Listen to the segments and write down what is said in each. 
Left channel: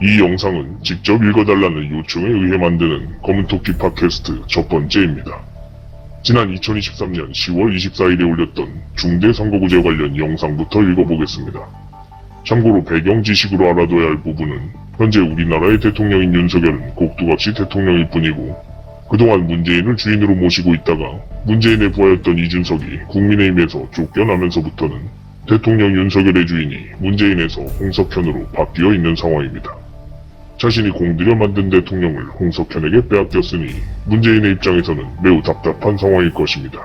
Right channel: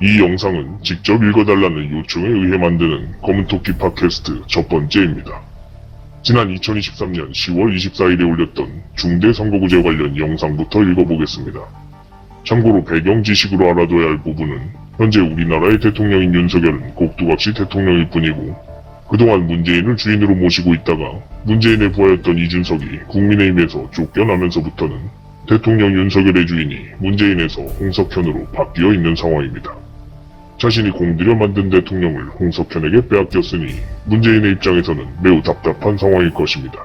이 영상은 직접 읽어달라는 요청에 의해 만드는 검은토끼 팟캐스트 첫 번째입니다. 지난 2023년 10월 24일에 올렸던 중대선거구제 관련 영상부터 읽어보겠습니다. 참고로 배경 지식으로 알아둬야 할 부분은 현재 우리나라의 대통령인 윤석열은 꼭두각시 대통령일 뿐이고 그동안 문재인을 주인으로 모시고 있다가 문재인의 부하였던 이준석이 국민의힘에서 쫓겨나면서부터는 대통령 윤석열의 주인이 문재인에서 홍석현으로 바뀌어 있는 상황입니다. 자신이 공들여 만든 대통령을 홍석현에게 빼앗겼으니 문재인의 입장에서는 매우 답답한 상황일 것입니다.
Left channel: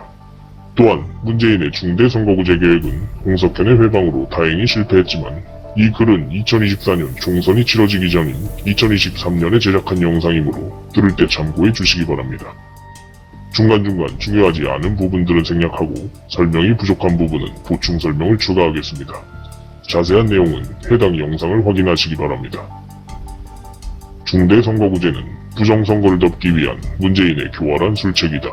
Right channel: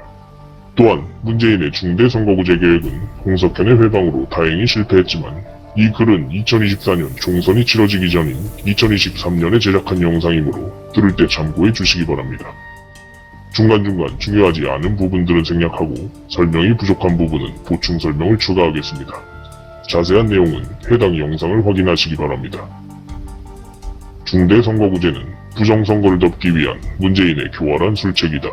또한 문재인의 중대선거구제 계획은 홍석현의 회방으로 다행히 실패했지만 이 글은 2024년 총선이 치러지기 전인 2023년에 제작한 영상이므로 들을 때 참고해 주시기 바랍니다. 중간중간 중요하지 않은 부분들은 생략하고 설명이 부족한 부분은 보충 설명을 추가하겠습니다. 자세한 내용은 해당 영상을 확인하시기 바랍니다. 중대선거구제는 부정선거를 덮기 위한 문재인의 교활한 술책이다.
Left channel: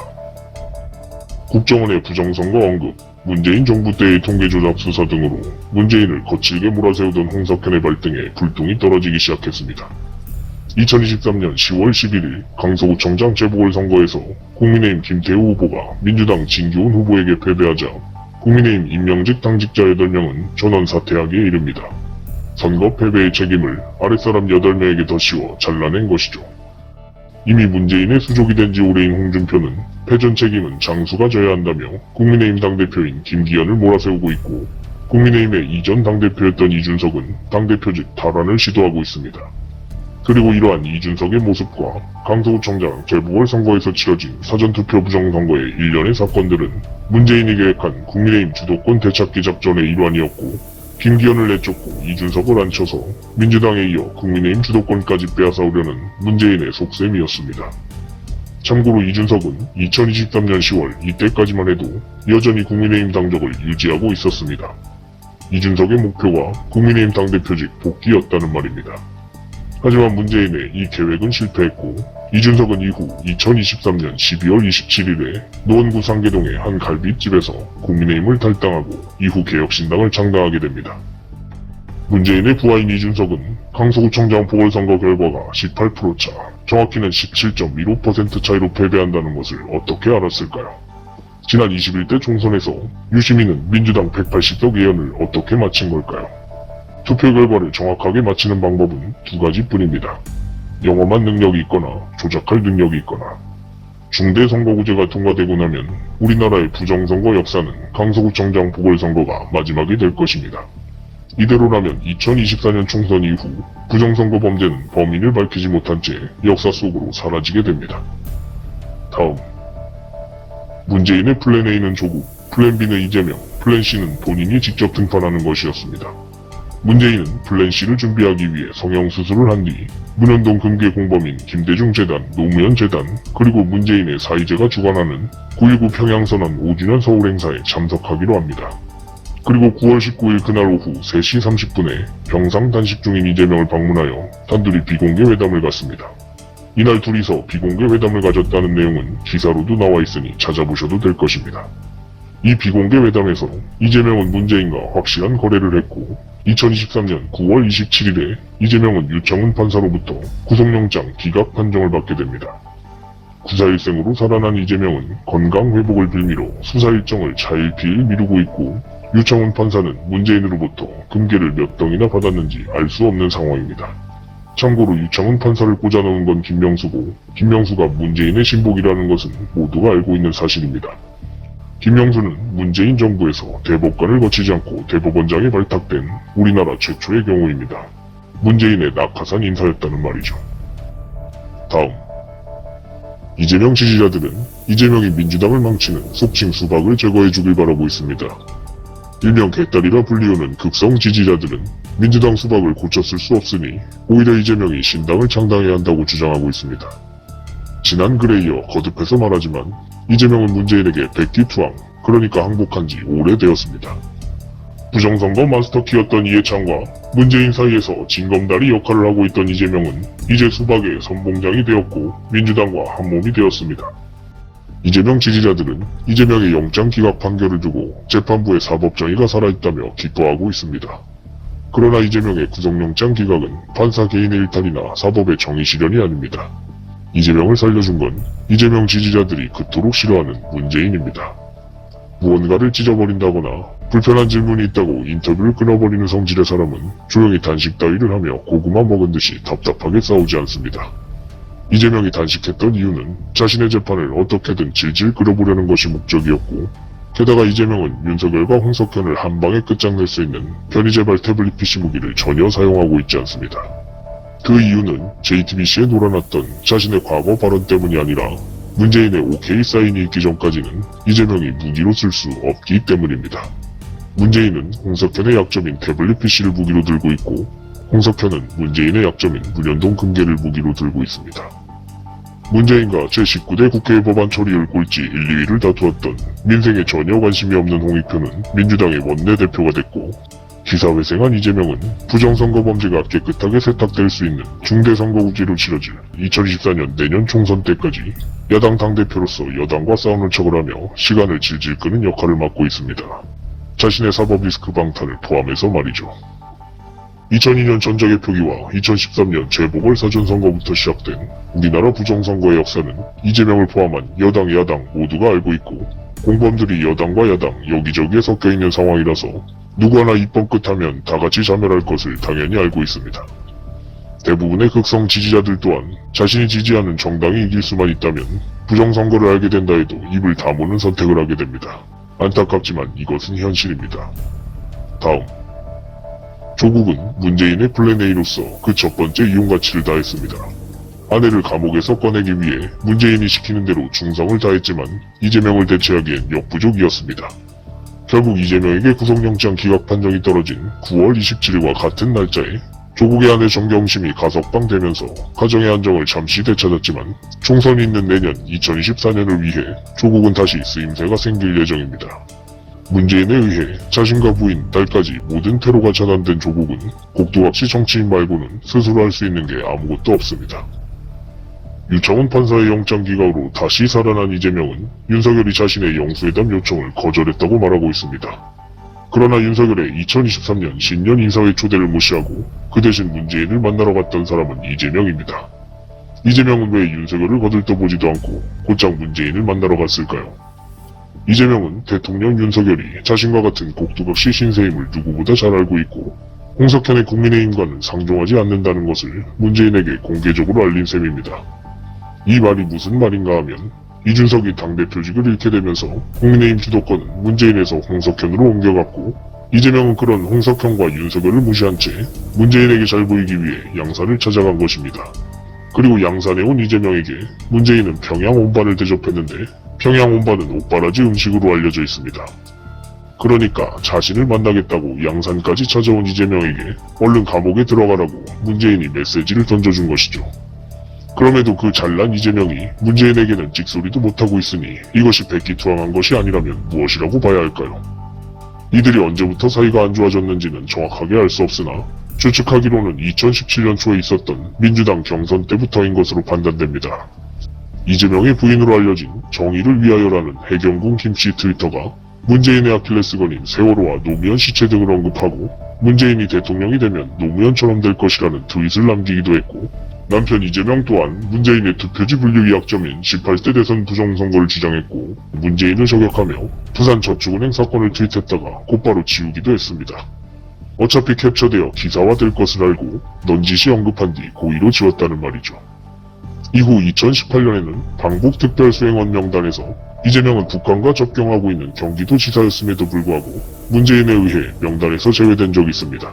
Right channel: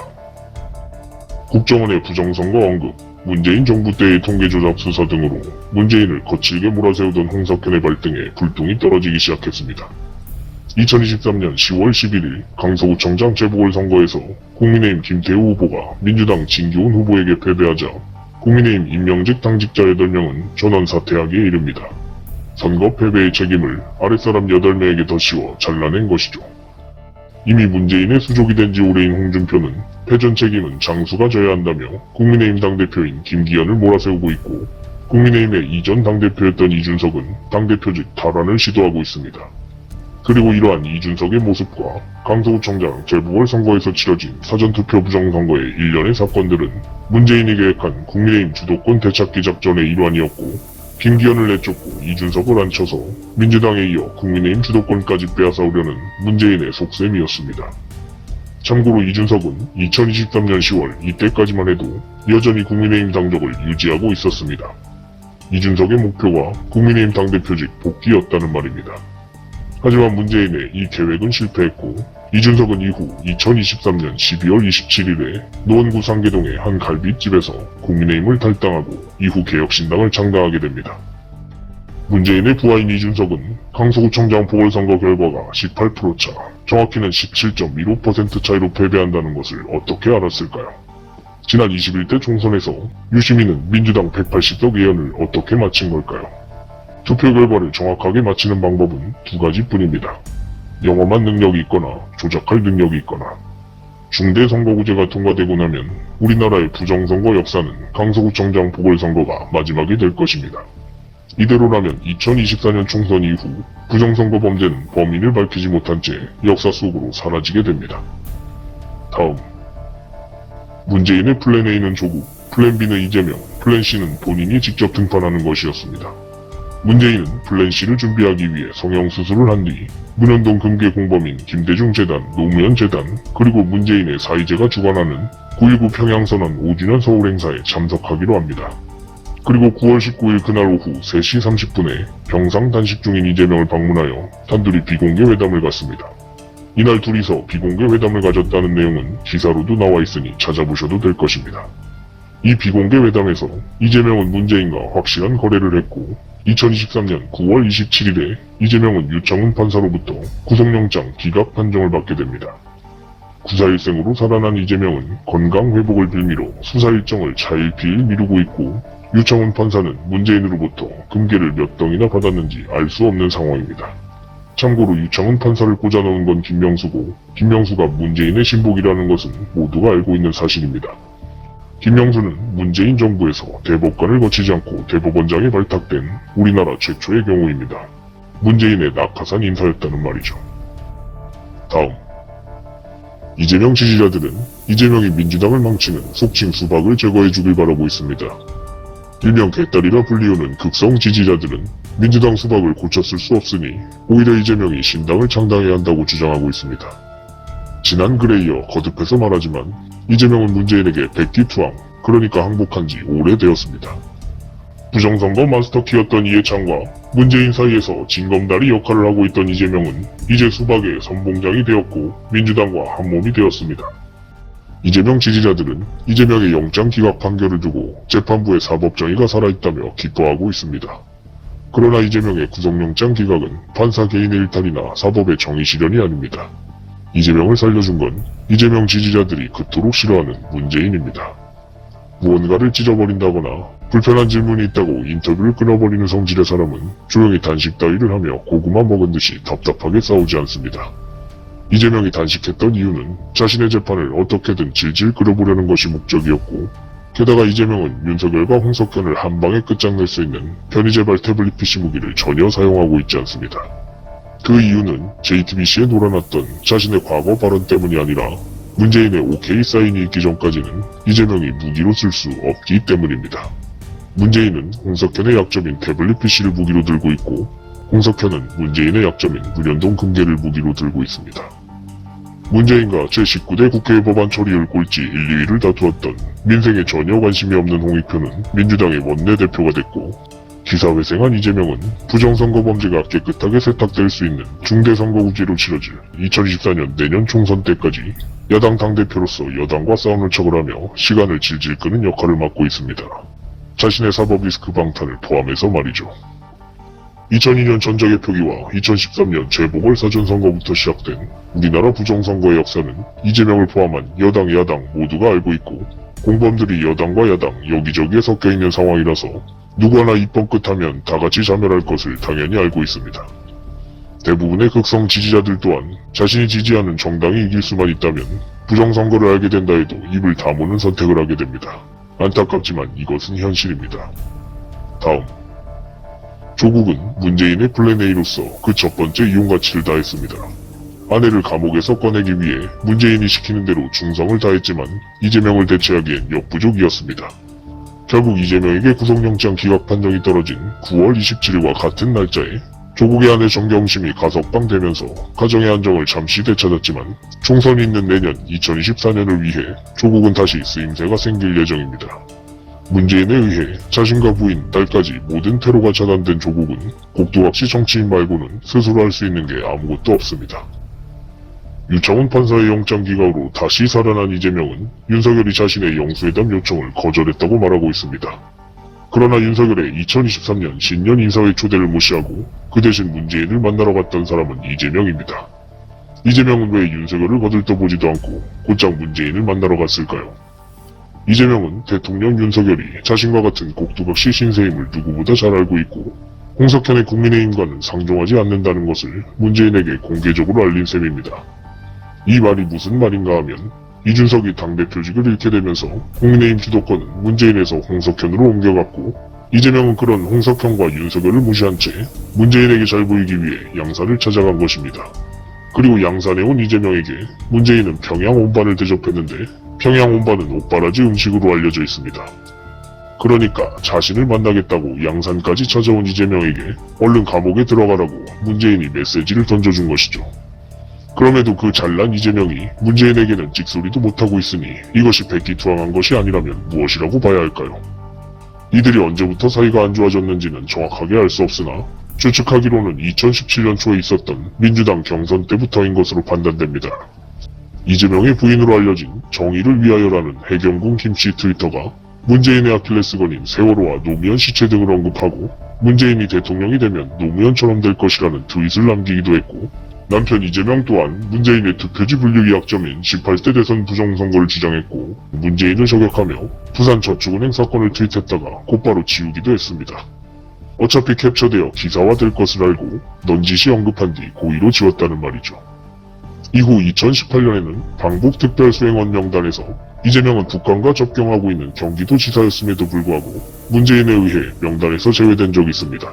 국정원의 부정선거 언급, 문재인 정부 때의 통계조작 수사 등으로 문재인을 거칠게 몰아세우던 홍석현의 발등에 불똥이 떨어지기 시작했습니다. 2023년 10월 11일 강서구청장 재보궐선거에서 국민의힘 김태우 후보가 민주당 진교훈 후보에게 패배하자 국민의힘 임명직 당직자 8명은 전원 사퇴하기에 이릅니다. 선거 패배의 책임을 아랫사람 8명에게 더 씌워 잘라낸 것이죠. 이미 문재인의 수족이 된 지 오래인 홍준표는 패전 책임은 장수가 져야 한다며 국민의힘 당대표인 김기현을 몰아세우고 있고 국민의힘의 이전 당대표였던 이준석은 당대표직 탈환을 시도하고 있습니다. 그리고 이러한 이준석의 모습과 강서구청장 재보궐선거에서 치러진 사전투표 부정선거의 일련의 사건들은 문재인이 계획한 국민의힘 주도권 되찾기 작전의 일환이었고 김기현을 내쫓고 이준석을 앉혀서 민주당에 이어 국민의힘 주도권까지 빼앗아오려는 문재인의 속셈이었습니다. 참고로 이준석은 2023년 10월 이때까지만 해도 여전히 국민의힘 당적을 유지하고 있었습니다. 이준석의 목표가 국민의힘 당대표직 복귀였다는 말입니다. 하지만 문재인의 이 계획은 실패했고 이준석은 이후 2023년 12월 27일에 노원구 상계동의 한 갈비집에서 국민의힘을 탈당하고 이후 개혁신당을 창당하게 됩니다. 문재인의 부하인 이준석은 강서구청장 보궐선거 결과가 18%차, 정확히는 17.15% 차이로 패배한다는 것을 어떻게 알았을까요? 지난 21대 총선에서 유시민은 민주당 180석 의원을 어떻게 맞힌 걸까요? 투표 결과를 정확하게 맞히는 방법은 두 가지뿐입니다. 영험한 능력이 있거나 조작할 능력이 있거나. 중대선거구제가 통과되고 나면 우리나라의 부정선거 역사는 강서구청장 보궐선거가 마지막이 될 것입니다. 이대로라면 2024년 총선 이후 부정선거 범죄는 범인을 밝히지 못한 채 역사 속으로 사라지게 됩니다. 다음, 문재인의 플랜 A는 조국, 플랜 B는 이재명, 플랜 C는 본인이 직접 등판하는 것이었습니다. 문재인은 플랜 C를 준비하기 위해 성형수술을 한 뒤 문현동 금괴 공범인 김대중 재단, 노무현 재단, 그리고 문재인의 사이제가 주관하는 9.19 평양선언 5주년 서울 행사에 참석하기로 합니다. 그리고 9월 19일 그날 오후 3시 30분에 병상 단식 중인 이재명을 방문하여 단둘이 비공개 회담을 갖습니다. 이날 둘이서 비공개 회담을 가졌다는 내용은 기사로도 나와 있으니 찾아보셔도 될 것입니다. 이 비공개 회담에서 이재명은 문재인과 확실한 거래를 했고 2023년 9월 27일에 이재명은 유청훈 판사로부터 구속영장 기각 판정을 받게 됩니다. 구사일생으로 살아난 이재명은 건강 회복을 빌미로 수사 일정을 차일피일 미루고 있고 유청훈 판사는 문재인으로부터 금괴를 몇 덩이나 받았는지 알 수 없는 상황입니다. 참고로 유청훈 판사를 꽂아넣은 건 김명수고 김명수가 문재인의 신복이라는 것은 모두가 알고 있는 사실입니다. 김명수는 문재인 정부에서 대법관을 거치지 않고 대법원장에 발탁된 우리나라 최초의 경우입니다. 문재인의 낙하산 인사였다는 말이죠. 다음, 이재명 지지자들은 이재명이 민주당을 망치는 속칭 수박을 제거해주길 바라고 있습니다. 일명 개딸이라 불리우는 극성 지지자들은 민주당 수박을 고쳤을 수 없으니 오히려 이재명이 신당을 창당해야 한다고 주장하고 있습니다. 지난 글에 이어 거듭해서 말하지만 이재명은 문재인에게 백기투항, 그러니까 항복한 지 오래되었습니다. 부정선거 마스터키였던 이해창과 문재인 사이에서 징검다리 역할을 하고 있던 이재명은 이제 수박의 선봉장이 되었고 민주당과 한몸이 되었습니다. 이재명 지지자들은 이재명의 영장 기각 판결을 두고 재판부의 사법정의가 살아있다며 기뻐하고 있습니다. 그러나 이재명의 구속영장 기각은 판사 개인의 일탈이나 사법의 정의 실현이 아닙니다. 이재명을 살려준 건 이재명 지지자들이 그토록 싫어하는 문재인입니다. 무언가를 찢어버린다거나 불편한 질문이 있다고 인터뷰를 끊어버리는 성질의 사람은 조용히 단식 따위를 하며 고구마 먹은 듯이 답답하게 싸우지 않습니다. 이재명이 단식했던 이유는 자신의 재판을 어떻게든 질질 끌어보려는 것이 목적이었고, 게다가 이재명은 윤석열과 홍석현을 한 방에 끝장낼 수 있는 편의재발 태블릿 PC 무기를 전혀 사용하고 있지 않습니다. 그 이유는 JTBC에 놀아났던 자신의 과거 발언 때문이 아니라 문재인의 OK 사인이 있기 전까지는 이재명이 무기로 쓸 수 없기 때문입니다. 문재인은 홍석현의 약점인 태블릿 PC를 무기로 들고 있고, 홍석현은 문재인의 약점인 문현동 금괴를 무기로 들고 있습니다. 문재인과 제19대 국회 법안 처리를 꼴찌 1, 2위를 다투었던 민생에 전혀 관심이 없는 홍익표는 민주당의 원내대표가 됐고, 기사회생한 이재명은 부정선거 범죄가 깨끗하게 세탁될 수 있는 중대선거구제로 치러질 2024년 내년 총선 때까지 야당 당대표로서 여당과 싸우는 척을 하며 시간을 질질 끄는 역할을 맡고 있습니다. 자신의 사법 리스크 방탄을 포함해서 말이죠. 2002년 전자개표기와 2013년 재보궐사전선거부터 시작된 우리나라 부정선거의 역사는 이재명을 포함한 여당, 야당 모두가 알고 있고, 공범들이 여당과 야당 여기저기에 섞여있는 상황이라서 누구나 입법 끝하면 다같이 자멸할 것을 당연히 알고 있습니다. 대부분의 극성 지지자들 또한 자신이 지지하는 정당이 이길 수만 있다면 부정선거를 알게 된다 해도 입을 다무는 선택을 하게 됩니다. 안타깝지만 이것은 현실입니다. 다음, 조국은 문재인의 플랜 A로서 그 첫 번째 이용가치를 다했습니다. 아내를 감옥에서 꺼내기 위해 문재인이 시키는 대로 충성을 다했지만 이재명을 대체하기엔 역부족이었습니다. 결국 이재명에게 구속영장 기각 판정이 떨어진 9월 27일과 같은 날짜에 조국의 아내 정경심이 가석방되면서 가정의 안정을 잠시 되찾았지만 총선이 있는 내년 2024년을 위해 조국은 다시 쓰임새가 생길 예정입니다. 문재인에 의해 자신과 부인, 딸까지 모든 테러가 전환된 조국은 꼭두각시 정치인 말고는 스스로 할 수 있는 게 아무것도 없습니다. 유창훈 판사의 영장 기각으로 다시 살아난 이재명은 윤석열이 자신의 영수회담 요청을 거절했다고 말하고 있습니다. 그러나 윤석열의 2023년 신년 인사회 초대를 무시하고 그 대신 문재인을 만나러 갔던 사람은 이재명입니다. 이재명은 왜 윤석열을 거들떠보지도 않고 곧장 문재인을 만나러 갔을까요? 이재명은 대통령 윤석열이 자신과 같은 꼭두각시 신세임을 누구보다 잘 알고 있고, 홍석현의 국민의힘과는 상종하지 않는다는 것을 문재인에게 공개적으로 알린 셈입니다. 이 말이 무슨 말인가 하면, 이준석이 당대표직을 잃게 되면서 국민의힘 주도권은 문재인에서 홍석현으로 옮겨갔고, 이재명은 그런 홍석현과 윤석열을 무시한 채 문재인에게 잘 보이기 위해 양산을 찾아간 것입니다. 그리고 양산에 온 이재명에게 문재인은 평양 온반을 대접했는데, 평양 온반은 옥바라지 음식으로 알려져 있습니다. 그러니까 자신을 만나겠다고 양산까지 찾아온 이재명에게 얼른 감옥에 들어가라고 문재인이 메시지를 던져준 것이죠. 그럼에도 그 잘난 이재명이 문재인에게는 찍소리도 못하고 있으니 이것이 백기투항한 것이 아니라면 무엇이라고 봐야 할까요? 이들이 언제부터 사이가 안 좋아졌는지는 정확하게 알 수 없으나 추측하기로는 2017년 초에 있었던 민주당 경선 때부터인 것으로 판단됩니다. 이재명의 부인으로 알려진 정의를 위하여라는 해경공 김씨 트위터가 문재인의 아킬레스건인 세월호와 노무현 시체 등을 언급하고 문재인이 대통령이 되면 노무현처럼 될 것이라는 트윗을 남기기도 했고, 남편 이재명 또한 문재인의 투표지 분류기 약점인 18대 대선 부정선거를 주장했고 문재인을 저격하며 부산저축은행 사건을 트윗했다가 곧바로 지우기도 했습니다. 어차피 캡처되어 기사화될 것을 알고 넌지시 언급한 뒤 고의로 지웠다는 말이죠. 이후 2018년에는 방북특별수행원 명단에서 이재명은 북한과 접경하고 있는 경기도지사였음에도 불구하고 문재인에 의해 명단에서 제외된 적이 있습니다.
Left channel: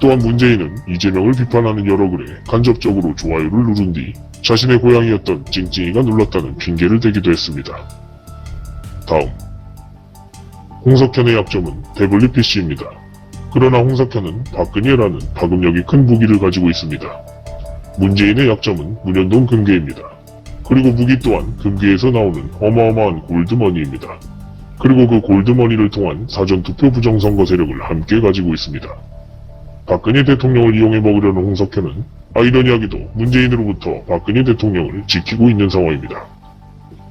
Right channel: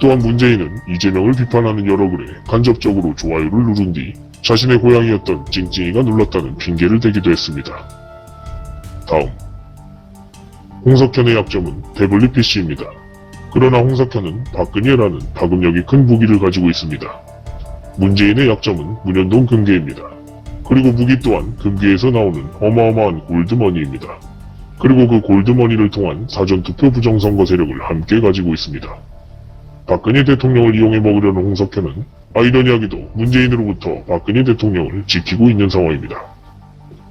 또한 문재인은 이재명을 비판하는 여러 글에 간접적으로 좋아요를 누른 뒤 자신의 고향이었던 찡찡이가 눌렀다는 핑계를 대기도 했습니다. 다음, 홍석현의 약점은 태블릿 PC입니다. 그러나 홍석현은 박근혜라는 파급력이 큰 무기를 가지고 있습니다. 문재인의 약점은 문현동 금괴입니다. 그리고 무기 또한 금괴에서 나오는 어마어마한 골드머니입니다. 그리고 그 골드머니를 통한 사전투표 부정선거 세력을 함께 가지고 있습니다. 박근혜 대통령을 이용해 먹으려는 홍석현은 아이러니하게도 문재인으로부터 박근혜 대통령을 지키고 있는 상황입니다.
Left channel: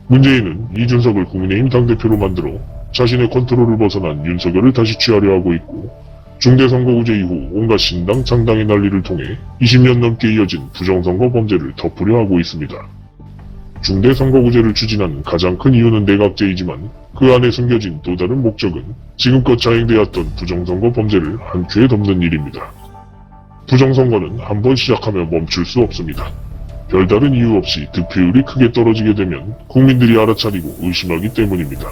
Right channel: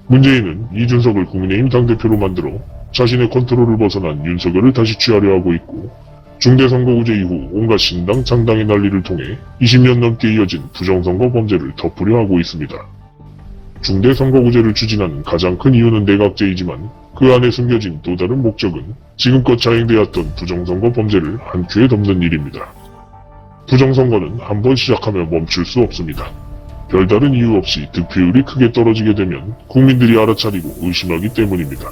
문재인은 이준석을 국민의힘 당대표로 만들어 자신의 컨트롤을 벗어난 윤석열을 다시 취하려 하고 있고, 중대선거구제 이후 온갖 신당 창당의 난리를 통해 20년 넘게 이어진 부정선거 범죄를 덮으려 하고 있습니다. 중대선거구제를 추진하는 가장 큰 이유는 내각제이지만 그 안에 숨겨진 또 다른 목적은 지금껏 자행되었던 부정선거 범죄를 한 큐에 덮는 일입니다. 부정선거는 한번 시작하면 멈출 수 없습니다. 별다른 이유 없이 득표율이 크게 떨어지게 되면 국민들이 알아차리고 의심하기 때문입니다.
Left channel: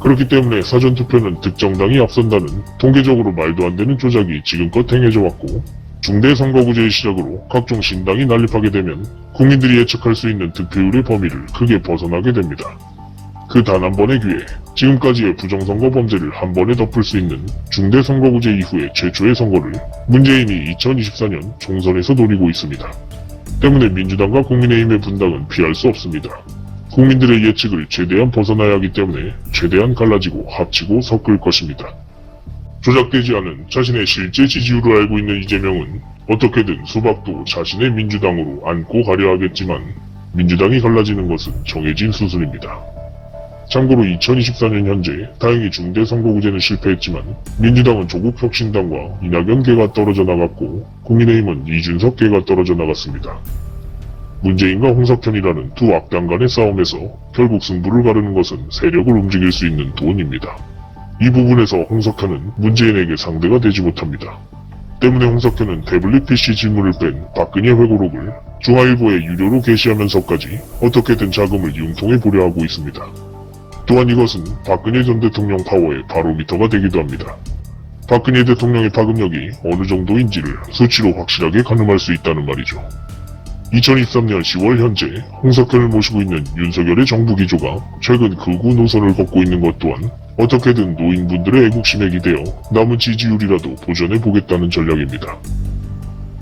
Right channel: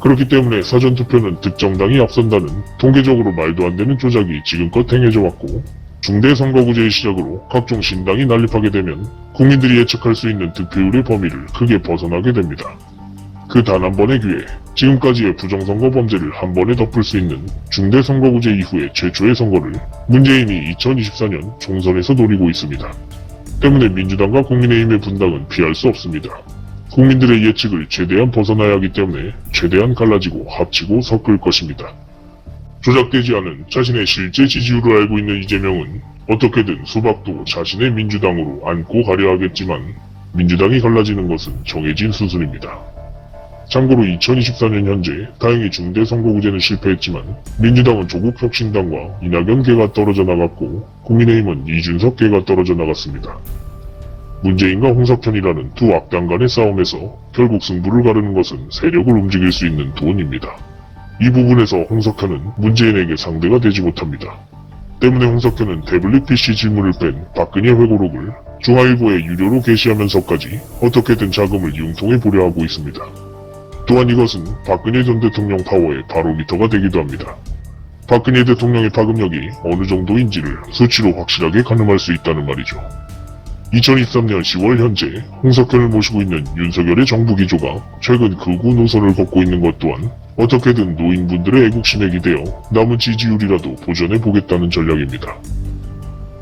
그렇기 때문에 사전투표는 득정당이 앞선다는 통계적으로 말도 안 되는 조작이 지금껏 행해져 왔고, 중대선거구제의 시작으로 각종 신당이 난립하게 되면 국민들이 예측할 수 있는 득표율의 범위를 크게 벗어나게 됩니다. 그 단 한 번의 기회, 지금까지의 부정선거 범죄를 한 번에 덮을 수 있는 중대선거구제 이후의 최초의 선거를 문재인이 2024년 총선에서 노리고 있습니다. 때문에 민주당과 국민의힘의 분당은 피할 수 없습니다. 국민들의 예측을 최대한 벗어나야 하기 때문에 최대한 갈라지고 합치고 섞을 것입니다. 조작되지 않은 자신의 실제 지지율을 알고 있는 이재명은 어떻게든 수박도 자신의 민주당으로 안고 가려 하겠지만 민주당이 갈라지는 것은 정해진 수순입니다. 참고로 2024년 현재 다행히 중대선거구제는 실패했지만 민주당은 조국 혁신당과 이낙연계가 떨어져 나갔고 국민의힘은 이준석 계가 떨어져 나갔습니다. 문재인과 홍석현이라는 두 악당 간의 싸움에서 결국 승부를 가르는 것은 세력을 움직일 수 있는 돈입니다. 이 부분에서 홍석현은 문재인에게 상대가 되지 못합니다. 때문에 홍석현은 태블릿 PC 질문을 뺀 박근혜 회고록을 중앙일보에 유료로 게시하면서까지 어떻게든 자금을 융통해 보려 하고 있습니다. 또한 이것은 박근혜 전 대통령 파워의 바로미터가 되기도 합니다. 박근혜 대통령의 파급력이 어느 정도인지를 수치로 확실하게 가늠할 수 있다는 말이죠. 2023년 10월 현재 홍석현을 모시고 있는 윤석열의 정부 기조가 최근 극우 노선을 걷고 있는 것 또한 어떻게든 노인분들의 애국심에 기대어 남은 지지율이라도 보존해보겠다는 전략입니다.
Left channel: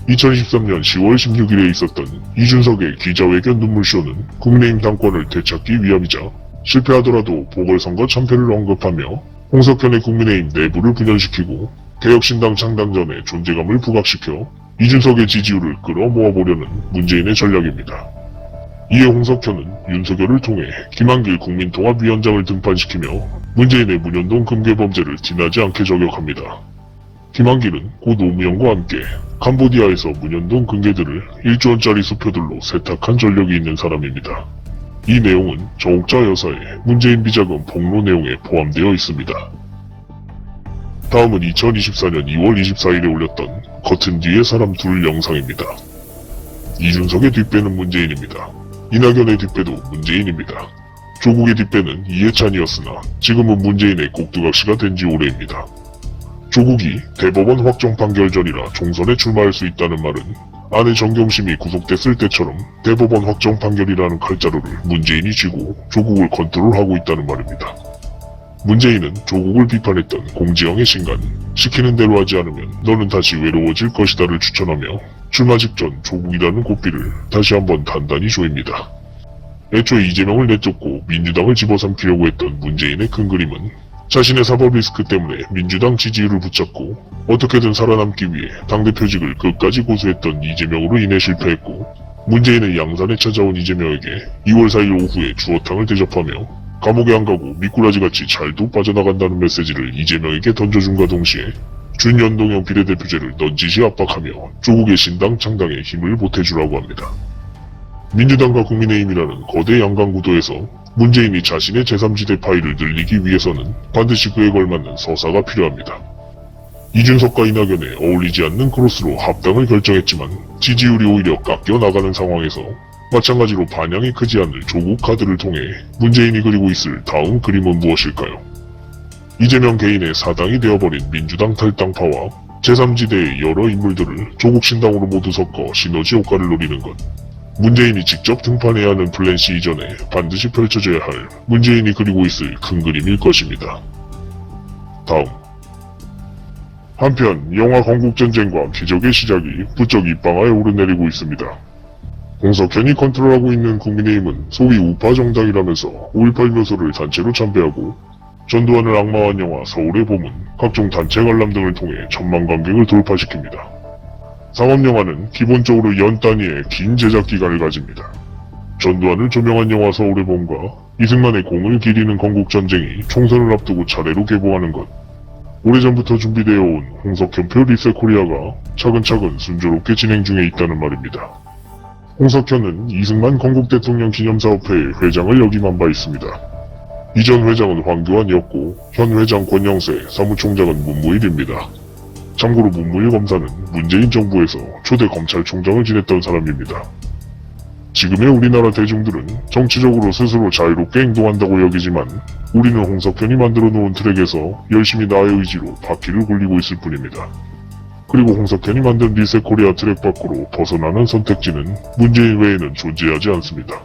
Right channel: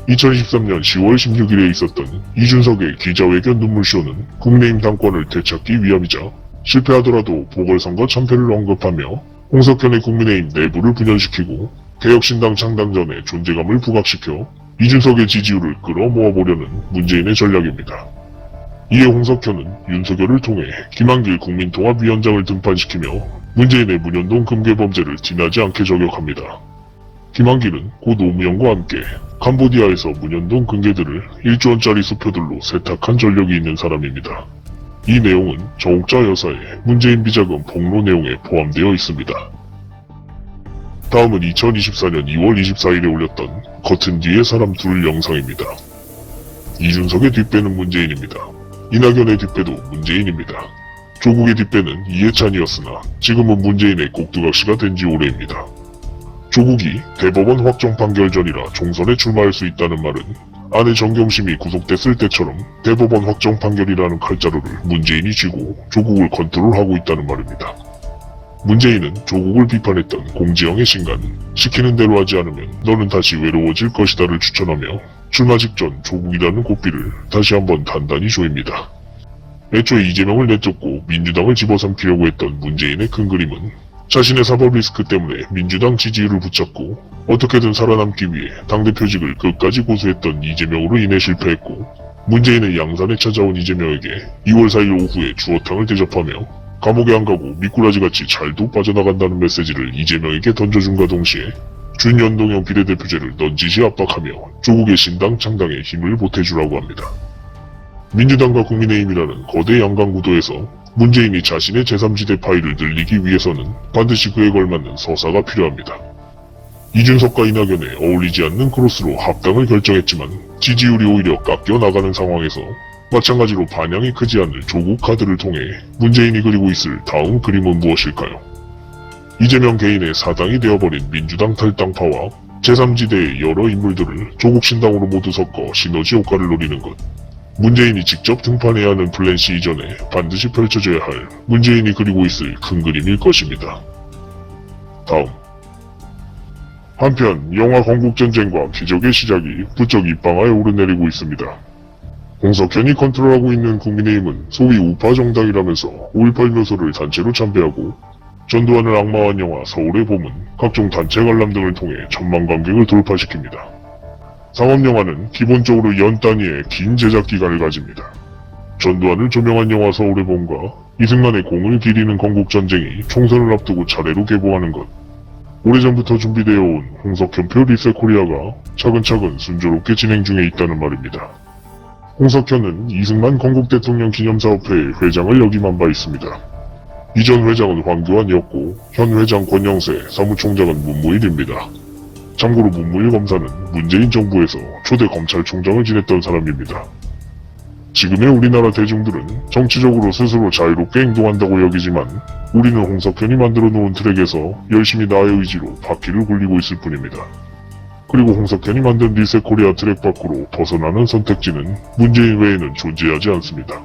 2023년 10월 16일에 있었던 이준석의 기자회견 눈물쇼는 국민의힘 당권을 되찾기 위함이자 실패하더라도 보궐선거 참패를 언급하며 홍석현의 국민의힘 내부를 분열시키고 개혁신당 창당 전에 존재감을 부각시켜 이준석의 지지율을 끌어모아보려는 문재인의 전략입니다. 이에 홍석현은 윤석열을 통해 김한길 국민통합위원장을 등판시키며 문재인의 문현동 금괴범죄를 티나지 않게 저격합니다. 김한길은 고 노무현과 함께 캄보디아에서 문현동 금괴들을 1조 원짜리 수표들로 세탁한 전력이 있는 사람입니다. 이 내용은 정옥자 여사의 문재인 비자금 폭로 내용에 포함되어 있습니다. 다음은 2024년 2월 24일에 올렸던 커튼 뒤의 사람 둘 영상입니다. 이준석의 뒷배는 문재인입니다. 이낙연의 뒷배도 문재인입니다. 조국의 뒷배는 이해찬이었으나 지금은 문재인의 꼭두각시가 된 지 오래입니다. 조국이 대법원 확정 판결 전이라 총선에 출마할 수 있다는 말은 아내 정경심이 구속됐을 때처럼 대법원 확정 판결이라는 칼자루를 문재인이 쥐고 조국을 컨트롤하고 있다는 말입니다. 문재인은 조국을 비판했던 공지영의 신간 시키는 대로 하지 않으면 너는 다시 외로워질 것이다를 추천하며 출마 직전 조국이라는 고삐를 다시 한번 단단히 조입니다. 애초에 이재명을 내쫓고 민주당을 집어삼키려고 했던 문재인의 큰 그림은 자신의 사법 리스크 때문에 민주당 지지율을 붙잡고 어떻게든 살아남기 위해 당대표직을 끝까지 고수했던 이재명으로 인해 실패했고, 문재인은 양산에 찾아온 이재명에게 2월 4일 오후에 주어탕을 대접하며 감옥에 안 가고 미꾸라지같이 잘도 빠져나간다는 메시지를 이재명에게 던져준과 동시에 준연동형 비례대표제를 넌지시 압박하며 조국의 신당 창당에 힘을 보태주라고 합니다. 민주당과 국민의힘이라는 거대 양강구도에서 문재인이 자신의 제3지대 파일을 늘리기 위해서는 반드시 그에 걸맞는 서사가 필요합니다. 이준석과 이낙연에 어울리지 않는 크로스로 합당을 결정했지만 지지율이 오히려 깎여 나가는 상황에서 마찬가지로 반향이 크지 않을 조국 카드를 통해 문재인이 그리고 있을 다음 그림은 무엇일까요? 이재명 개인의 사당이 되어버린 민주당 탈당파와 제3지대의 여러 인물들을 조국 신당으로 모두 섞어 시너지 효과를 노리는 것. 문재인이 직접 등판해야 하는 플랜 C 이전에 반드시 펼쳐져야 할 문재인이 그리고 있을 큰 그림일 것입니다. 다음. 한편 영화 건국전쟁과 기적의 시작이 부쩍 입방아에 오르내리고 있습니다. 홍석현이 컨트롤하고 있는 국민의힘은 소위 우파 정당이라면서 5.18 묘소를 단체로 참배하고 전두환을 악마화한 영화 서울의 봄은 각종 단체 관람 등을 통해 천만 관객을 돌파시킵니다. 상업영화는 기본적으로 연 단위의 긴 제작 기간을 가집니다. 전두환을 조명한 영화 서울의 봄과 이승만의 공을 기리는 건국전쟁이 총선을 앞두고 차례로 개봉하는 것. 오래전부터 준비되어 온 홍석현표 리셋코리아가 차근차근 순조롭게 진행 중에 있다는 말입니다. 홍석현은 이승만 건국대통령 기념사업회 회장을 역임한 바 있습니다. 이전 회장은 황교안이었고 현 회장 권영세, 사무총장은 문무일입니다. 참고로 문무일 검사는 문재인 정부에서 초대 검찰총장을 지냈던 사람입니다. 지금의 우리나라 대중들은 정치적으로 스스로 자유롭게 행동한다고 여기지만 우리는 홍석현이 만들어 놓은 트랙에서 열심히 나의 의지로 바퀴를 굴리고 있을 뿐입니다. 그리고 홍석현이 만든 리셋코리아 트랙 밖으로 벗어나는 선택지는 문재인 외에는 존재하지 않습니다.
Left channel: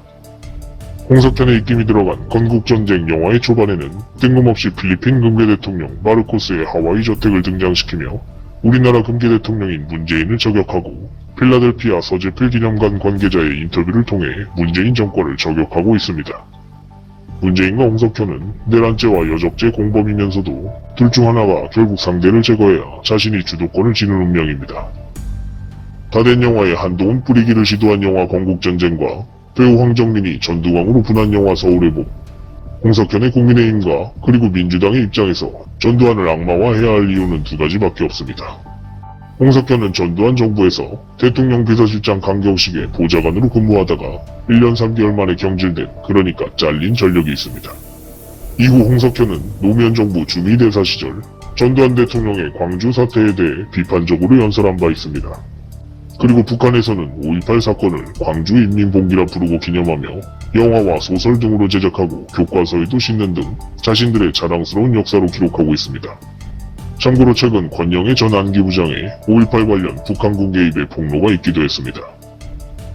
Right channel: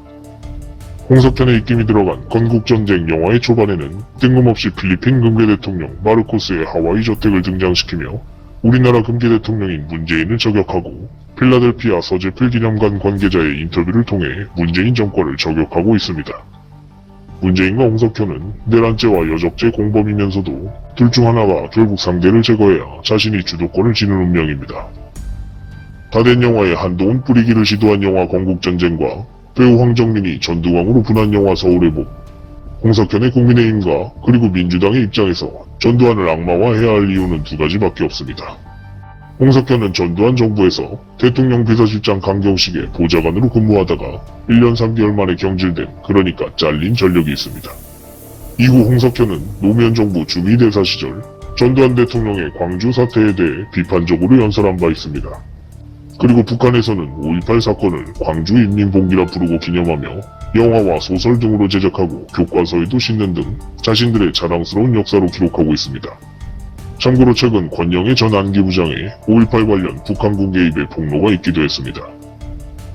홍석현의 입김이 들어간 건국전쟁 영화의 초반에는 뜬금없이 필리핀 금괴 대통령 마르코스의 하와이 저택을 등장시키며 우리나라 금괴 대통령인 문재인을 저격하고 필라델피아 서재필 기념관 관계자의 인터뷰를 통해 문재인 정권을 저격하고 있습니다. 문재인과 홍석현은 내란죄와 여적죄 공범이면서도 둘 중 하나가 결국 상대를 제거해야 자신이 주도권을 지는 운명입니다. 다된 영화에 한동훈 뿌리기를 시도한 영화 건국전쟁과 배우 황정민이 전두광으로 분한 영화 서울의 봄, 홍석현의 국민의힘과 그리고 민주당의 입장에서 전두환을 악마화해야 할 이유는 두 가지밖에 없습니다. 홍석현은 전두환 정부에서 대통령 비서실장 강경식의 보좌관으로 근무하다가 1년 3개월 만에 경질된, 그러니까 잘린 전력이 있습니다. 이후 홍석현은 노무현 정부 주미대사 시절 전두환 대통령의 광주 사태에 대해 비판적으로 연설한 바 있습니다. 그리고 북한에서는 5.18 사건을 광주 인민봉기라 부르고 기념하며 영화와 소설 등으로 제작하고 교과서에도 싣는 등 자신들의 자랑스러운 역사로 기록하고 있습니다. 참고로 최근 권영희 전 안기부장의 5.18 관련 북한군 개입의 폭로가 있기도 했습니다.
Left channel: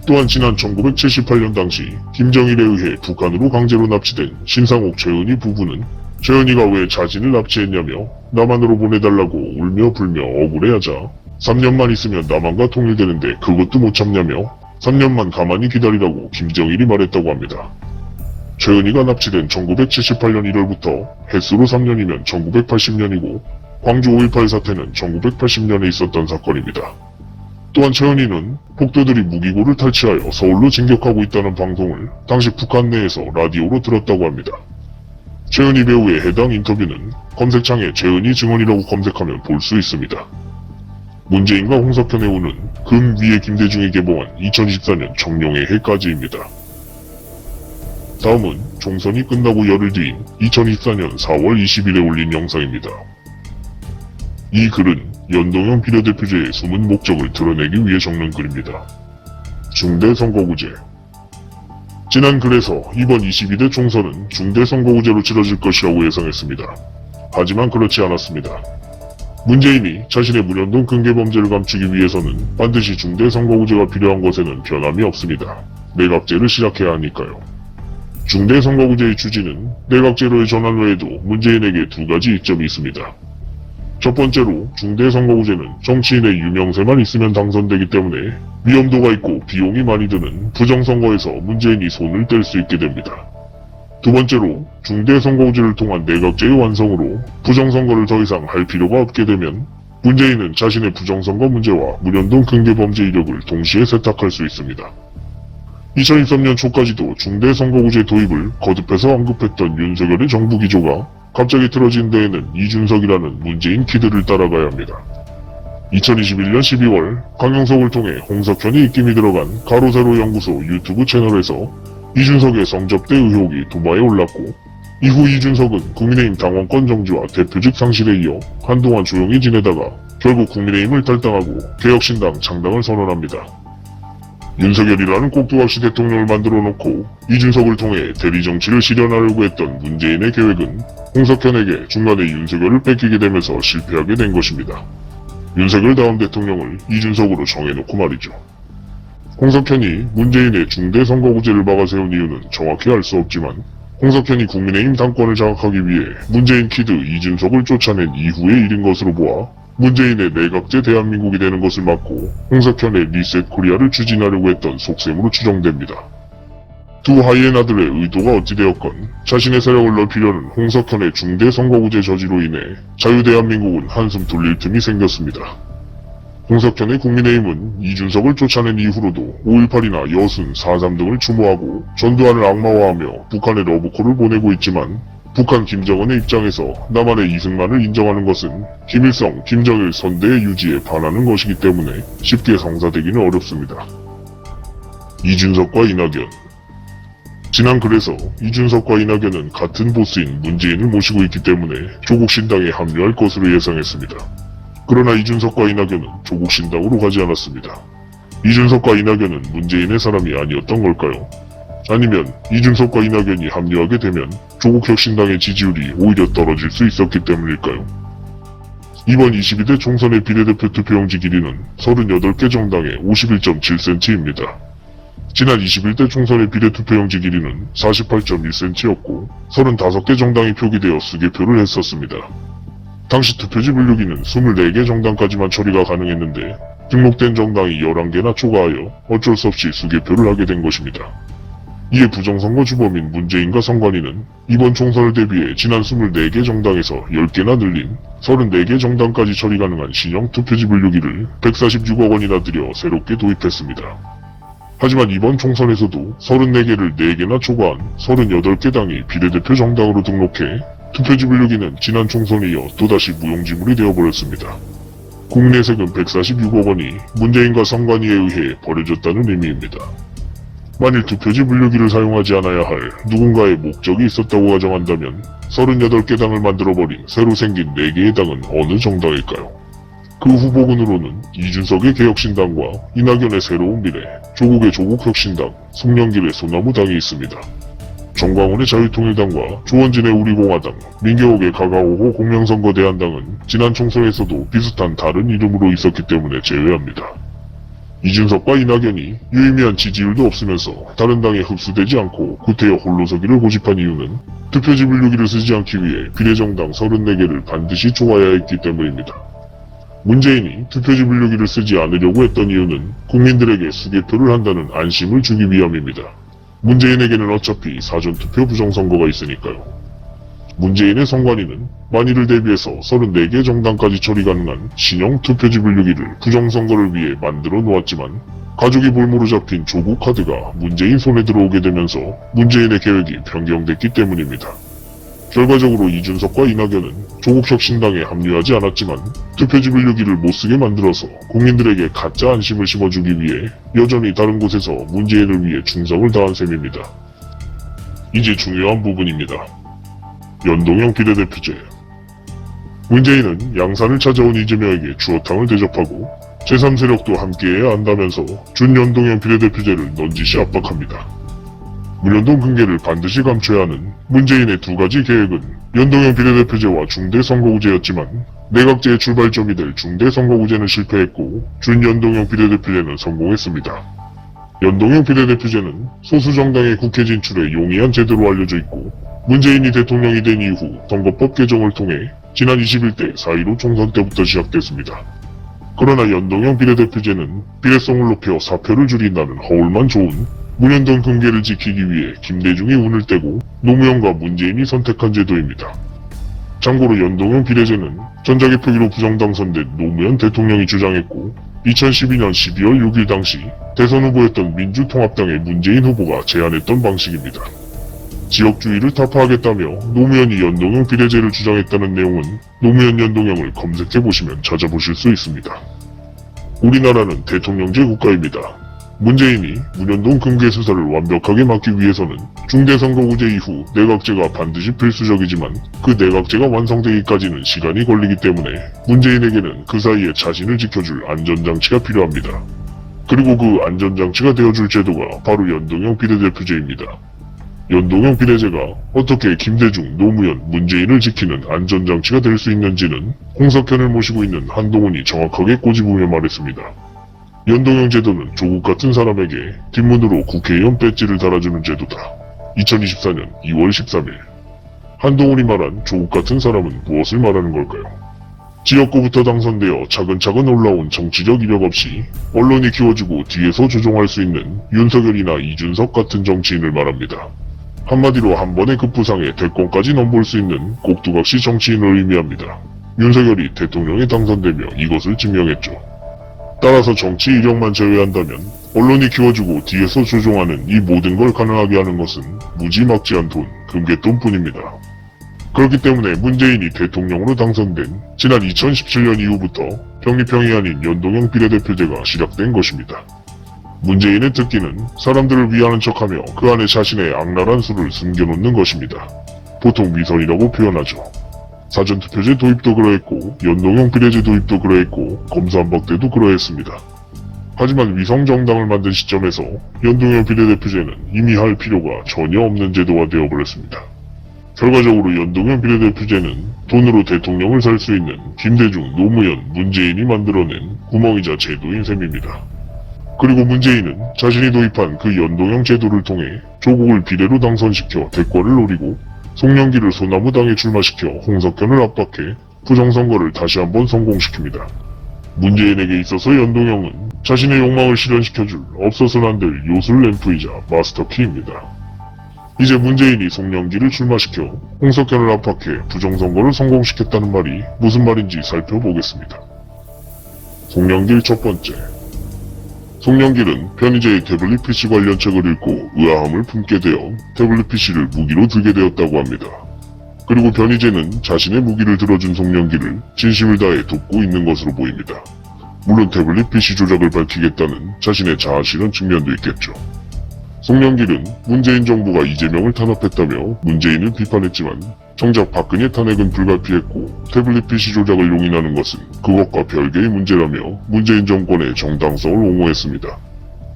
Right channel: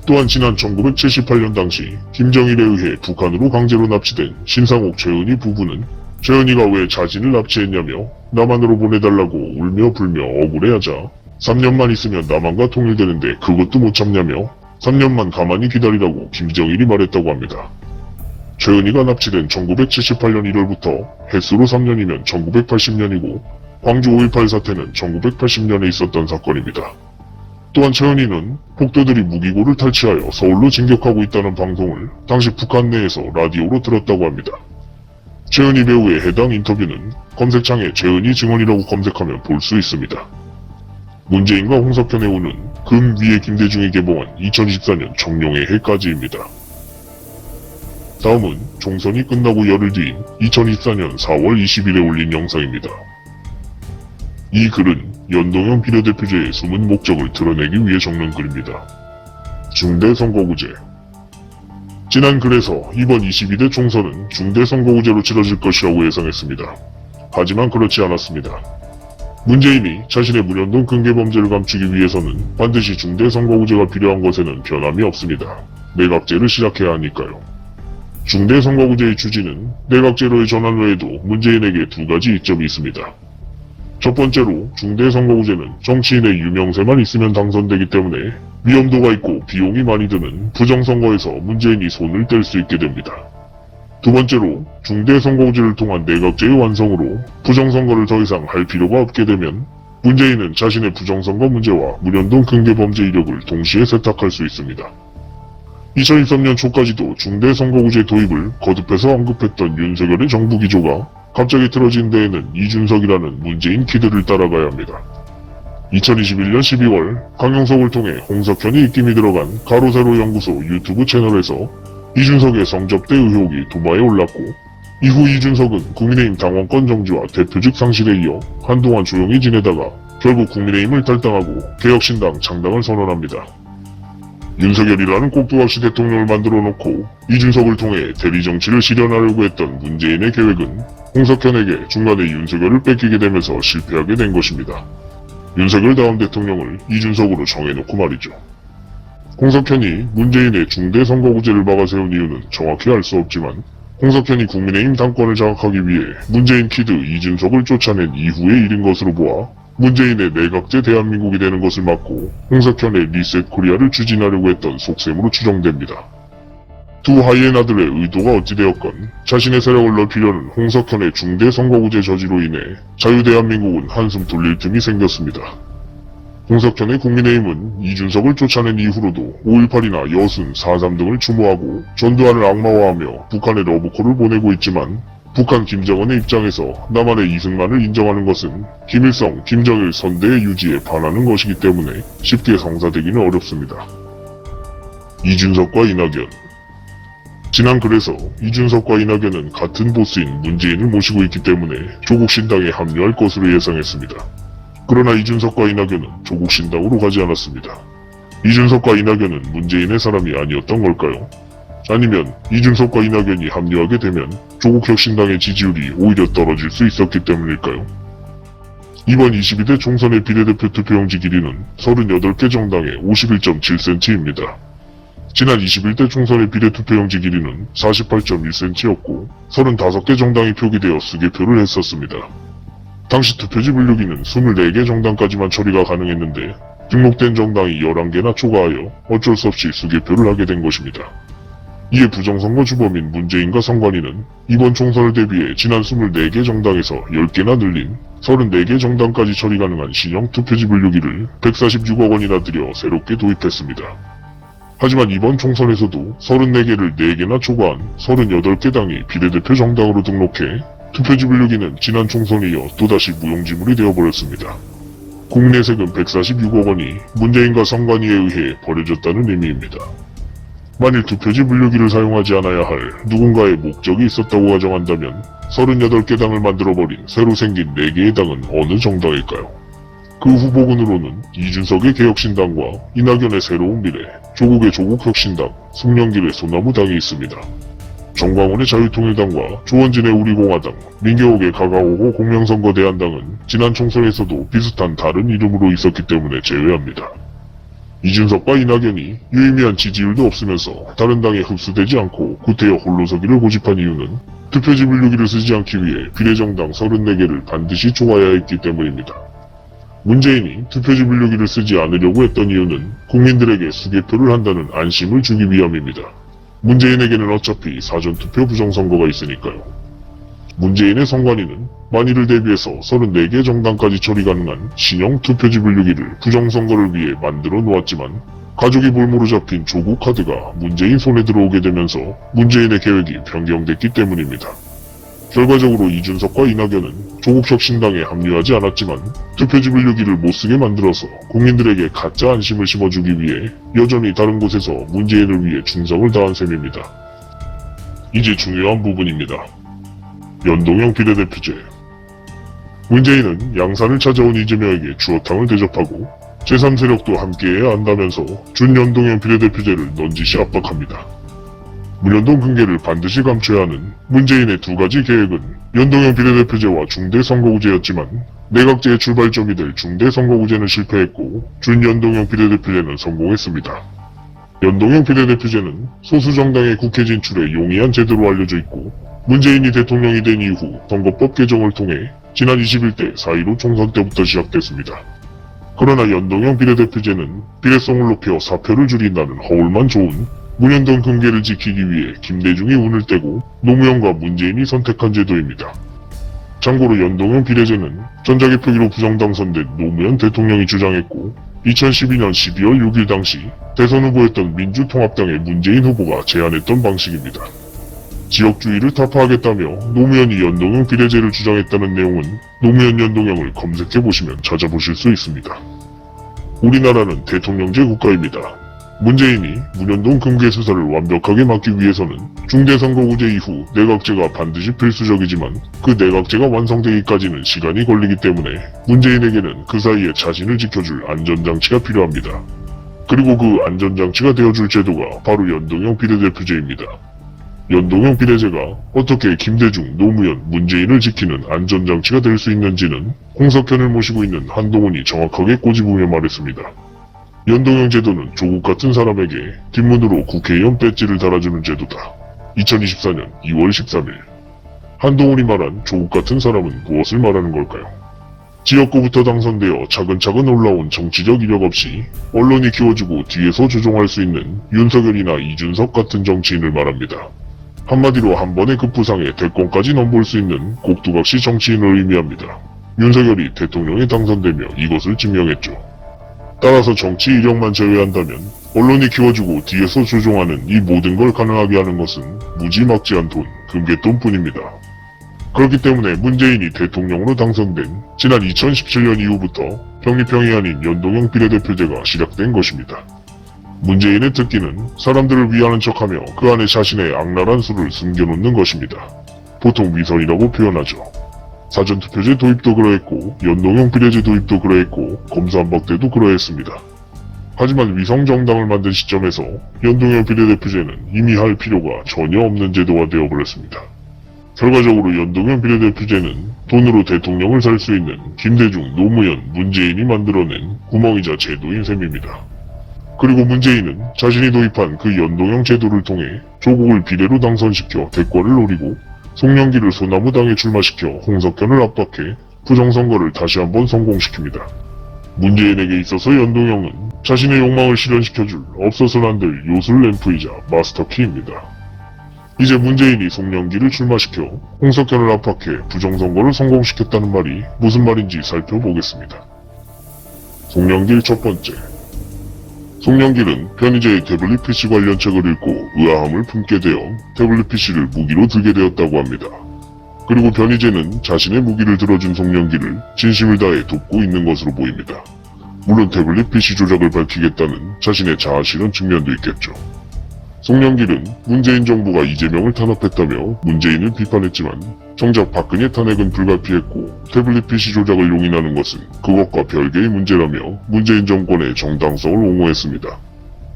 또한 지난 1978년 당시 김정일에 의해 북한으로 강제로 납치된 신상옥 최은희 부부는 최은희가 왜 자신을 납치했냐며 남한으로 보내달라고 울며 불며 억울해하자 3년만 있으면 남한과 통일되는데 그것도 못 참냐며 3년만 가만히 기다리라고 김정일이 말했다고 합니다. 최은희가 납치된 1978년 1월부터 햇수로 3년이면 1980년이고 광주 5.18 사태는 1980년에 있었던 사건입니다. 또한 최은희는 폭도들이 무기고를 탈취하여 서울로 진격하고 있다는 방송을 당시 북한 내에서 라디오로 들었다고 합니다. 최은희 배우의 해당 인터뷰는 검색창에 최은희 증언이라고 검색하면 볼 수 있습니다. 문재인과 홍석현의 오는 금 위에 김대중이 개봉한 2024년 청룡의 해까지입니다. 다음은 총선이 끝나고 열흘 뒤인 2024년 4월 20일에 올린 영상입니다. 이 글은 연동형 비례대표제의 숨은 목적을 드러내기 위해 적는 글입니다. 중대선거구제. 지난 글에서 이번 22대 총선은 중대선거구제로 치러질 것이라고 예상했습니다. 하지만 그렇지 않았습니다. 문재인이 자신의 문현동 금괴범죄를 감추기 위해서는 반드시 중대선거구제가 필요한 것에는 변함이 없습니다. 내각제를 시작해야 하니까요. 중대선거구제의 취지는 내각제로의 전환 외에도 문재인에게 두 가지 이점이 있습니다. 첫 번째로 중대선거구제는 정치인의 유명세만 있으면 당선되기 때문에 위험도가 있고 비용이 많이 드는 부정선거에서 문재인이 손을 뗄 수 있게 됩니다. 두 번째로 중대선거구제를 통한 내각제의 완성으로 부정선거를 더 이상 할 필요가 없게 되면 문재인은 자신의 부정선거 문제와 문현동 금괴범죄 이력을 동시에 세탁할 수 있습니다. 2023년 초까지도 중대선거구제 도입을 거듭해서 언급했던 윤석열의 정부 기조가 갑자기 틀어진 데에는 이준석이라는 문재인 키드를 따라가야 합니다. 2021년 12월 강용석을 통해 홍석현이 입김이 들어간 가로세로 연구소 유튜브 채널에서 이준석의 성접대 의혹이 두바에 올랐고 이후 이준석은 국민의힘 당원권 정지와 대표직 상실에 이어 한동안 조용히 지내다가 결국 국민의힘을 탈당하고 개혁신당 창당을 선언합니다. 윤석열이라는 꼭두 없이 대통령을 만들어 놓고 이준석을 통해 대리정치를 실현하려고 했던 문재인의 계획은 홍석현에게 중간에 윤석열을 뺏기게 되면서 실패하게 된 것입니다. 윤석열 다음 대통령을 이준석으로 정해놓고 말이죠. 홍석현이 문재인의 중대선거구제를 막아세운 이유는 정확히 알 수 없지만 홍석현이 국민의힘 당권을 장악하기 위해 문재인 키드 이준석을 쫓아낸 이후의 일인 것으로 보아 문재인의 내각제 대한민국이 되는 것을 막고 홍석현의 리셋코리아를 추진하려고 했던 속셈으로 추정됩니다. 두 하이에나들의 의도가 어찌되었건 자신의 세력을 넓히려는 홍석현의 중대선거구제 저지로 인해 자유대한민국은 한숨 돌릴 틈이 생겼습니다. 홍석현의 국민의힘은 이준석을 쫓아낸 이후로도 5.18이나 여순, 4.3 등을 추모하고 전두환을 악마화하며 북한에 러브콜을 보내고 있지만 북한 김정은의 입장에서 남한의 이승만을 인정하는 것은 김일성, 김정일 선대의 유지에 반하는 것이기 때문에 쉽게 성사되기는 어렵습니다. 이준석과 이낙연. 지난 글에서 이준석과 이낙연은 같은 보스인 문재인을 모시고 있기 때문에 조국 신당에 합류할 것으로 예상했습니다. 그러나 이준석과 이낙연은 조국 신당으로 가지 않았습니다. 이준석과 이낙연은 문재인의 사람이 아니었던 걸까요? 아니면 이준석과 이낙연이 합류하게 되면 조국 혁신당의 지지율이 오히려 떨어질 수 있었기 때문일까요? 이번 22대 총선의 비례대표 투표용지 길이는 38개 정당의 51.7cm입니다. 지난 21대 총선의 비례투표용지 길이는 48.1cm였고 35개 정당이 표기되어 수개표를 했었습니다. 당시 투표지 분류기는 24개 정당까지만 처리가 가능했는데 등록된 정당이 11개나 초과하여 어쩔 수 없이 수개표를 하게 된 것입니다. 이에 부정선거 주범인 문재인과 선관위는 이번 총선을 대비해 지난 24개 정당에서 10개나 늘린 34개 정당까지 처리 가능한 신형 투표지 분류기를 146억 원이나 들여 새롭게 도입했습니다. 하지만 이번 총선에서도 34개를 4개나 초과한 38개 당이 비례대표 정당으로 등록해 투표지 분류기는 지난 총선에 이어 또다시 무용지물이 되어버렸습니다. 국내 세금 146억 원이 문재인과 선관위에 의해 버려졌다는 의미입니다. 만일 투표지 분류기를 사용하지 않아야 할 누군가의 목적이 있었다고 가정한다면 38개 당을 만들어버린 새로 생긴 4개의 당은 어느 정당일까요? 그 후보군으로는 이준석의 개혁신당과 이낙연의 새로운 미래, 조국의 조국혁신당, 송영길의 소나무당이 있습니다. 정광훈의 자유통일당과 조원진의 우리공화당, 민경욱의 가가오고 공명선거대안당은 지난 총선에서도 비슷한 다른 이름으로 있었기 때문에 제외합니다. 이준석과 이낙연이 유의미한 지지율도 없으면서 다른 당에 흡수되지 않고 구태여 홀로서기를 고집한 이유는 투표지 분류기를 쓰지 않기 위해 비례정당 34개를 반드시 초과해야 했기 때문입니다. 문재인이 투표지 분류기를 쓰지 않으려고 했던 이유는 국민들에게 수개표를 한다는 안심을 주기 위함입니다. 문재인에게는 어차피 사전투표 부정선거가 있으니까요. 문재인의 선관위는 만일을 대비해서 34개 정당까지 처리 가능한 신형 투표지 분류기를 부정선거를 위해 만들어 놓았지만 가족이 볼모로 잡힌 조국 카드가 문재인 손에 들어오게 되면서 문재인의 계획이 변경됐기 때문입니다. 결과적으로 이준석과 이낙연은 조국혁신당에 합류하지 않았지만 투표지 분류기를 못쓰게 만들어서 국민들에게 가짜 안심을 심어주기 위해 여전히 다른 곳에서 문재인을 위해 충성을 다한 셈입니다. 이제 중요한 부분입니다. 연동형 비례대표제. 문재인은 양산을 찾아온 이재명에게 주어탕을 대접하고 제3세력도 함께해야 한다면서 준연동형 비례대표제를 넌지시 압박합니다. 무연동 근계를 반드시 감춰야 하는 문재인의 두 가지 계획은 연동형 비례대표제와 중대선거구제였지만 내각제의 출발점이 될 중대선거구제는 실패했고 준연동형 비례대표제는 성공했습니다. 연동형 비례대표제는 소수 정당의 국회 진출에 용이한 제도로 알려져 있고 문재인이 대통령이 된 이후 선거법 개정을 통해 지난 21대 4.15 총선 때부터 시작됐습니다. 그러나 연동형 비례대표제는 비례성을 높여 사표를 줄인다는 허울만 좋은 문연동 근계를 지키기 위해 김대중이 운을 떼고 노무현과 문재인이 선택한 제도입니다. 참고로 연동형 비례제는 전자개표기로 부정당선된 노무현 대통령이 주장했고 2012년 12월 6일 당시 대선 후보였던 민주통합당의 문재인 후보가 제안했던 방식입니다. 지역주의를 타파하겠다며 노무현이 연동형 비례제를 주장했다는 내용은 노무현 연동형을 검색해보시면 찾아보실 수 있습니다. 우리나라는 대통령제 국가입니다. 문재인이 문연동 근계 수사를 완벽하게 막기 위해서는 중대선거구제 이후 내각제가 반드시 필수적이지만 그 내각제가 완성되기까지는 시간이 걸리기 때문에 문재인에게는 그 사이에 자신을 지켜줄 안전장치가 필요합니다. 그리고 그 안전장치가 되어줄 제도가 바로 연동형 비례대표제입니다. 연동형 비례제가 어떻게 김대중, 노무현, 문재인을 지키는 안전장치가 될 수 있는지는 공석현을 모시고 있는 한동훈이 정확하게 꼬집으며 말했습니다. 연동형 제도는 조국 같은 사람에게 뒷문으로 국회의원 배지를 달아주는 제도다. 2024년 2월 13일 한동훈이 말한 조국 같은 사람은 무엇을 말하는 걸까요? 지역구부터 당선되어 차근차근 올라온 정치적 이력 없이 언론이 키워주고 뒤에서 조종할 수 있는 윤석열이나 이준석 같은 정치인을 말합니다. 한마디로 한 번의 급부상에 대권까지 넘볼 수 있는 꼭두각시 정치인을 의미합니다. 윤석열이 대통령에 당선되며 이것을 증명했죠. 따라서 정치 이력만 제외한다면 언론이 키워주고 뒤에서 조종하는 이 모든 걸 가능하게 하는 것은 무지막지한 돈, 금괴돈뿐입니다. 그렇기 때문에 문재인이 대통령으로 당선된 지난 2017년 이후부터 병리평이 아닌 연동형 비례대표제가 시작된 것입니다. 문재인의 특기는 사람들을 위하는 척하며 그 안에 자신의 악랄한 수를 숨겨놓는 것입니다. 보통 위선이라고 표현하죠. 사전투표제 도입도 그러했고 연동형 비례제 도입도 그러했고 검수안박 때도 그러했습니다. 하지만 위성정당을 만든 시점에서 연동형 비례대표제는 이미 할 필요가 전혀 없는 제도가 되어버렸습니다. 결과적으로 연동형 비례대표제는 돈으로 대통령을 살 수 있는 김대중, 노무현, 문재인이 만들어낸 구멍이자 제도인 셈입니다. 그리고 문재인은 자신이 도입한 그 연동형 제도를 통해 조국을 비례로 당선시켜 대권을 노리고 송영길을 소나무당에 출마시켜 홍석현을 압박해 부정선거를 다시 한번 성공시킵니다. 문재인에게 있어서 연동형은 자신의 욕망을 실현시켜줄 없어서는 안 될 요술 램프이자 마스터키입니다. 이제 문재인이 송영길을 출마시켜 홍석현을 압박해 부정선거를 성공시켰다는 말이 무슨 말인지 살펴보겠습니다. 송영길 첫 번째. 송영길은 변희재의 태블릿 PC 관련 책을 읽고 의아함을 품게 되어 태블릿 PC를 무기로 들게 되었다고 합니다. 그리고 변희재는 자신의 무기를 들어준 송영길을 진심을 다해 돕고 있는 것으로 보입니다. 물론 태블릿 PC 조작을 밝히겠다는 자신의 자아실현 측면도 있겠죠. 송영길은 문재인 정부가 이재명을 탄압했다며 문재인을 비판했지만 정작 박근혜 탄핵은 불가피했고 태블릿 PC 조작을 용인하는 것은 그것과 별개의 문제라며 문재인 정권의 정당성을 옹호했습니다.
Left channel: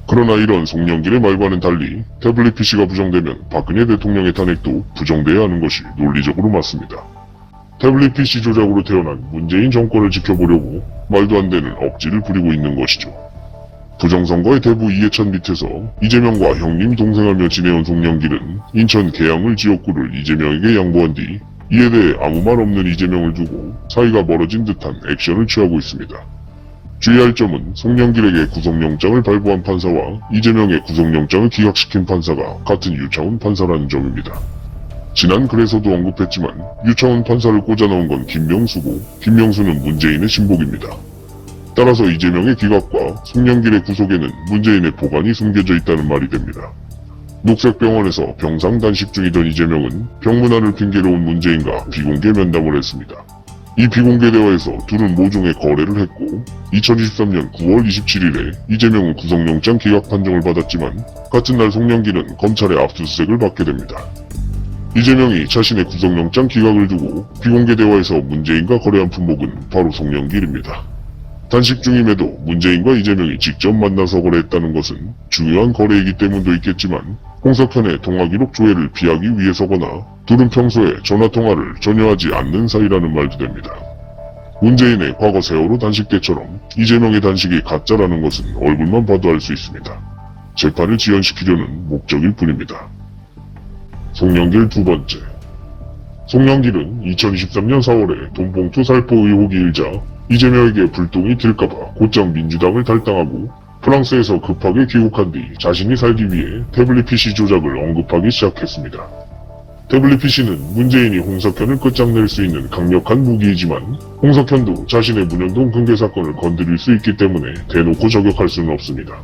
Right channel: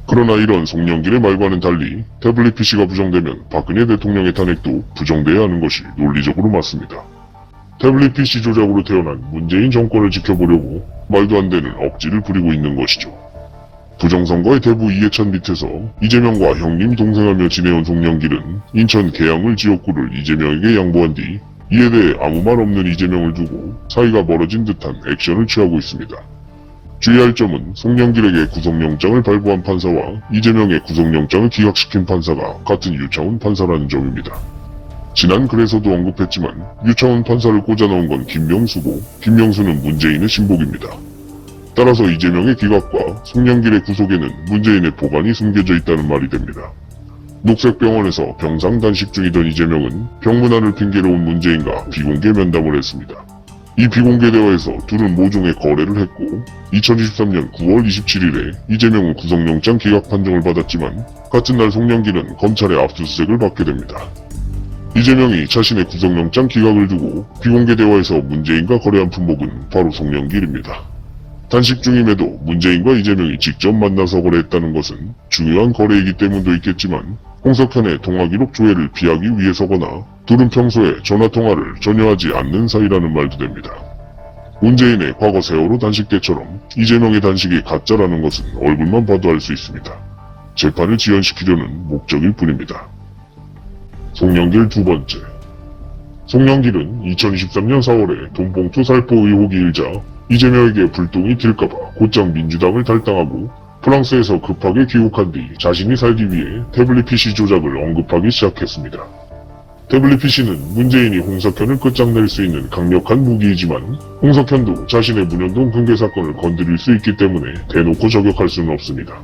그러나 이런 송영길의 말과는 달리 태블릿 PC가 부정되면 박근혜 대통령의 탄핵도 부정돼야 하는 것이 논리적으로 맞습니다. 태블릿 PC 조작으로 태어난 문재인 정권을 지켜보려고 말도 안 되는 억지를 부리고 있는 것이죠. 부정선거의 대부 이해찬 밑에서 이재명과 형님 동생하며 지내온 송영길은 인천 계양을 지역구를 이재명에게 양보한 뒤 이에 대해 아무 말 없는 이재명을 두고 사이가 멀어진 듯한 액션을 취하고 있습니다. 주의할 점은 송영길에게 구속영장을 발부한 판사와 이재명의 구속영장을 기각시킨 판사가 같은 유창훈 판사라는 점입니다. 지난 글에서도 언급했지만 유창훈 판사를 꽂아넣은 건 김명수고 김명수는 문재인의 신복입니다. 따라서 이재명의 기각과 송영길의 구속에는 문재인의 보관이 숨겨져 있다는 말이 됩니다. 녹색병원에서 병상 단식 중이던 이재명은 병문안을 핑계로 온 문재인과 비공개 면담을 했습니다. 이 비공개 대화에서 둘은 모종의 거래를 했고 2023년 9월 27일에 이재명은 구속영장 기각 판정을 받았지만 같은 날 송영길은 검찰의 압수수색을 받게 됩니다. 이재명이 자신의 구속영장 기각을 두고 비공개 대화에서 문재인과 거래한 품목은 바로 송영길입니다. 단식 중임에도 문재인과 이재명이 직접 만나서 거래했다는 것은 중요한 거래이기 때문도 있겠지만 홍석현의 통화기록 조회를 피하기 위해서거나 둘은 평소에 전화통화를 전혀 하지 않는 사이라는 말도 됩니다. 문재인의 과거 세월호 단식 때처럼 이재명의 단식이 가짜라는 것은 얼굴만 봐도 알 수 있습니다. 재판을 지연시키려는 목적일 뿐입니다. 송영길 두 번째. 송영길은 2023년 4월에 돈봉투 살포 의혹이 일자 이재명에게 불똥이 튈까봐 곧장 민주당을 탈당하고 프랑스에서 급하게 귀국한 뒤 자신이 살기 위해 태블릿 PC 조작을 언급하기 시작했습니다. 태블릿 PC는 문재인이 홍석현을 끝장낼 수 있는 강력한 무기이지만 홍석현도 자신의 문현동 금괴 사건을 건드릴 수 있기 때문에 대놓고 저격할 수는 없습니다.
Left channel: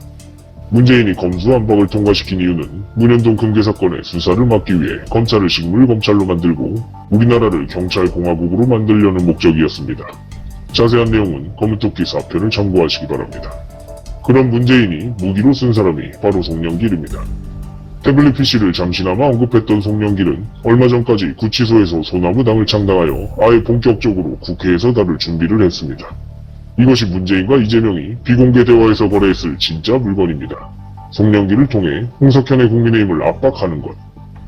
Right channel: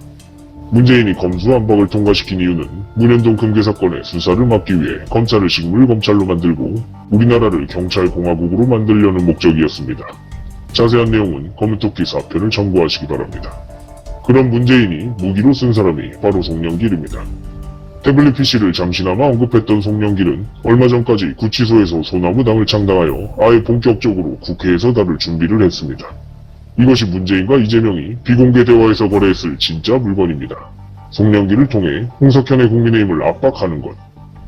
문재인이 검수안박을 통과시킨 이유는 문현동 금괴 사건의 수사를 막기 위해 검찰을 식물검찰로 만들고 우리나라를 경찰공화국으로 만들려는 목적이었습니다. 자세한 내용은 커뮤토키 4편을 참고하시기 바랍니다. 그런 문재인이 무기로 쓴 사람이 바로 송영길입니다. 태블릿 PC를 잠시나마 언급했던 송영길은 얼마 전까지 구치소에서 소나무당을 창당하여 아예 본격적으로 국회에서 다룰 준비를 했습니다. 이것이 문재인과 이재명이 비공개 대화에서 거래했을 진짜 물건입니다. 송영길을 통해 홍석현의 국민의힘을 압박하는 것.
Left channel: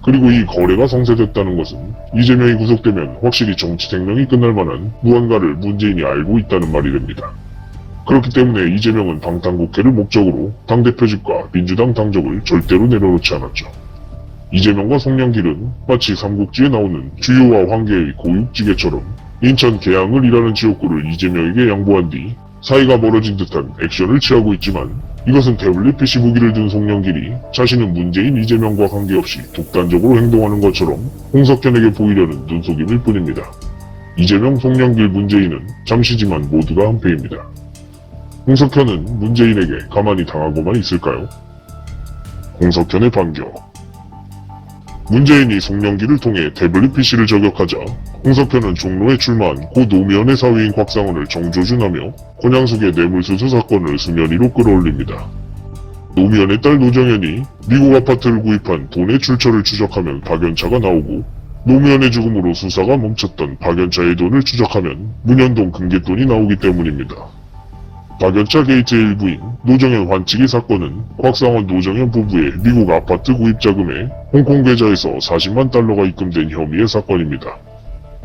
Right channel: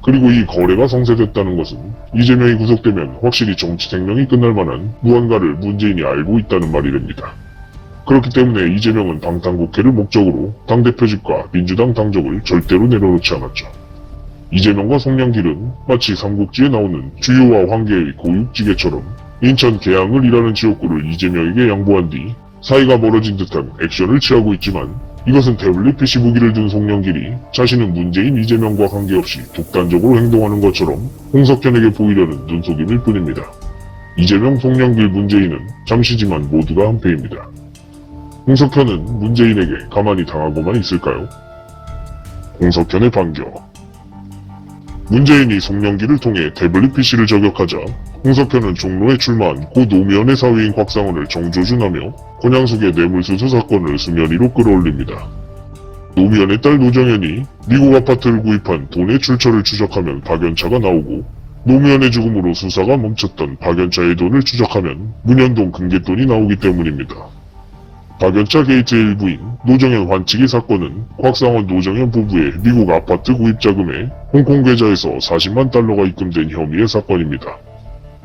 그리고 이 거래가 성사됐다는 것은 이재명이 구속되면 확실히 정치 생명이 끝날 만한 무언가를 문재인이 알고 있다는 말이 됩니다. 그렇기 때문에 이재명은 방탄국회를 목적으로 당대표직과 민주당 당적을 절대로 내려놓지 않았죠. 이재명과 송영길은 마치 삼국지에 나오는 주요와 황계의 공육지계처럼 인천 계양을 일하는 지역구를 이재명에게 양보한 뒤 사이가 멀어진 듯한 액션을 취하고 있지만 이것은 태블릿 PC 무기를 든 송영길이 자신은 문재인 이재명과 관계없이 독단적으로 행동하는 것처럼 홍석현에게 보이려는 눈속임일 뿐입니다. 이재명, 송영길, 문재인은 잠시지만 모두가 한패입니다. 홍석현은 문재인에게 가만히 당하고만 있을까요? 홍석현의 반격. 문재인이 송영기를 통해 태블릿 PC를 저격하자 홍석현은 종로에 출마한 고 노무현의 사위인 곽상원을 정조준하며 권양숙의 뇌물수수 사건을 수면 위로 끌어올립니다. 노무현의 딸 노정현이 미국 아파트를 구입한 돈의 출처를 추적하면 박연차가 나오고, 노무현의 죽음으로 수사가 멈췄던 박연차의 돈을 추적하면 문현동 금괴돈이 나오기 때문입니다. 박연차 게이트의 일부인 노정현 환치기 사건은 곽상원 노정현 부부의 미국 아파트 구입 자금에 홍콩 계좌에서 40만 달러가 입금된 혐의의 사건입니다.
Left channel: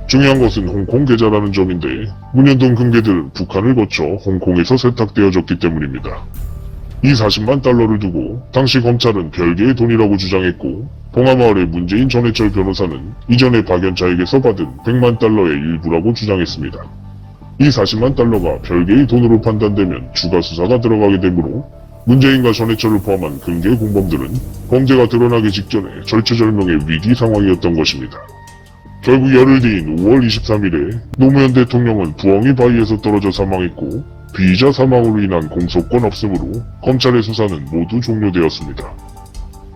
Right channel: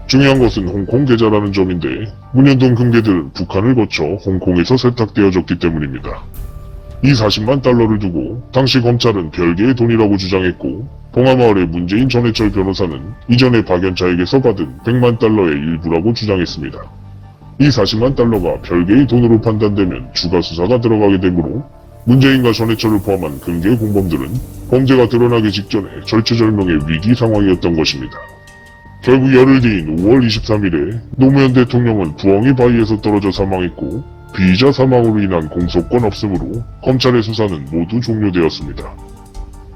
중요한 것은 홍콩 계좌라는 점인데, 문현동 금괴들은 북한을 거쳐 홍콩에서 세탁되어졌기 때문입니다. 이 40만 달러를 두고 당시 검찰은 별개의 돈이라고 주장했고, 봉하마을의 문재인 전해철 변호사는 이전에 박연차에게서 받은 100만 달러의 일부라고 주장했습니다. 이 40만 달러가 별개의 돈으로 판단되면 추가 수사가 들어가게 되므로 문재인과 전해철을 포함한 근대 공범들은 범죄가 드러나기 직전에 절체절명의 위기 상황이었던 것입니다. 결국 열흘 뒤인 5월 23일에 노무현 대통령은 부엉이 바위에서 떨어져 사망했고, 피의자 사망으로 인한 공소권 없음으로 검찰의 수사는 모두 종료되었습니다.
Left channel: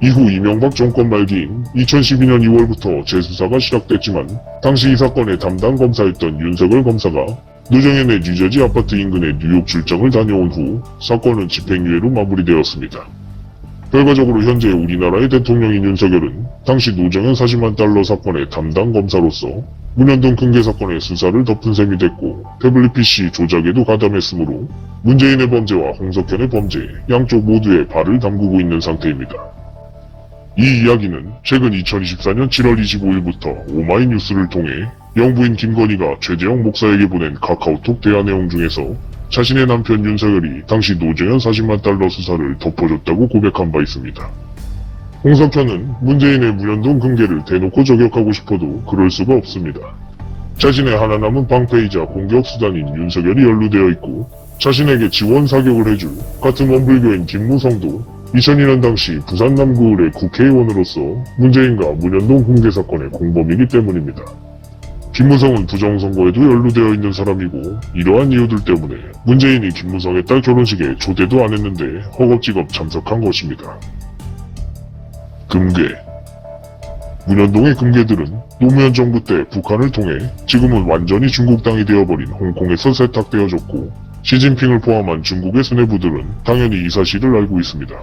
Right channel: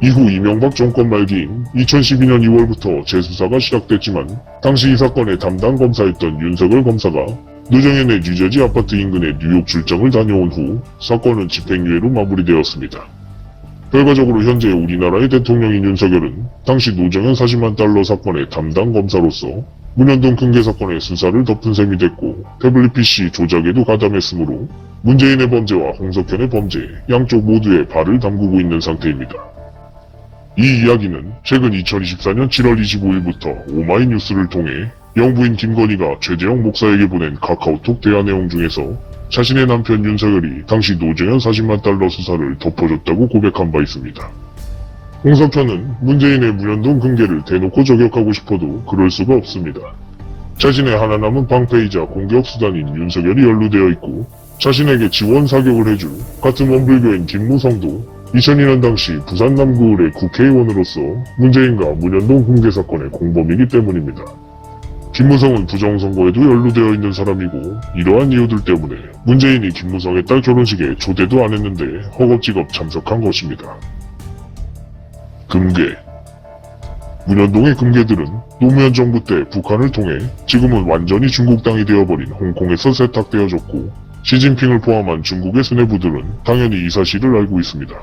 이후 이명박 정권 말기인 2012년 2월부터 재수사가 시작됐지만, 당시 이 사건의 담당 검사였던 윤석열 검사가 노정현의 뉴저지 아파트 인근에 뉴욕 출장을 다녀온 후 사건은 집행유예로 마무리되었습니다. 결과적으로 현재 우리나라의 대통령인 윤석열은 당시 노정현 40만 달러 사건의 담당 검사로서 문현동 금괴 사건의 수사를 덮은 셈이 됐고, 태블릿 PC 조작에도 가담했으므로 문재인의 범죄와 홍석현의 범죄 양쪽 모두에 발을 담그고 있는 상태입니다. 이 이야기는 최근 2024년 7월 25일부터 오마이뉴스를 통해 영부인 김건희가 최재형 목사에게 보낸 카카오톡 대화 내용 중에서 자신의 남편 윤석열이 당시 노정현 40만 달러 수사를 덮어줬다고 고백한 바 있습니다. 홍석현은 문재인의 문현동 금괴를 대놓고 저격하고 싶어도 그럴 수가 없습니다. 자신의 하나 남은 방패이자 공격 수단인 윤석열이 연루되어 있고, 자신에게 지원 사격을 해줄 같은 원불교인 김무성도 2002년 당시 부산 남구을의 국회의원으로서 문재인과 문현동 금괴 사건의 공범이기 때문입니다. 김무성은 부정선거에도 연루되어 있는 사람이고, 이러한 이유들 때문에 문재인이 김무성의 딸 결혼식에 초대도 안 했는데 허겁지겁 참석한 것입니다. 금괴. 문현동의 금괴들은 노무현 정부 때 북한을 통해 지금은 완전히 중국 땅이 되어버린 홍콩에서 세탁되어졌고, 시진핑을 포함한 중국의 수뇌부들은 당연히 이 사실을 알고 있습니다.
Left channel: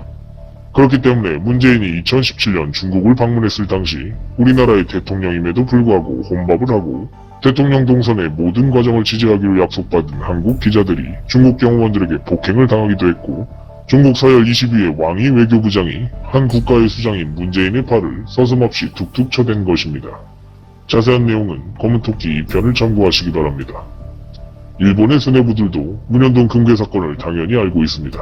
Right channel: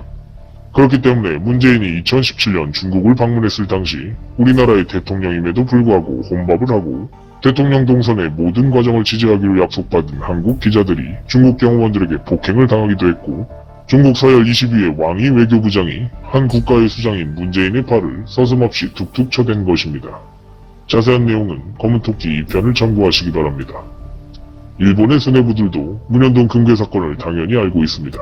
그렇기 때문에 문재인이 2017년 중국을 방문했을 당시 우리나라의 대통령임에도 불구하고 혼밥을 하고, 대통령 동선의 모든 과정을 지지하기로 약속받은 한국 기자들이 중국 경호원들에게 폭행을 당하기도 했고, 중국 서열 20위의 왕이 외교부장이 한 국가의 수장인 문재인의 팔을 서슴없이 툭툭 쳐댄 것입니다. 자세한 내용은 검은토끼 2편을 참고하시기 바랍니다. 일본의 수뇌부들도 문현동 금괴 사건을 당연히 알고 있습니다.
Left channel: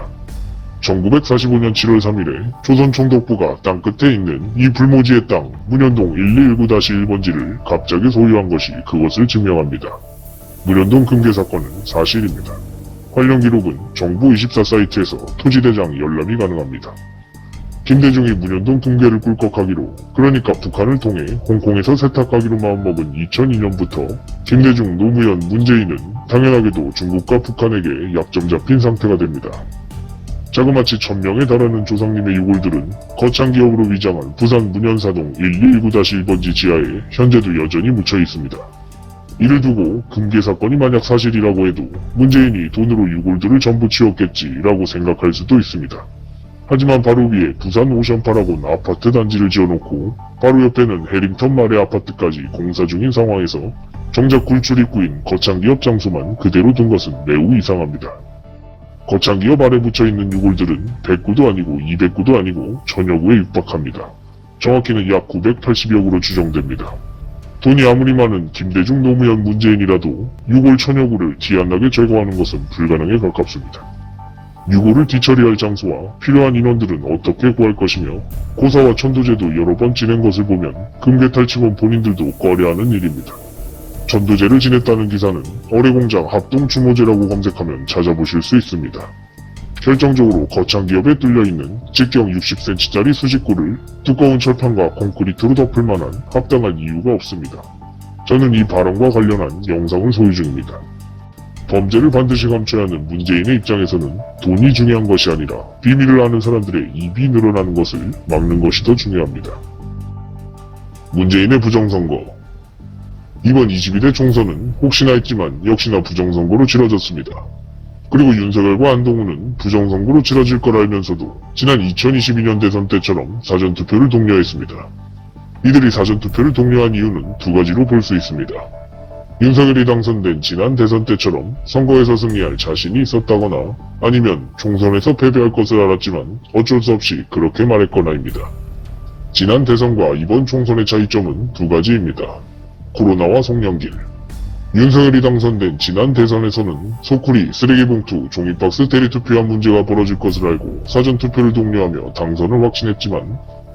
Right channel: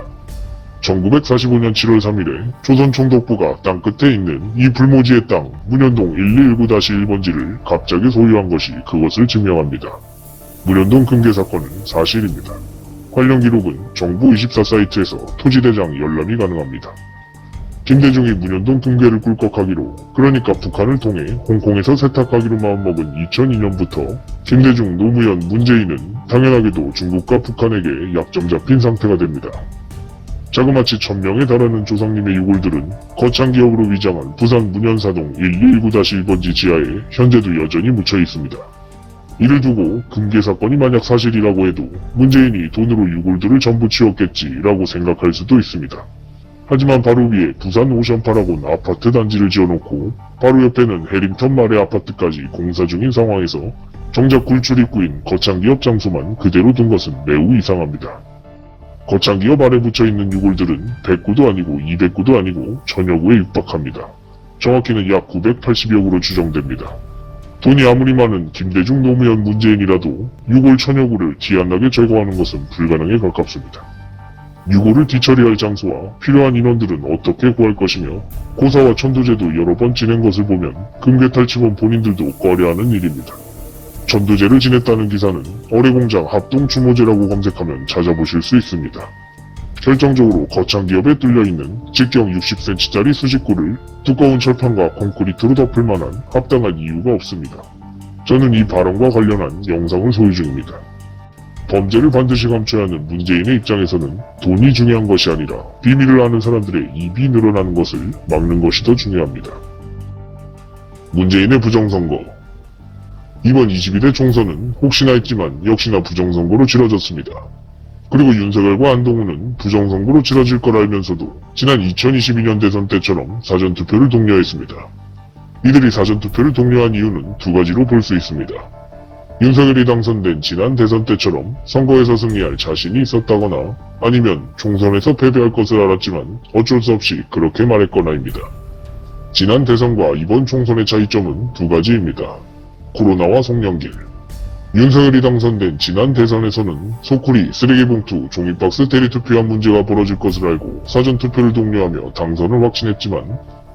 1945년 7월 3일에 조선 총독부가 땅끝에 있는 이 불모지의 땅 문현동 1219-1번지를 갑자기 소유한 것이 그것을 증명합니다. 문현동 금괴 사건은 사실입니다. 관련 기록은 정부 24 사이트에서 토지대장 열람이 가능합니다. 김대중이 문현동 금괴를 꿀꺽하기로, 그러니까 북한을 통해 홍콩에서 세탁하기로 마음먹은 2002년부터 김대중, 노무현, 문재인은 당연하게도 중국과 북한에게 약점 잡힌 상태가 됩니다. 자그마치 1000명에 달하는 조상님의 유골들은 거창기업으로 위장한 부산 문현사동 1219-1번지 지하에 현재도 여전히 묻혀 있습니다. 이를 두고 금괴 사건이 만약 사실이라고 해도 문재인이 돈으로 유골들을 전부 치웠겠지라고 생각할 수도 있습니다. 하지만 바로 위에 부산 오션파라고 아파트 단지를 지어놓고 바로 옆에는 해링턴 마레 아파트까지 공사 중인 상황에서 정작 굴출 입구인 거창기업 장소만 그대로 둔 것은 매우 이상합니다. 거창기업 아래 붙여있는 유골들은 100구도 아니고 200구도 아니고 1000여 구에 육박합니다. 정확히는 약 980여 구로 추정됩니다. 돈이 아무리 많은 김대중, 노무현, 문재인이라도 유골 1000여 구를 기안나게 제거하는 것은 불가능에 가깝습니다. 유골을 뒤처리할 장소와 필요한 인원들은 어떻게 구할 것이며, 고사와 천도제도 여러 번 지낸 것을 보면 금괴 탈취범 본인들도 꺼려하는 일입니다. 천도제를 지냈다는 기사는 어뢰공장 합동추모제라고 검색하면 찾아보실 수 있습니다. 결정적으로 거창기업에 뚫려있는 직경 60cm짜리 수직구를 두꺼운 철판과 콘크리트로 덮을 만한 합당한 이유가 없습니다. 저는 이 발언과 관련한 영상을 소유 중입니다. 범죄를 반드시 감춰야 하는 문재인의 입장에서는 돈이 중요한 것이 아니라 비밀을 아는 사람들의 입이 늘어나는 것을 막는 것이 더 중요합니다. 문재인의 부정선거. 이번 22대 총선은 혹시나 했지만 역시나 부정선거로 치러졌습니다. 그리고 윤석열과 안동훈은 부정선거로 치러질 걸 알면서도 지난 2022년 대선 때처럼 사전투표를 독려했습니다. 이들이 사전투표를 독려한 이유는 두 가지로 볼 수 있습니다. 윤석열이 당선된 지난 대선 때처럼 선거에서 승리할 자신이 있었다거나 아니면 총선에서 패배할 것을 알았지만 어쩔 수 없이 그렇게 말했거나입니다. 지난 대선과 이번 총선의 차이점은 두 가지입니다. 코로나와 송영길. 윤석열이 당선된 지난 대선에서는 소쿠리, 쓰레기 봉투, 종이박스 대리투표한 문제가 벌어질 것을 알고 사전투표를 독려하며 당선을 확신했지만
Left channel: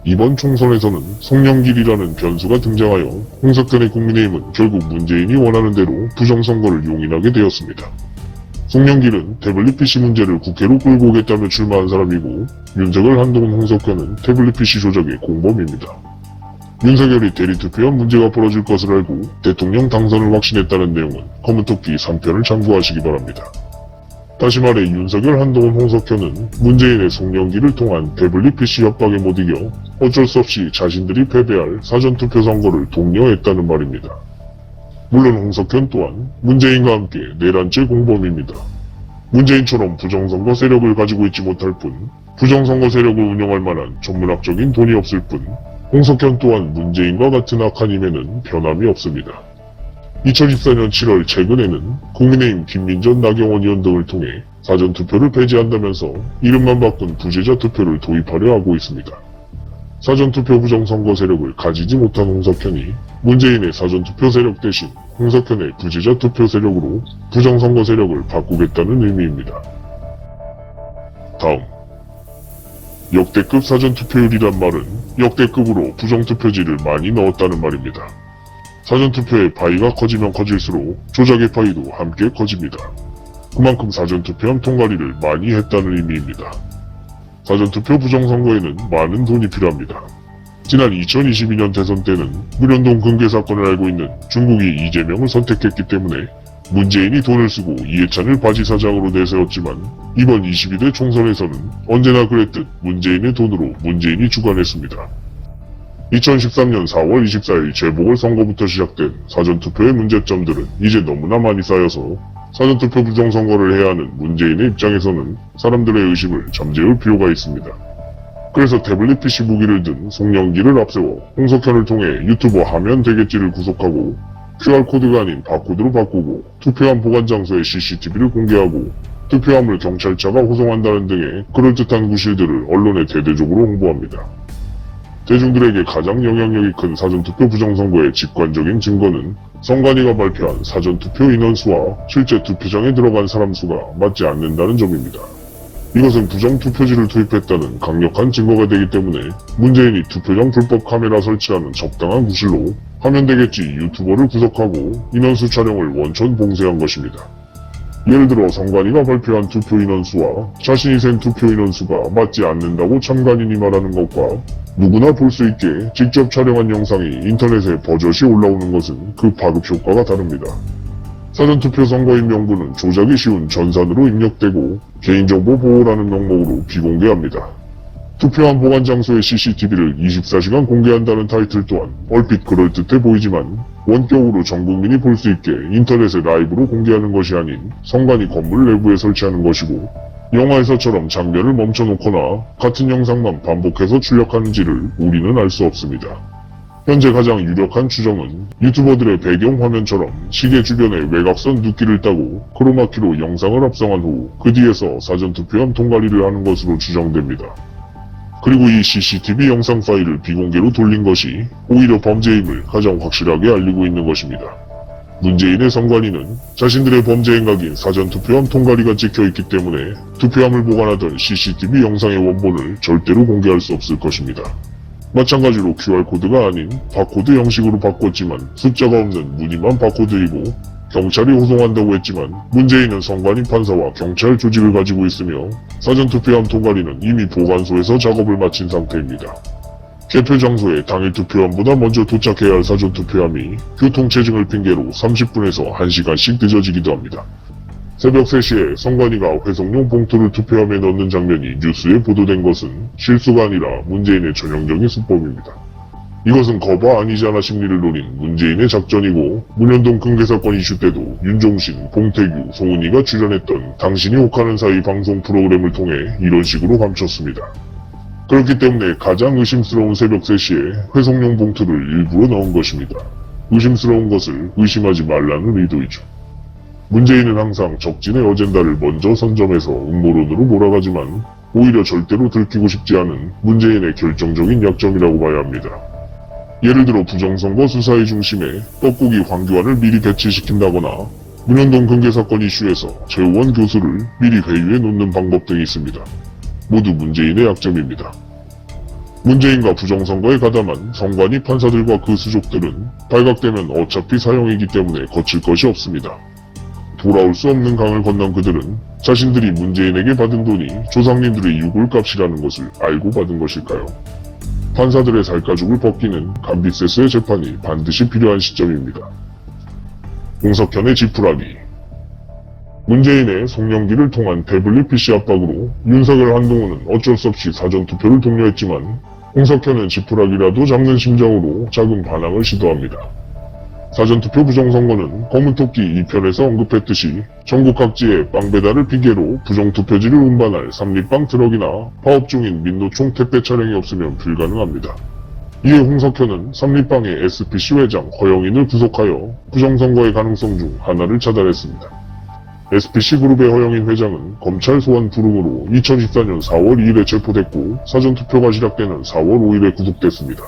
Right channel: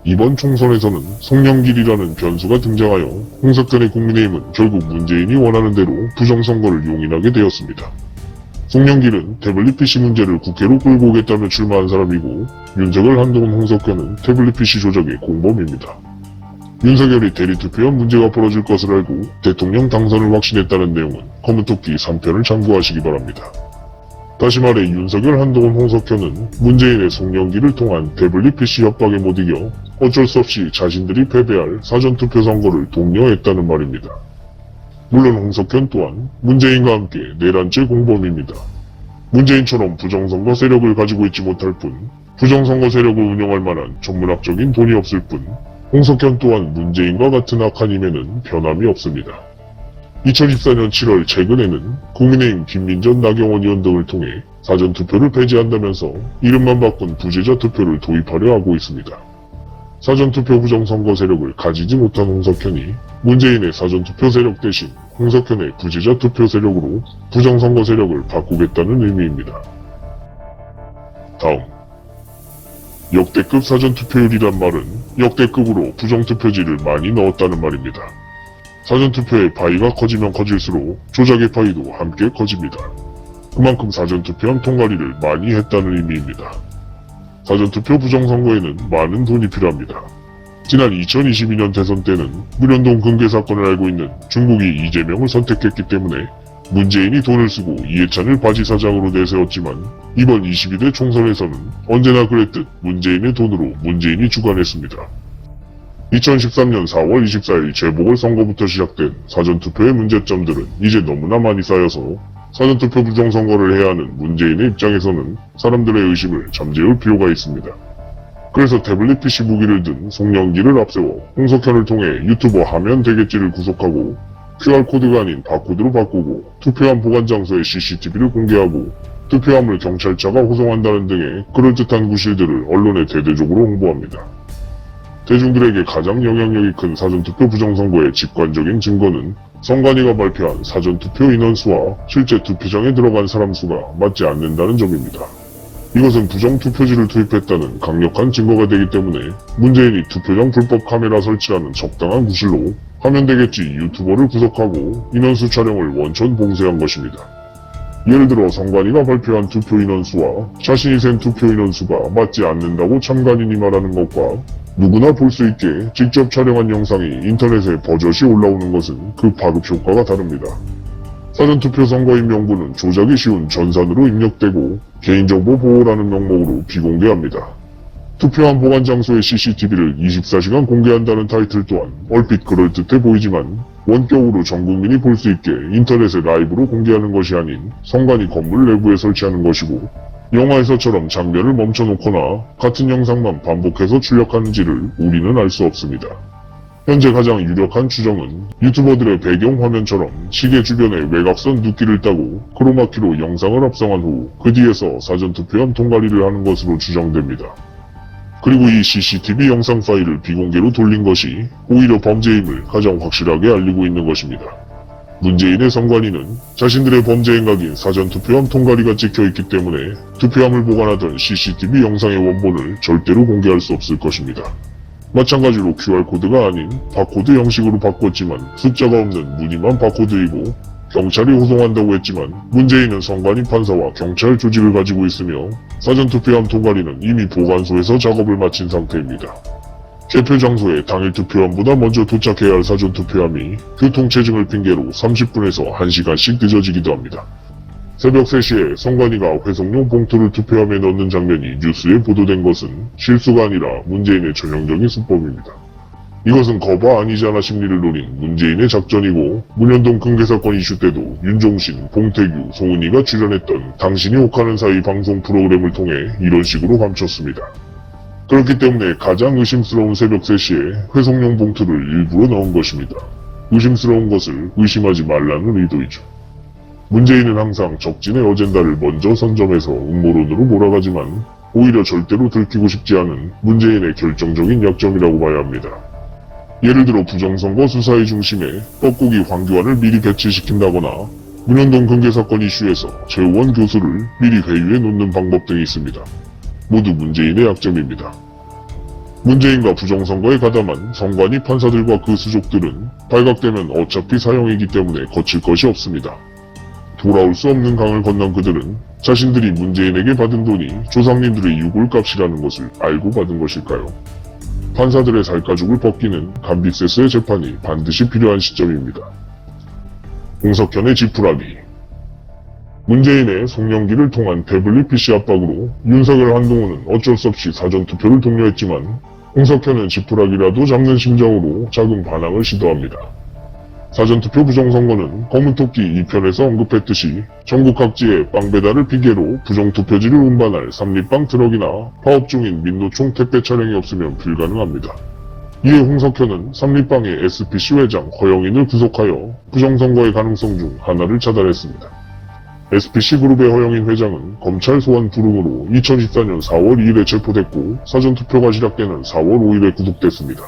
이번 총선에서는 송영길이라는 변수가 등장하여 홍석현의 국민의힘은 결국 문재인이 원하는 대로 부정선거를 용인하게 되었습니다. 송영길은 태블릿 PC 문제를 국회로 끌고 오겠다며 출마한 사람이고 윤석열, 한동훈, 홍석현은 태블릿 PC 조작의 공범입니다. 윤석열이 대리투표한 문제가 벌어질 것을 알고 대통령 당선을 확신했다는 내용은 검은토끼 3편을 참고하시기 바랍니다. 다시 말해 윤석열, 한동훈, 홍석현은 문재인의 송영길을 통한 태블릿 PC 협박에 못 이겨 어쩔 수 없이 자신들이 패배할 사전투표 선거를 독려했다는 말입니다. 물론 홍석현 또한 문재인과 함께 내란죄 공범입니다. 문재인처럼 부정선거 세력을 가지고 있지 못할 뿐 부정선거 세력을 운영할 만한 전문학적인 돈이 없을 뿐 홍석현 또한 문재인과 같은 악한 힘에는 변함이 없습니다. 2014년 7월 최근에는 국민의힘 김민전, 나경원 의원 등을 통해 사전투표를 폐지한다면서 이름만 바꾼 부재자 투표를 도입하려 하고 있습니다. 사전투표 부정선거 세력을 가지지 못한 홍석현이 문재인의 사전투표 세력 대신 홍석현의 부재자 투표 세력으로 부정선거 세력을 바꾸겠다는 의미입니다. 다음, 역대급 사전투표율이란 말은 역대급으로 부정투표지를 많이 넣었다는 말입니다. 사전투표의 파이가 커지면 커질수록 조작의 파이도 함께 커집니다. 그만큼 사전투표한 통과리를 많이 했다는 의미입니다. 사전투표 부정선거에는 많은 돈이 필요합니다. 지난 2022년 대선 때는 문현동 금괴 사건을 알고 있는 중국이 이재명을 선택했기 때문에 문재인이 돈을 쓰고 이해찬을 바지사장으로 내세웠지만 이번 22대 총선에서는 언제나 그랬듯 문재인의 돈으로 문재인이 주관했습니다. 2013년 4월 24일 재보궐선거부터 시작된 사전투표의 문제점들은 이제 너무나 많이 쌓여서 사전투표 부정선거를 해야 하는 문재인의 입장에서는 사람들의 의심을 잠재울 필요가 있습니다. 그래서 태블릿 PC 무기를 든 송영길을 앞세워 홍석현을 통해 유튜버 하면 되겠지를 구속하고 QR코드가 아닌 바코드로 바꾸고 투표함 보관 장소의 CCTV를 공개하고 투표함을 경찰차가 후송한다는 등의 그럴듯한 구실들을 언론에 대대적으로 홍보합니다. 대중들에게 가장 영향력이 큰 사전투표 부정선거의 직관적인 증거는 선관위가 발표한 사전투표 인원수와 실제 투표장에 들어간 사람 수가 맞지 않는다는 점입니다. 이것은 부정투표지를 투입했다는 강력한 증거가 되기 때문에 문재인이 투표용 불법 카메라 설치하는 적당한 구실로 하면 되겠지 유튜버를 구속하고 인원수 촬영을 원천 봉쇄한 것입니다. 예를 들어 선관위가 발표한 투표 인원수와 자신이 센 투표 인원수가 맞지 않는다고 참관인이 말하는 것과 누구나 볼 수 있게 직접 촬영한 영상이 인터넷에 버젓이 올라오는 것은 그 파급 효과가 다릅니다. 사전투표 선거인 명부는 조작이 쉬운 전산으로 입력되고 개인정보 보호라는 명목으로 비공개합니다. 투표함 보관 장소의 CCTV를 24시간 공개한다는 타이틀 또한 얼핏 그럴듯해 보이지만 원격으로 전 국민이 볼 수 있게 인터넷에 라이브로 공개하는 것이 아닌 선관위 건물 내부에 설치하는 것이고 영화에서처럼 장면을 멈춰놓거나 같은 영상만 반복해서 출력하는지를 우리는 알 수 없습니다. 현재 가장 유력한 추정은 유튜버들의 배경 화면처럼 시계 주변에 외곽선 붓기를 따고 크로마키로 영상을 합성한 후 그 뒤에서 사전투표함 통과리를 하는 것으로 추정됩니다. 그리고 이 CCTV 영상 파일을 비공개로 돌린 것이 오히려 범죄임을 가장 확실하게 알리고 있는 것입니다. 문재인의 선관위는 자신들의 범죄 행각인 사전투표함 통과리가 찍혀있기 때문에 투표함을 보관하던 CCTV 영상의 원본을 절대로 공개할 수 없을 것입니다. 마찬가지로 QR코드가 아닌 바코드 형식으로 바꿨지만 숫자가 없는 무늬만 바코드이고 경찰이 호송한다고 했지만 문재인은 선관위 판사와 경찰 조직을 가지고 있으며 사전투표함 통과리는 이미 보관소에서 작업을 마친 상태입니다. 개표 장소에 당일 투표함보다 먼저 도착해야 할 사전투표함이 교통체증을 핑계로 30분에서 1시간씩 늦어지기도 합니다. 새벽 3시에 선관위가 회성용 봉투를 투표함에 넣는 장면이 뉴스에 보도된 것은 실수가 아니라 문재인의 전형적인 수법입니다. 이것은 거봐 아니잖아 심리를 노린 문재인의 작전이고 문현동 금괴 사건 이슈 때도 윤종신, 봉태규, 송은이가 출연했던 당신이 혹하는 사이 방송 프로그램을 통해 이런 식으로 감췄습니다. 그렇기 때문에 가장 의심스러운 새벽 3시에 회송용 봉투를 일부러 넣은 것입니다. 의심스러운 것을 의심하지 말라는 의도이죠. 문재인은 항상 적진의 어젠다를 먼저 선점해서 음모론으로 몰아가지만 오히려 절대로 들키고 싶지 않은 문재인의 결정적인 약점이라고 봐야 합니다. 예를 들어 부정선거 수사의 중심에 뻐꾸기 황교안을 미리 배치시킨다거나 문현동 금괴 사건 이슈에서 최원 교수를 미리 회유에 놓는 방법 등이 있습니다. 모두 문재인의 약점입니다. 문재인과 부정선거에 가담한 선관위 판사들과 그 수족들은 발각되면 어차피 사형이기 때문에 거칠 것이 없습니다. 돌아올 수 없는 강을 건넌 그들은 자신들이 문재인에게 받은 돈이 조상님들의 유골값이라는 것을 알고 받은 것일까요? 판사들의 살가죽을 벗기는 감비세스의 재판이 반드시 필요한 시점입니다. 홍석현의 지푸라기. 문재인의 송영기를 통한 태블릿 PC 압박으로 윤석열 한동훈은 어쩔 수 없이 사전투표를 독려했지만 홍석현은 지푸라기라도 잡는 심정으로 작은 반항을 시도합니다. 사전투표 부정선거는 검은토끼 2편에서 언급했듯이 전국 각지에 빵 배달을 핑계로 부정투표지를 운반할 삼립빵 트럭이나 파업 중인 민노총 택배 차량이 없으면 불가능합니다. 이에 홍석현은 삼립빵의 SPC 회장 허영인을 구속하여 부정선거의 가능성 중 하나를 차단했습니다. SPC 그룹의 허영인 회장은 검찰 소환 불응으로 2024년 4월 2일에 체포됐고 사전투표가 시작되는 4월 5일에 구속됐습니다.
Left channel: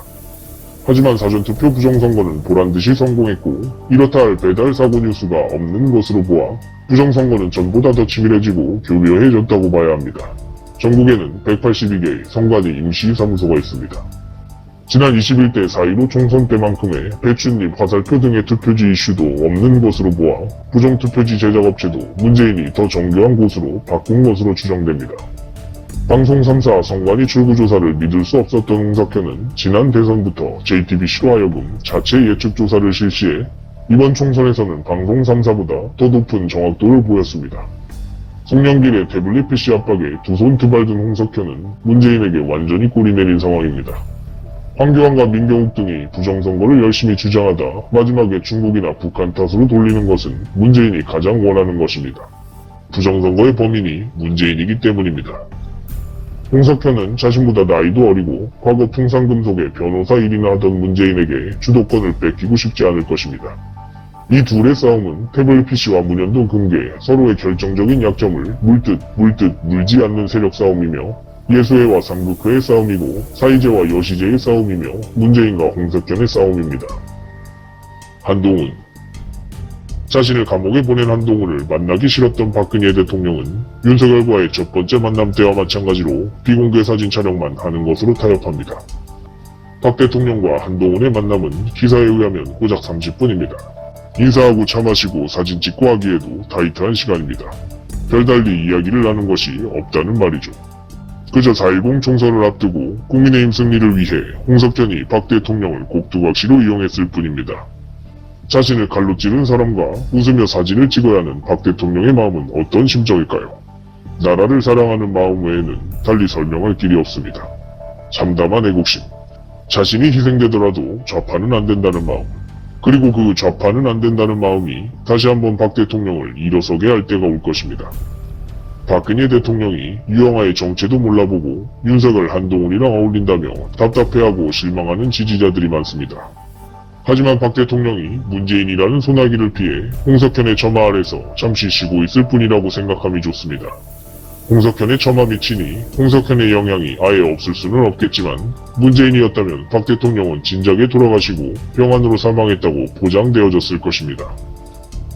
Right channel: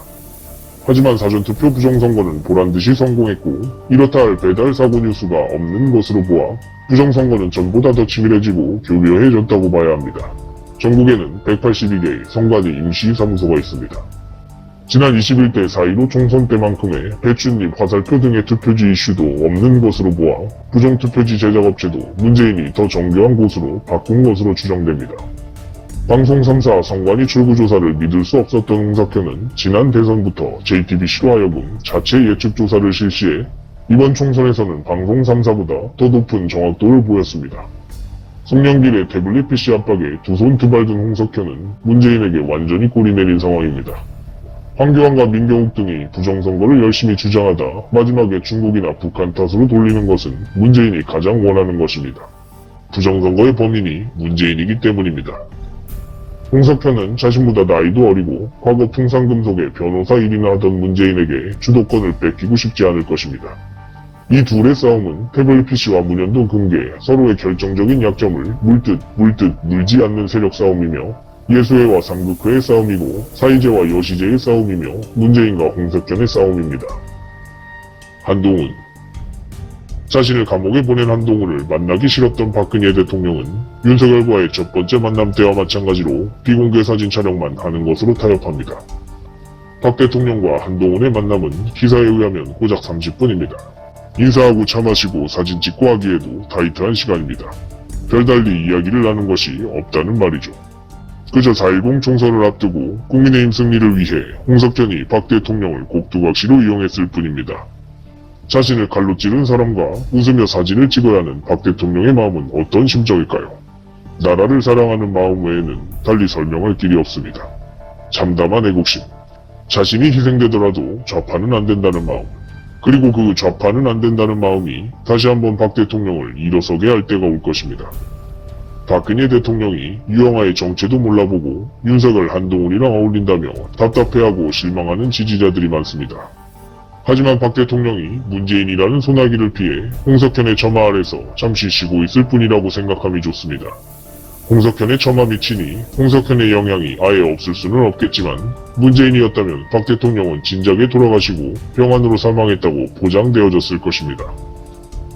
하지만 사전투표 부정선거는 보란듯이 성공했고 이렇다 할 배달 사고 뉴스가 없는 것으로 보아 부정선거는 전보다 더 치밀해지고 교묘해졌다고 봐야 합니다. 전국에는 182개의 선관위 임시사무소가 있습니다. 지난 21대 4.15 총선 때만큼의 배춧잎, 화살표 등의 투표지 이슈도 없는 것으로 보아 부정투표지 제작업체도 문재인이 더 정교한 곳으로 바꾼 것으로 추정됩니다. 방송 3사 선관위 출구조사를 믿을 수 없었던 홍석현은 지난 대선부터 JTBC로 하여금 자체 예측조사를 실시해 이번 총선에서는 방송 3사보다 더 높은 정확도를 보였습니다. 송영길의 태블릿 PC 압박에 두 손 두 발 든 홍석현은 문재인에게 완전히 꼴이 내린 상황입니다. 황교안과 민경욱 등이 부정선거를 열심히 주장하다 마지막에 중국이나 북한 탓으로 돌리는 것은 문재인이 가장 원하는 것입니다. 부정선거의 범인이 문재인이기 때문입니다. 홍석현은 자신보다 나이도 어리고 과거 풍산금속의 변호사 일이나 하던 문재인에게 주도권을 뺏기고 싶지 않을 것입니다. 이 둘의 싸움은 태블릿 PC와 문현동 금괴 서로의 결정적인 약점을 물듯 물지 않는 세력 싸움이며 예수회와 삼국회의 싸움이고 사이제와 여시제의 싸움이며 문재인과 홍석현의 싸움입니다. 한동훈. 자신을 감옥에 보낸 한동훈을 만나기 싫었던 박근혜 대통령은 윤석열과의 첫 번째 만남 때와 마찬가지로 비공개 사진 촬영만 하는 것으로 타협합니다. 박 대통령과 한동훈의 만남은 기사에 의하면 고작 30분입니다. 인사하고 차 마시고 사진 찍고 하기에도 타이트한 시간입니다. 별달리 이야기를 나눈 것이 없다는 말이죠. 그저 4.10 총선을 앞두고 국민의힘 승리를 위해 홍석현이 박 대통령을 꼭두각시로 이용했을 뿐입니다. 자신을 칼로 찌른 사람과 웃으며 사진을 찍어야 하는 박 대통령의 마음은 어떤 심정일까요? 나라를 사랑하는 마음 외에는 달리 설명할 길이 없습니다. 참담한 애국심, 자신이 희생되더라도 좌파는 안 된다는 마음, 그리고 그 좌파는 안 된다는 마음이 다시 한번 박 대통령을 일어서게 할 때가 올 것입니다. 박근혜 대통령이 유영아의 정체도 몰라보고 윤석열 한동훈이랑 어울린다며 답답해하고 실망하는 지지자들이 많습니다. 하지만 박 대통령이 문재인이라는 소나기를 피해 홍석현의 처마 아래서 잠시 쉬고 있을 뿐이라고 생각함이 좋습니다. 홍석현의 처마 미치니 홍석현의 영향이 아예 없을 수는 없겠지만 문재인이었다면 박 대통령은 진작에 돌아가시고 병환으로 사망했다고 보장되어졌을 것입니다.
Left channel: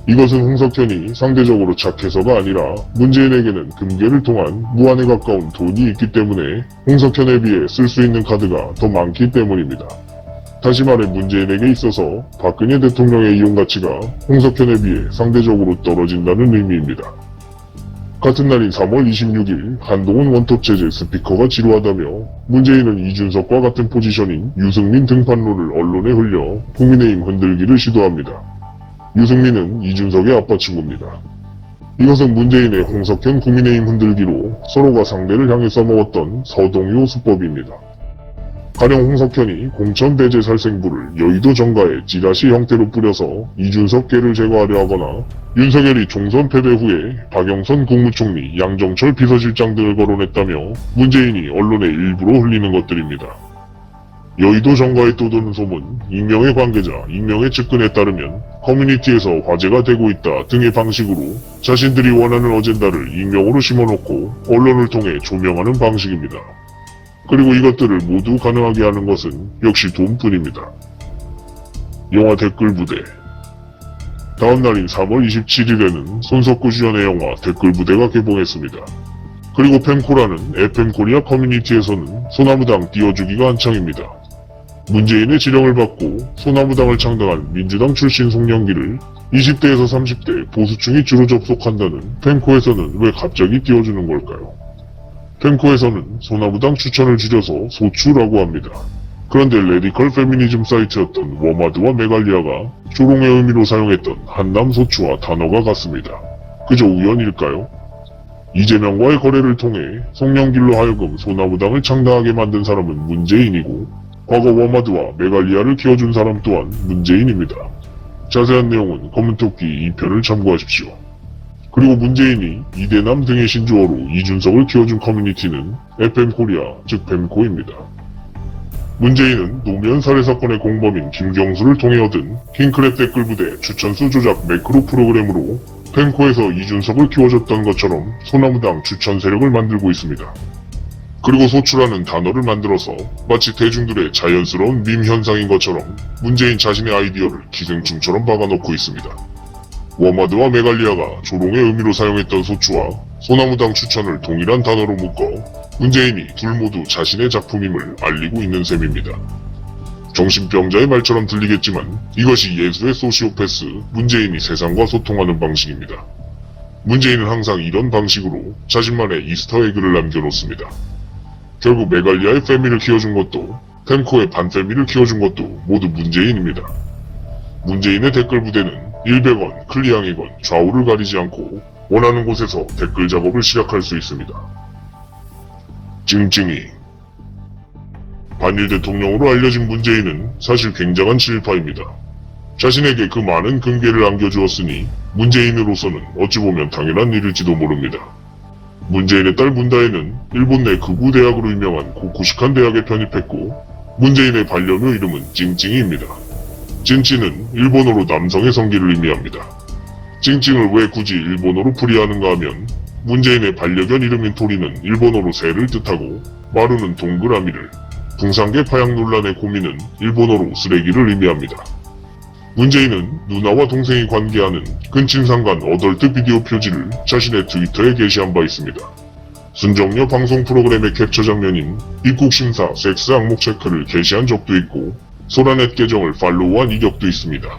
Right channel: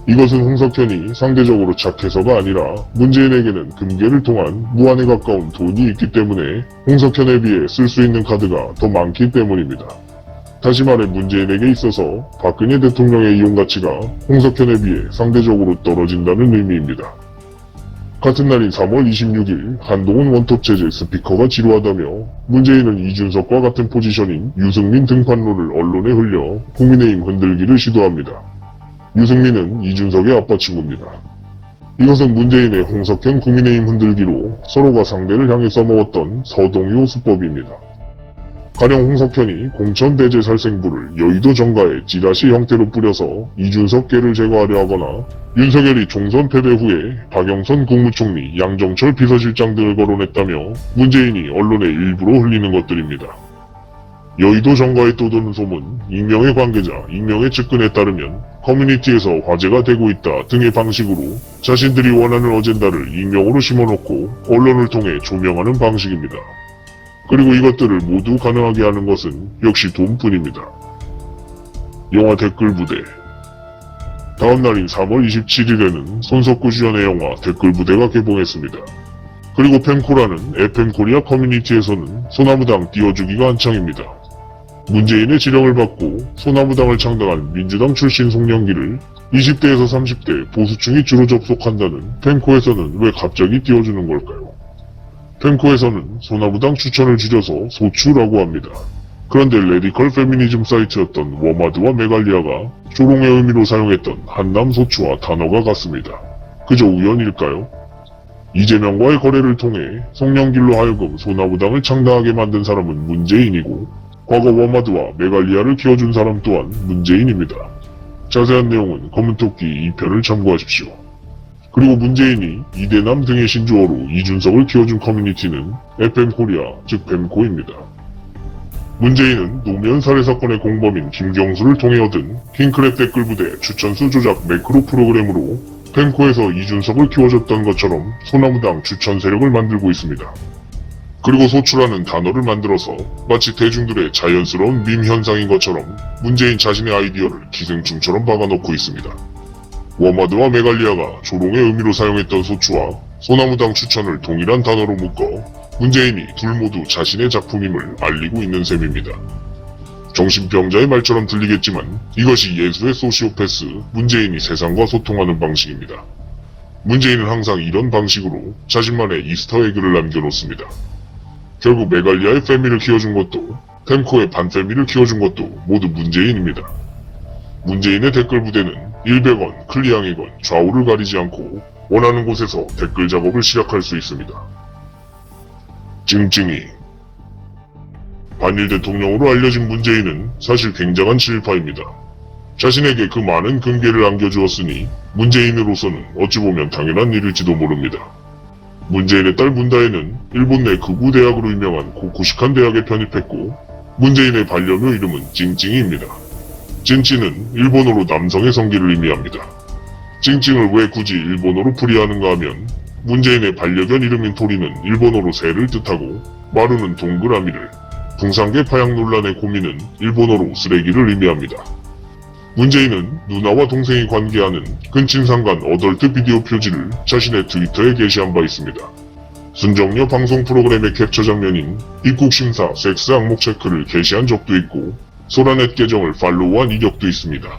이것은 홍석현이 상대적으로 착해서가 아니라 문재인에게는 금괴를 통한 무한에 가까운 돈이 있기 때문에 홍석현에 비해 쓸 수 있는 카드가 더 많기 때문입니다. 다시 말해 문재인에게 있어서 박근혜 대통령의 이용 가치가 홍석현에 비해 상대적으로 떨어진다는 의미입니다. 같은 날인 3월 26일 한동훈 원톱체제 스피커가 지루하다며 문재인은 이준석과 같은 포지션인 유승민 등판론을 언론에 흘려 국민의힘 흔들기를 시도합니다. 유승민은 이준석의 아빠 친구입니다. 이것은 문재인의 홍석현 국민의힘 흔들기로 서로가 상대를 향해 써먹었던 서동요 수법입니다. 가령 홍석현이 공천대제 살생부를 여의도 정가에 찌라시 형태로 뿌려서 이준석계를 제거하려 하거나 윤석열이 총선 패배 후에 박영선 국무총리, 양정철 비서실장 등을 거론했다며 문재인이 언론에 일부러 흘리는 것들입니다. 여의도 정가에 떠도는 소문, 익명의 관계자, 익명의 측근에 따르면 커뮤니티에서 화제가 되고 있다 등의 방식으로 자신들이 원하는 어젠다를 익명으로 심어놓고 언론을 통해 조명하는 방식입니다. 그리고 이것들을 모두 가능하게 하는 것은 역시 돈뿐입니다. 영화 댓글부대. 다음 날인 3월 27일에는 손석구 주연의 영화 댓글부대가 개봉했습니다. 그리고 펜코라는 FM코리아 커뮤니티에서는 소나무당 띄워주기가 한창입니다. 문재인의 지령을 받고 소나무당을 창당한 민주당 출신 송영기를 20대에서 30대 보수층이 주로 접속한다는 펜코에서는 왜 갑자기 띄워주는 걸까요? 펜코에서는 소나무당 추천을 줄여서 소추라고 합니다. 그런데 레디컬 페미니즘 사이트였던 워마드와 메갈리아가 조롱의 의미로 사용했던 한남 소추와 단어가 같습니다. 그저 우연일까요? 이재명과의 거래를 통해 송영길로 하여금 소나무당을 창당하게 만든 사람은 문재인이고 과거 워마드와 메갈리아를 키워준 사람 또한 문재인입니다. 자세한 내용은 검은토끼 2편을 참고하십시오. 그리고 문재인이 이대남 등의 신조어로 이준석을 키워준 커뮤니티는 FM코리아, 즉 펜코입니다. 문재인은 노면 살해 사건의 공범인 김경수를 통해 얻은 킹크랩 댓글부대 추천수 조작 매크로 프로그램으로 펜코에서 이준석을 키워줬던 것처럼 소나무당 추천 세력을 만들고 있습니다. 그리고 소추라는 단어를 만들어서 마치 대중들의 자연스러운 밈 현상인 것처럼 문재인 자신의 아이디어를 기생충처럼 박아놓고 있습니다. 워마드와 메갈리아가 조롱의 의미로 사용했던 소추와 소나무당 추천을 동일한 단어로 묶어 문재인이 둘 모두 자신의 작품임을 알리고 있는 셈입니다. 정신병자의 말처럼 들리겠지만 이것이 예술의 소시오패스, 문재인이 세상과 소통하는 방식입니다. 문재인은 항상 이런 방식으로 자신만의 이스터에그를 남겨놓습니다. 결국 메갈리아의 패미를 키워준 것도 펜코의 반패미를 키워준 것도 모두 문재인입니다. 문재인의 댓글 부대는 100원, 클리앙이건 좌우를 가리지 않고 원하는 곳에서 댓글 작업을 시작할 수 있습니다. 찡찡이. 반일 대통령으로 알려진 문재인은 사실 굉장한 친일파입니다. 자신에게 그 많은 금괴를 안겨주었으니 문재인으로서는 어찌 보면 당연한 일일지도 모릅니다. 문재인의 딸 문다혜는 일본 내 극우 대학으로 유명한 고쿠시칸 대학에 편입했고 문재인의 반려묘 이름은 찡찡이입니다. 찡찡은 일본어로 남성의 성기를 의미합니다. 찡찡을 왜 굳이 일본어로 풀이하는가 하면 문재인의 반려견 이름인 토리는 일본어로 새를 뜻하고 마루는 동그라미를, 풍산계 파양 논란의 고민은 일본어로 쓰레기를 의미합니다. 문재인은 누나와 동생이 관계하는 끈친상간 어덜트 비디오 표지를 자신의 트위터에 게시한 바 있습니다. 순정녀 방송 프로그램의 캡처 장면인 입국심사 섹스 항목 체크를 게시한 적도 있고 소라넷 계정을 팔로우한 이력도 있습니다.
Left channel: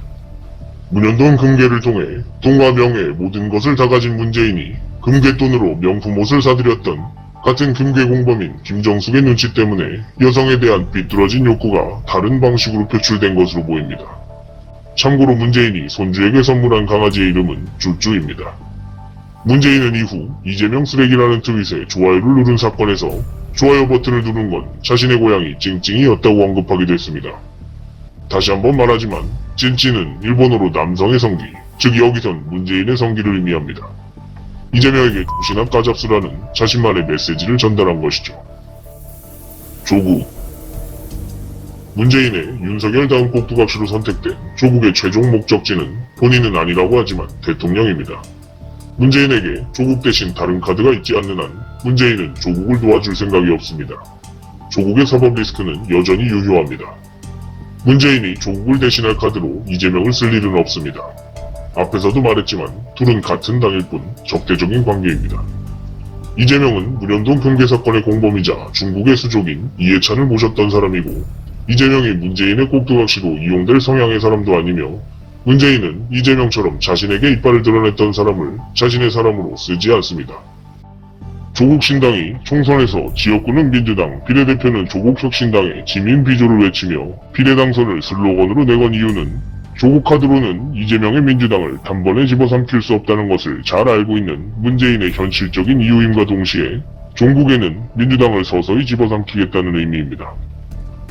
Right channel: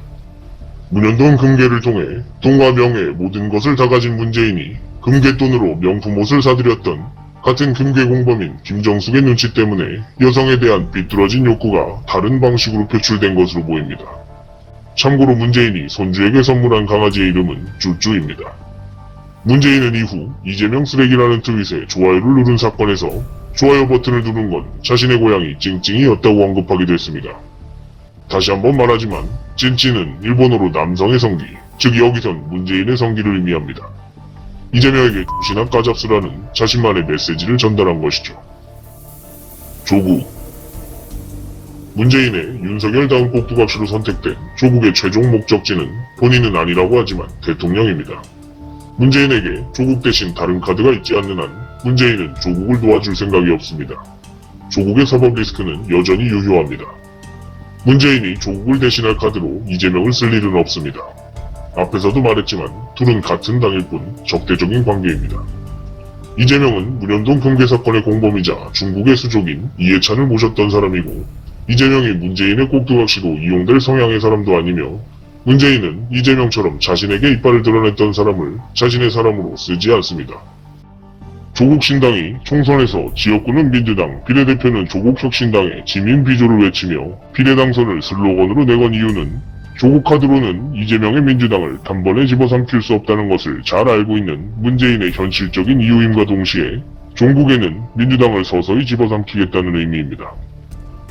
문현동 금괴를 통해 돈과 명예 모든 것을 다 가진 문재인이 금괴돈으로 명품 옷을 사들였던 같은 금괴 공범인 김정숙의 눈치 때문에 여성에 대한 삐뚤어진 욕구가 다른 방식으로 표출된 것으로 보입니다. 참고로 문재인이 손주에게 선물한 강아지의 이름은 쭈쭈입니다. 문재인은 이후 이재명 쓰레기라는 트윗에 좋아요를 누른 사건에서 좋아요 버튼을 누른 건 자신의 고향이 찡찡이었다고 언급하게 됐습니다. 다시 한번 말하지만 찐찐은 일본어로 남성의 성기, 즉 여기선 문재인의 성기를 의미합니다. 이재명에게 조신한 까잡스라는 자신만의 메시지를 전달한 것이죠. 조국. 문재인의 윤석열 다음 꼭두각시로 선택된 조국의 최종 목적지는 본인은 아니라고 하지만 대통령입니다. 문재인에게 조국 대신 다른 카드가 있지 않는 한 문재인은 조국을 도와줄 생각이 없습니다. 조국의 서법 리스크는 여전히 유효합니다. 문재인이 조국을 대신할 카드로 이재명을 쓸 일은 없습니다. 앞에서도 말했지만 둘은 같은 당일 뿐 적대적인 관계입니다. 이재명은 문현동 금괴 사건의 공범이자 중국의 수족인 이해찬을 모셨던 사람이고 이재명이 문재인의 꼭두각시로 이용될 성향의 사람도 아니며 문재인은 이재명처럼 자신에게 이빨을 드러냈던 사람을 자신의 사람으로 쓰지 않습니다. 조국 신당이 총선에서 지역구는 민주당, 비례대표는 조국혁신당의 지민 비조를 외치며 비례당선을 슬로건으로 내건 이유는 조국 카드로는 이재명의 민주당을 단번에 집어삼킬 수 없다는 것을 잘 알고 있는 문재인의 현실적인 이유임과 동시에 종국에는 민주당을 서서히 집어삼키겠다는 의미입니다.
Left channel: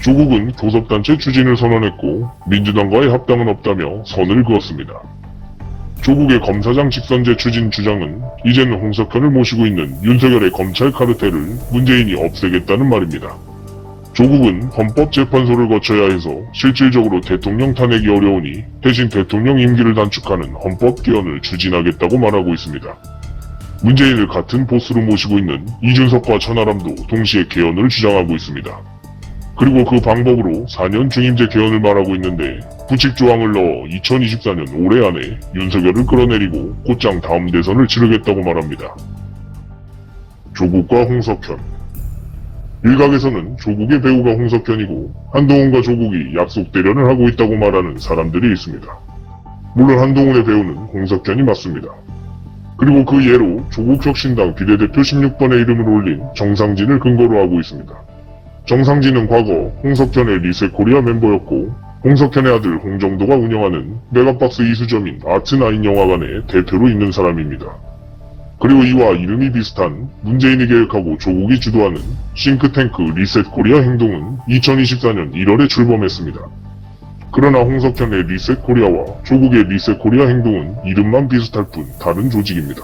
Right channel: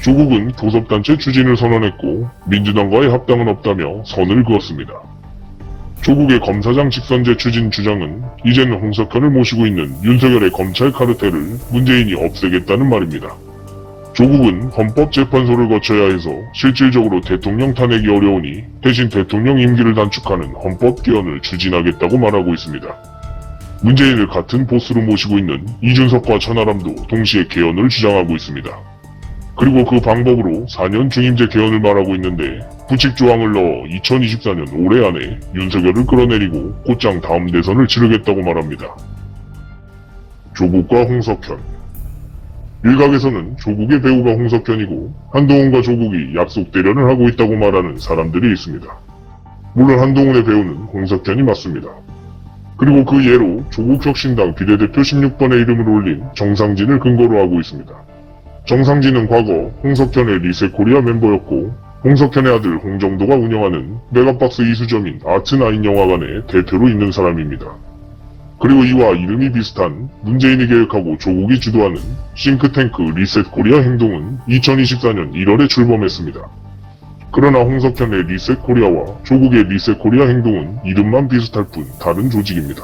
조국은 교섭단체 추진을 선언했고 민주당과의 합당은 없다며 선을 그었습니다. 조국의 검사장 직선제 추진 주장은 이제는 홍석현을 모시고 있는 윤석열의 검찰 카르텔을 문재인이 없애겠다는 말입니다. 조국은 헌법재판소를 거쳐야 해서 실질적으로 대통령 탄핵이 어려우니 대신 대통령 임기를 단축하는 헌법 개헌을 추진하겠다고 말하고 있습니다. 문재인을 같은 보스로 모시고 있는 이준석과 천하람도 동시에 개헌을 주장하고 있습니다. 그리고 그 방법으로 4년 중임제 개헌을 말하고 있는데 부칙 조항을 넣어 2024년 올해 안에 윤석열을 끌어내리고 곧장 다음 대선을 치르겠다고 말합니다. 조국과 홍석현. 일각에서는 조국의 배우가 홍석현이고 한동훈과 조국이 약속 대련을 하고 있다고 말하는 사람들이 있습니다. 물론 한동훈의 배우는 홍석현이 맞습니다. 그리고 그 예로 조국혁신당 비례대표 16번의 이름을 올린 정상진을 근거로 하고 있습니다. 정상진은 과거 홍석현의 리셋코리아 멤버였고 홍석현의 아들 홍정도가 운영하는 메가박스 이수점인 아트나인 영화관의 대표로 있는 사람입니다. 그리고 이와 이름이 비슷한 문재인이 계획하고 조국이 주도하는 싱크탱크 리셋코리아 행동은 2024년 1월에 출범했습니다. 그러나 홍석현의 리셋코리아와 조국의 리셋코리아 행동은 이름만 비슷할 뿐 다른 조직입니다.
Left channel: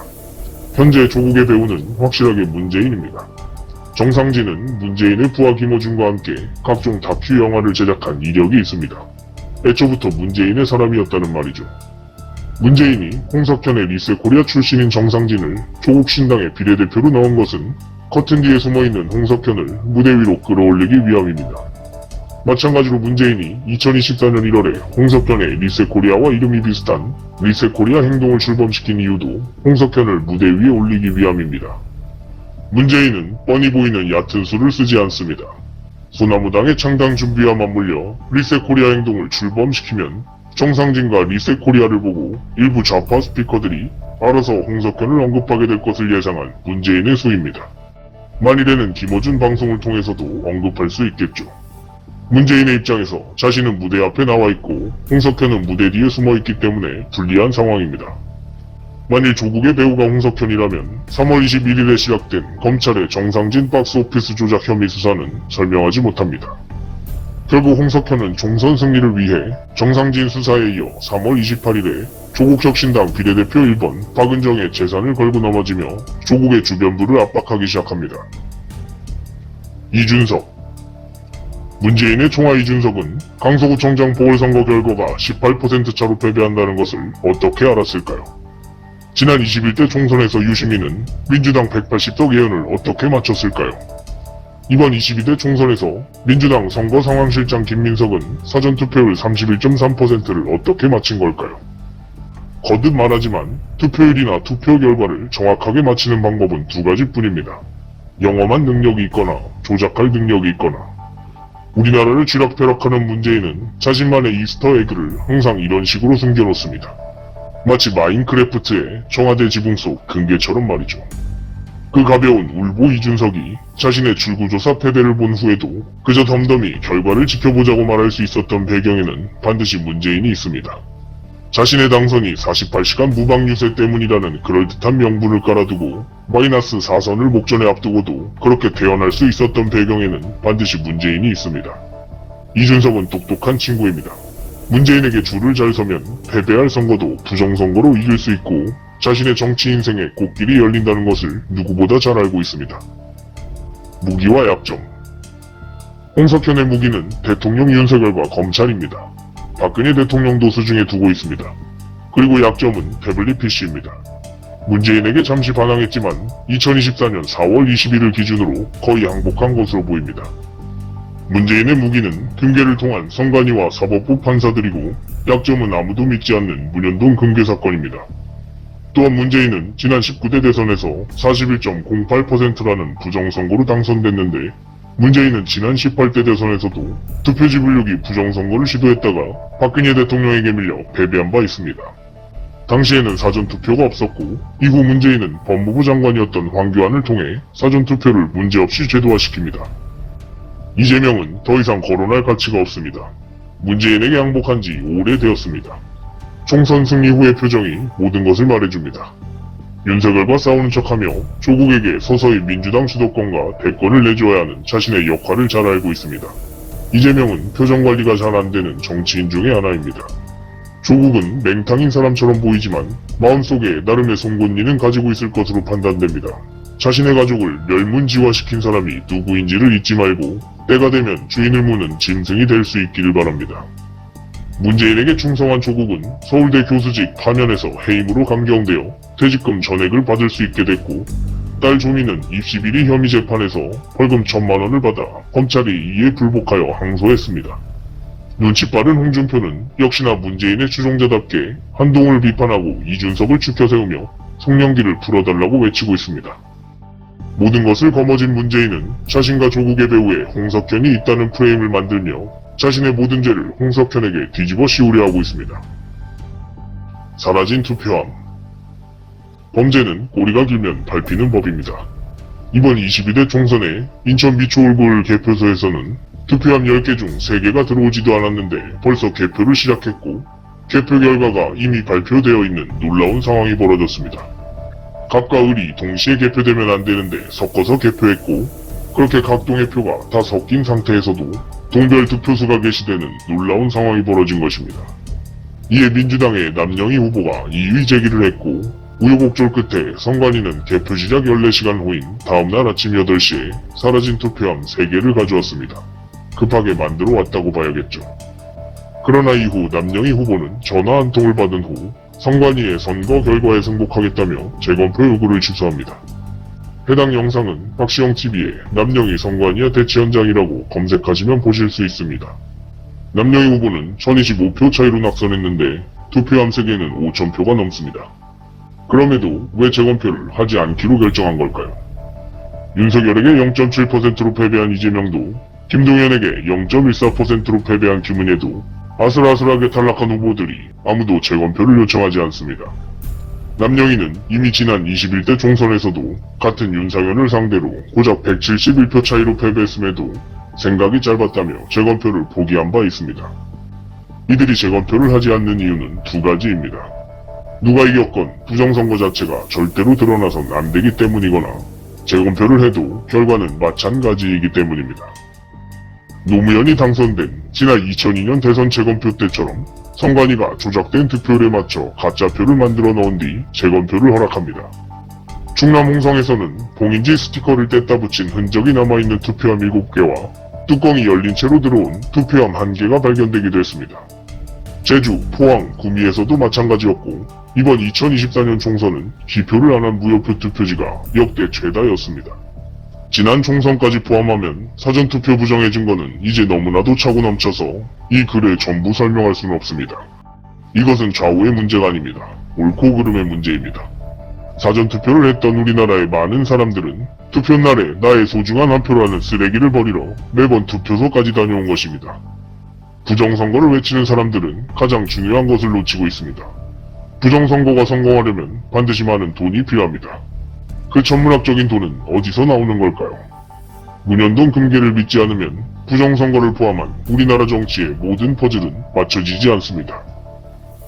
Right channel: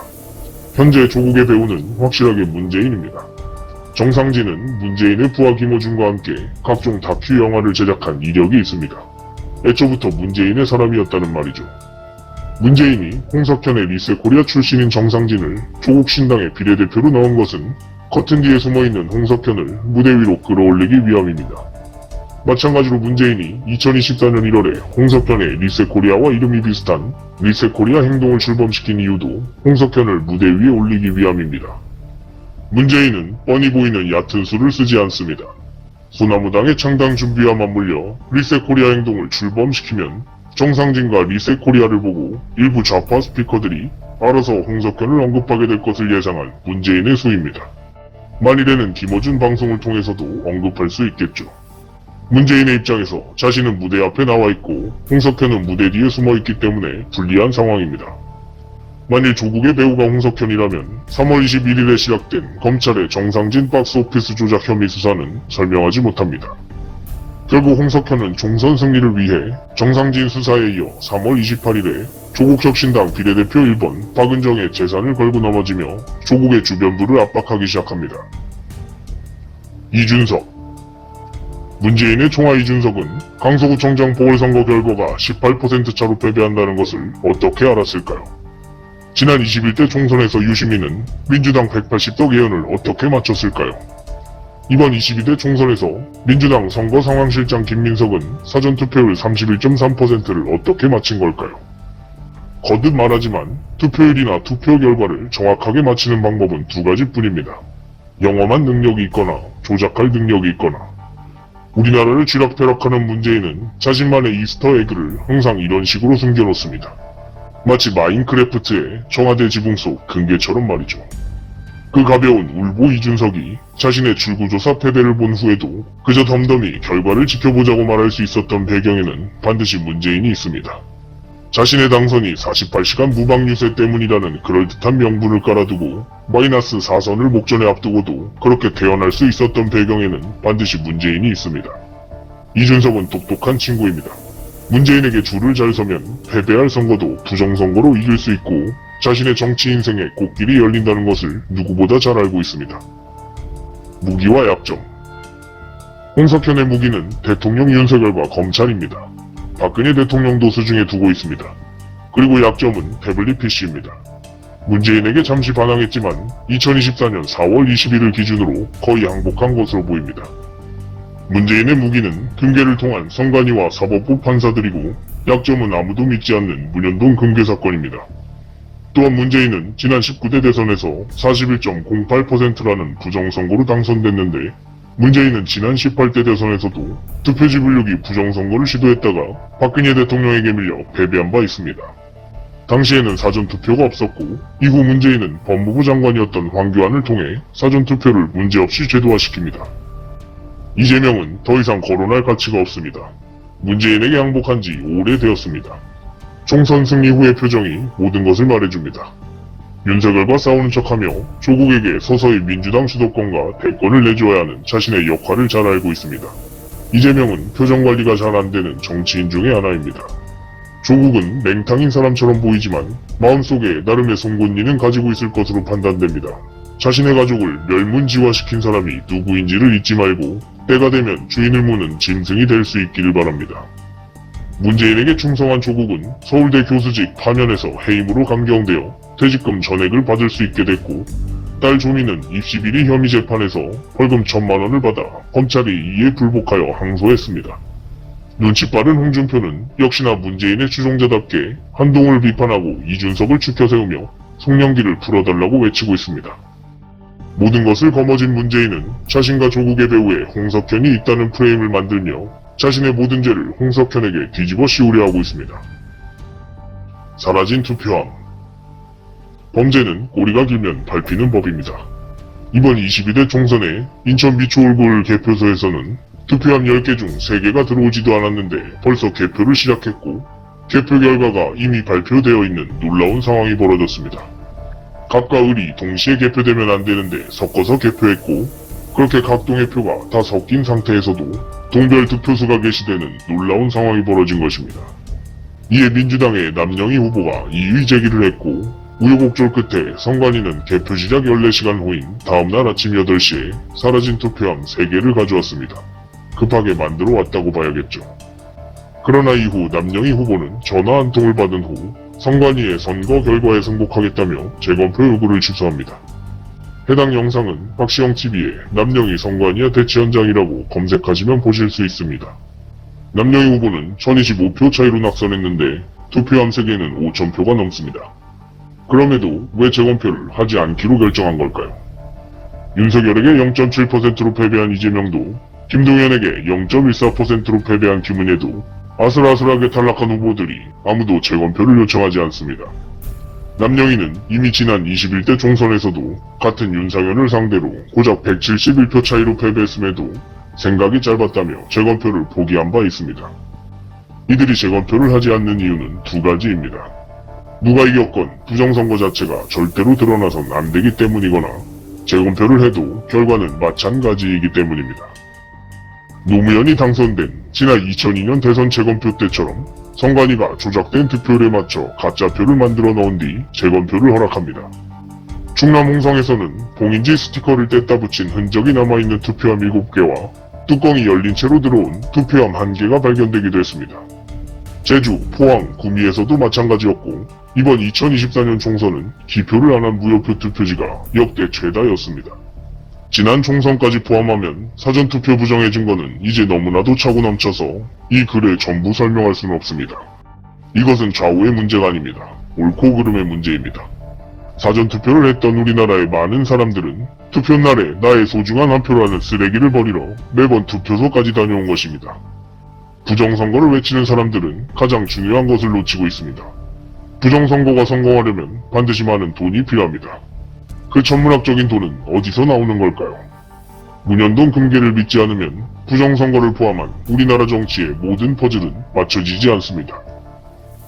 현재 조국의 배우는 확실하게 문재인입니다. 정상진은 문재인의 부하 김어준과 함께 각종 다큐 영화를 제작한 이력이 있습니다. 애초부터 문재인의 사람이었다는 말이죠. 문재인이 홍석현의 리셋코리아 출신인 정상진을 조국 신당의 비례대표로 넣은 것은 커튼 뒤에 숨어있는 홍석현을 무대 위로 끌어올리기 위함입니다. 마찬가지로 문재인이 2024년 1월에 홍석현의 리셋코리아와 이름이 비슷한 리셋코리아 행동을 출범시킨 이유도 홍석현을 무대 위에 올리기 위함입니다. 문재인은 뻔히 보이는 얕은 수를 쓰지 않습니다. 소나무당의 창당 준비와 맞물려 리셋코리아 행동을 출범시키면 정상진과 리셋코리아를 보고 일부 좌파 스피커들이 알아서 홍석현을 언급하게 될 것을 예상한 문재인의 수입니다. 만일에는 김어준 방송을 통해서도 언급할 수 있겠죠. 문재인의 입장에서 자신은 무대 앞에 나와 있고 홍석현은 무대 뒤에 숨어 있기 때문에 불리한 상황입니다. 만일 조국의 배우가 홍석현이라면 3월 21일에 시작된 검찰의 정상진 박스오피스 조작 혐의 수사는 설명하지 못합니다. 결국 홍석현은 총선 승리를 위해 정상진 수사에 이어 3월 28일에 조국혁신당 비례대표 1번 박은정의 재산을 걸고 넘어지며 조국의 주변부를 압박하기 시작합니다. 이준석. 문재인의 총아 이준석은 강서구청장 보궐선거 결과가 18% 차로 패배한다는 것을 어떻게 알았을까요? 지난 21대 총선에서 유시민은 민주당 180석 예언을 어떻게 맞췄을까요? 이번 22대 총선에서 민주당 선거상황실장 김민석은 사전투표율 31.3%를 어떻게 맞힌 걸까요? 거듭 말하지만 투표율이나 투표 결과를 정확하게 맞히는 방법은 두 가지뿐입니다. 영험한 능력이 있거나 조작할 능력이 있거나. 우리나라를 쥐락펴락하는 문재인은 자신만의 이스터에그를 항상 이런 식으로 숨겨놓습니다. 마치 마인크래프트의 청와대 지붕 속 금괴처럼 말이죠. 그 가벼운 울보 이준석이 자신의 출구조사 패배를 본 후에도 그저 덤덤히 결과를 지켜보자고 말할 수 있었던 배경에는 반드시 문재인이 있습니다. 자신의 당선이 48시간 무방 유세 때문이라는 그럴듯한 명분을 깔아두고 마이너스 4선을 목전에 앞두고도 그렇게 태어날 수 있었던 배경에는 반드시 문재인이 있습니다. 이준석은 똑똑한 친구입니다. 문재인에게 줄을 잘 서면 패배할 선거도 부정선거로 이길 수 있고 자신의 정치 인생에 꽃길이 열린다는 것을 누구보다 잘 알고 있습니다. 무기와 약점. 홍석현의 무기는 대통령 윤석열과 검찰입니다. 박근혜 대통령도 수중에 두고 있습니다. 그리고 약점은 태블릿 PC입니다. 문재인에게 잠시 반항했지만 2024년 4월 21일 기준으로 거의 항복한 것으로 보입니다. 문재인의 무기는 금괴를 통한 송관이와 사법부 판사들이고 약점은 아무도 믿지 않는 문현동 금괴 사건입니다. 또한 문재인은 지난 19대 대선에서 41.08%라는 부정선거로 당선됐는데 문재인은 지난 18대 대선에서도 투표 지불력이 부정선거를 시도했다가 박근혜 대통령에게 밀려 패배한 바 있습니다. 당시에는 사전투표가 없었고 이후 문재인은 법무부 장관이었던 황교안을 통해 사전투표를 문제없이 제도화시킵니다. 이재명은 더 이상 거론할 가치가 없습니다. 문재인에게 항복한 지 오래되었습니다. 총선 승리 후의 표정이 모든 것을 말해줍니다. 윤석열과 싸우는 척하며 조국에게 서서히 민주당 주도권과 대권을 내줘야 하는 자신의 역할을 잘 알고 있습니다. 이재명은 표정관리가 잘 안되는 정치인 중의 하나입니다. 조국은 맹탕인 사람처럼 보이지만 마음속에 나름의 송곳니는 가지고 있을 것으로 판단됩니다. 자신의 가족을 멸문지화시킨 사람이 누구인지를 잊지 말고 때가 되면 주인을 무는 짐승이 될 수 있기를 바랍니다. 문재인에게 충성한 조국은 서울대 교수직 파면에서 해임으로 감경되어 퇴직금 전액을 받을 수 있게 됐고, 딸 조미는 입시 비리 혐의 재판에서 벌금 1,000만 원을 받아 검찰이 이에 불복하여 항소했습니다. 눈치 빠른 홍준표는 역시나 문재인의 추종자답게 한동훈을 비판하고 이준석을 추켜 세우며 송영길을 풀어달라고 외치고 있습니다. 모든 것을 거머쥔 문재인은 자신과 조국의 배후에 홍석현이 있다는 프레임을 만들며 자신의 모든 죄를 홍석현에게 뒤집어 씌우려 하고 있습니다. 사라진 투표함. 범죄는 꼬리가 길면 밟히는 법입니다. 이번 22대 총선에 인천 미추홀굴 개표소에서는 투표함 10개 중 3개가 들어오지도 않았는데 벌써 개표를 시작했고, 개표 결과가 이미 발표되어 있는 놀라운 상황이 벌어졌습니다. 각각 을이 동시에 개표되면 안 되는데 섞어서 개표했고, 그렇게 각 동의 표가 다 섞인 상태에서도 동별 득표수가 게시되는 놀라운 상황이 벌어진 것입니다. 이에 민주당의 남영희 후보가 이의 제기를 했고, 우여곡절 끝에 선관위는 개표 시작 14시간 후인 다음날 아침 8시에 사라진 투표함 3개를 가져왔습니다. 급하게 만들어 왔다고 봐야겠죠. 그러나 이후 남영희 후보는 전화 한 통을 받은 후 선관위의 선거 결과에 승복하겠다며 재검표 요구를 취소합니다. 해당 영상은 박시영 TV의 남영희 선관위의 대치 현장이라고 검색하시면 보실 수 있습니다. 남영희 후보는 1025표 차이로 낙선했는데 투표함 3개는 5000표가 넘습니다. 그럼에도 왜 재검표를 하지 않기로 결정한 걸까요? 윤석열에게 0.7%로 패배한 이재명도, 김동연에게 0.14%로 패배한 김은혜도 아슬아슬하게 탈락한 후보들이 아무도 재검표를 요청하지 않습니다. 남영희는 이미 지난 21대 총선에서도 같은 윤상현을 상대로 고작 171표 차이로 패배했음에도 생각이 짧았다며 재검표를 포기한 바 있습니다. 이들이 재검표를 하지 않는 이유는 2가지입니다. 누가 이겼건 부정선거 자체가 절대로 드러나선 안 되기 때문이거나 재검표를 해도 결과는 마찬가지이기 때문입니다. 노무현이 당선된 지난 2002년 대선 재검표 때처럼 선관위가 조작된 득표율에 맞춰 가짜표를 만들어 넣은 뒤 재검표를 허락합니다. 충남 홍성에서는 봉인지 스티커를 뗐다 붙인 흔적이 남아있는 투표함 7개와 뚜껑이 열린 채로 들어온 투표함 1개가 발견되기도 했습니다. 제주, 포항, 구미에서도 마찬가지였고, 이번 2024년 총선은 기표를 안 한 무효표 투표지가 역대 최다였습니다. 지난 총선까지 포함하면 사전투표 부정의 증거는 이제 너무나도 차고 넘쳐서 이 글을 전부 설명할 수는 없습니다. 이것은 좌우의 문제가 아닙니다. 옳고 그름의 문제입니다. 사전투표를 했던 우리나라의 많은 사람들은 투표날에 나의 소중한 한 표라는 쓰레기를 버리러 매번 투표소까지 다녀온 것입니다. 부정선거를 외치는 사람들은 가장 중요한 것을 놓치고 있습니다. 부정선거가 성공하려면 반드시 많은 돈이 필요합니다. 그 천문학적인 돈은 어디서 나오는 걸까요? 문현동 금괴를 믿지 않으면 부정선거를 포함한 우리나라 정치의 모든 퍼즐은 맞춰지지 않습니다.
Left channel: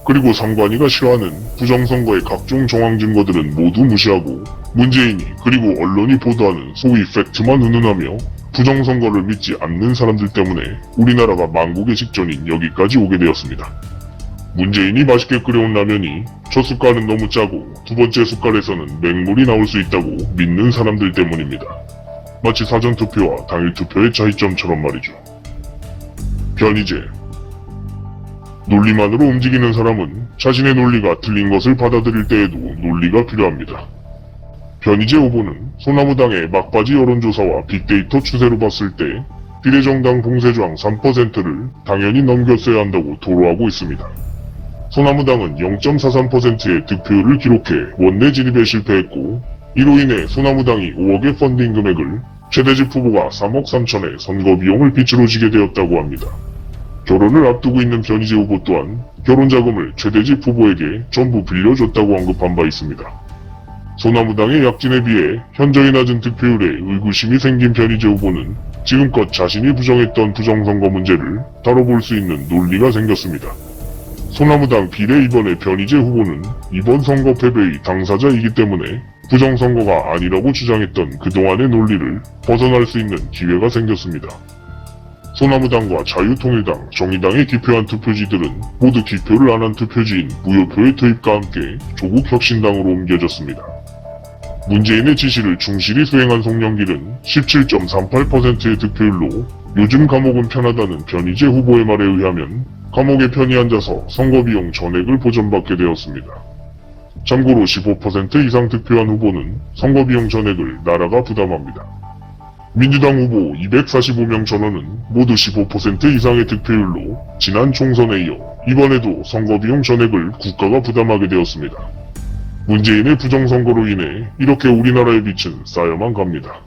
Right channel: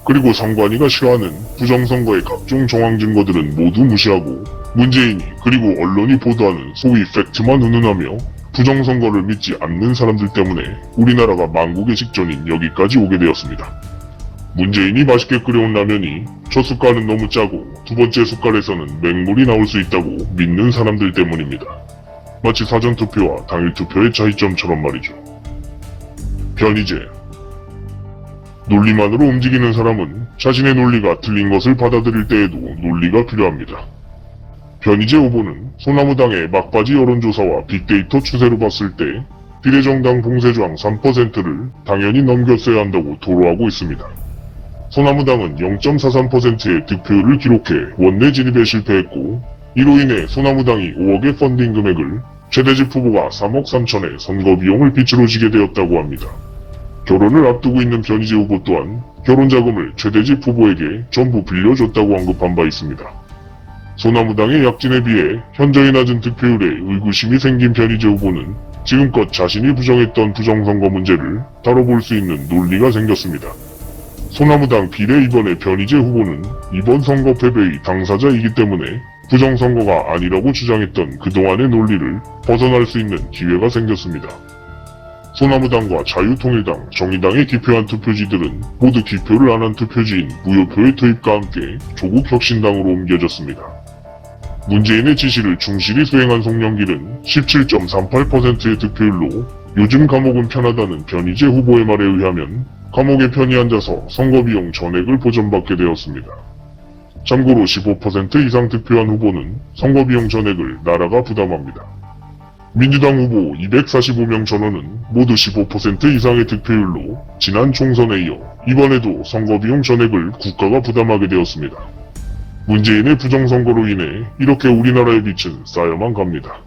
그리고 선관위가 싫어하는 부정선거의 각종 정황 증거들은 모두 무시하고 문재인이 그리고 언론이 보도하는 소위 팩트만 운운하며 부정선거를 믿지 않는 사람들 때문에 우리나라가 망국의 직전인 여기까지 오게 되었습니다. 문재인이 맛있게 끓여온 라면이 첫 숟갈은 너무 짜고 2번째 숟갈에서는 맹물이 나올 수 있다고 믿는 사람들 때문입니다. 마치 사전투표와 당일투표의 차이점처럼 말이죠. 변희재. 논리만으로 움직이는 사람은 자신의 논리가 틀린 것을 받아들일 때에도 논리가 필요합니다. 변희재 후보는 소나무당의 막바지 여론조사와 빅데이터 추세로 봤을 때 비례정당 봉쇄조항 3%를 당연히 넘겼어야 한다고 토로하고 있습니다. 소나무당은 0.43%의 득표율을 기록해 원내 진입에 실패했고, 이로 인해 소나무당이 5억의 펀딩 금액을 최대집 후보가 3억 3천의 선거 비용을 빚으로 지게 되었다고 합니다. 결혼을 앞두고 있는 변희재 후보 또한 결혼자금을 최대집 후보에게 전부 빌려줬다고 언급한 바 있습니다. 소나무당의 약진에 비해 현저히 낮은 득표율에 의구심이 생긴 변희재 후보는 지금껏 자신이 부정했던 부정선거 문제를 다뤄볼 수 있는 논리가 생겼습니다. 소나무당 비례 이번의 변희재 후보는 이번 선거 패배의 당사자이기 때문에 부정선거가 아니라고 주장했던 그동안의 논리를 벗어날 수 있는 기회가 생겼습니다. 소나무당과 자유통일당, 정의당이 기표한 투표지들은 모두 기표를 안 한 투표지인 무효표의 투입과 함께 조국혁신당으로 옮겨졌습니다. 문재인의 지시를 충실히 수행한 송영길은 17.38%의 득표율로 요즘 감옥은 편하다는 변희재 후보의 말에 의하면 감옥에 편히 앉아서 선거비용 전액을 보전받게 되었습니다. 참고로 15% 이상 득표한 후보는 선거비용 전액을 나라가 부담합니다. 민주당 후보 245명 전원은 모두 15% 이상의 득표율로 지난 총선에 이어 이번에도 선거비용 전액을 국가가 부담하게 되었습니다. 문재인의 부정선거로 인해 이렇게 우리나라의 빛은 쌓여만 갑니다.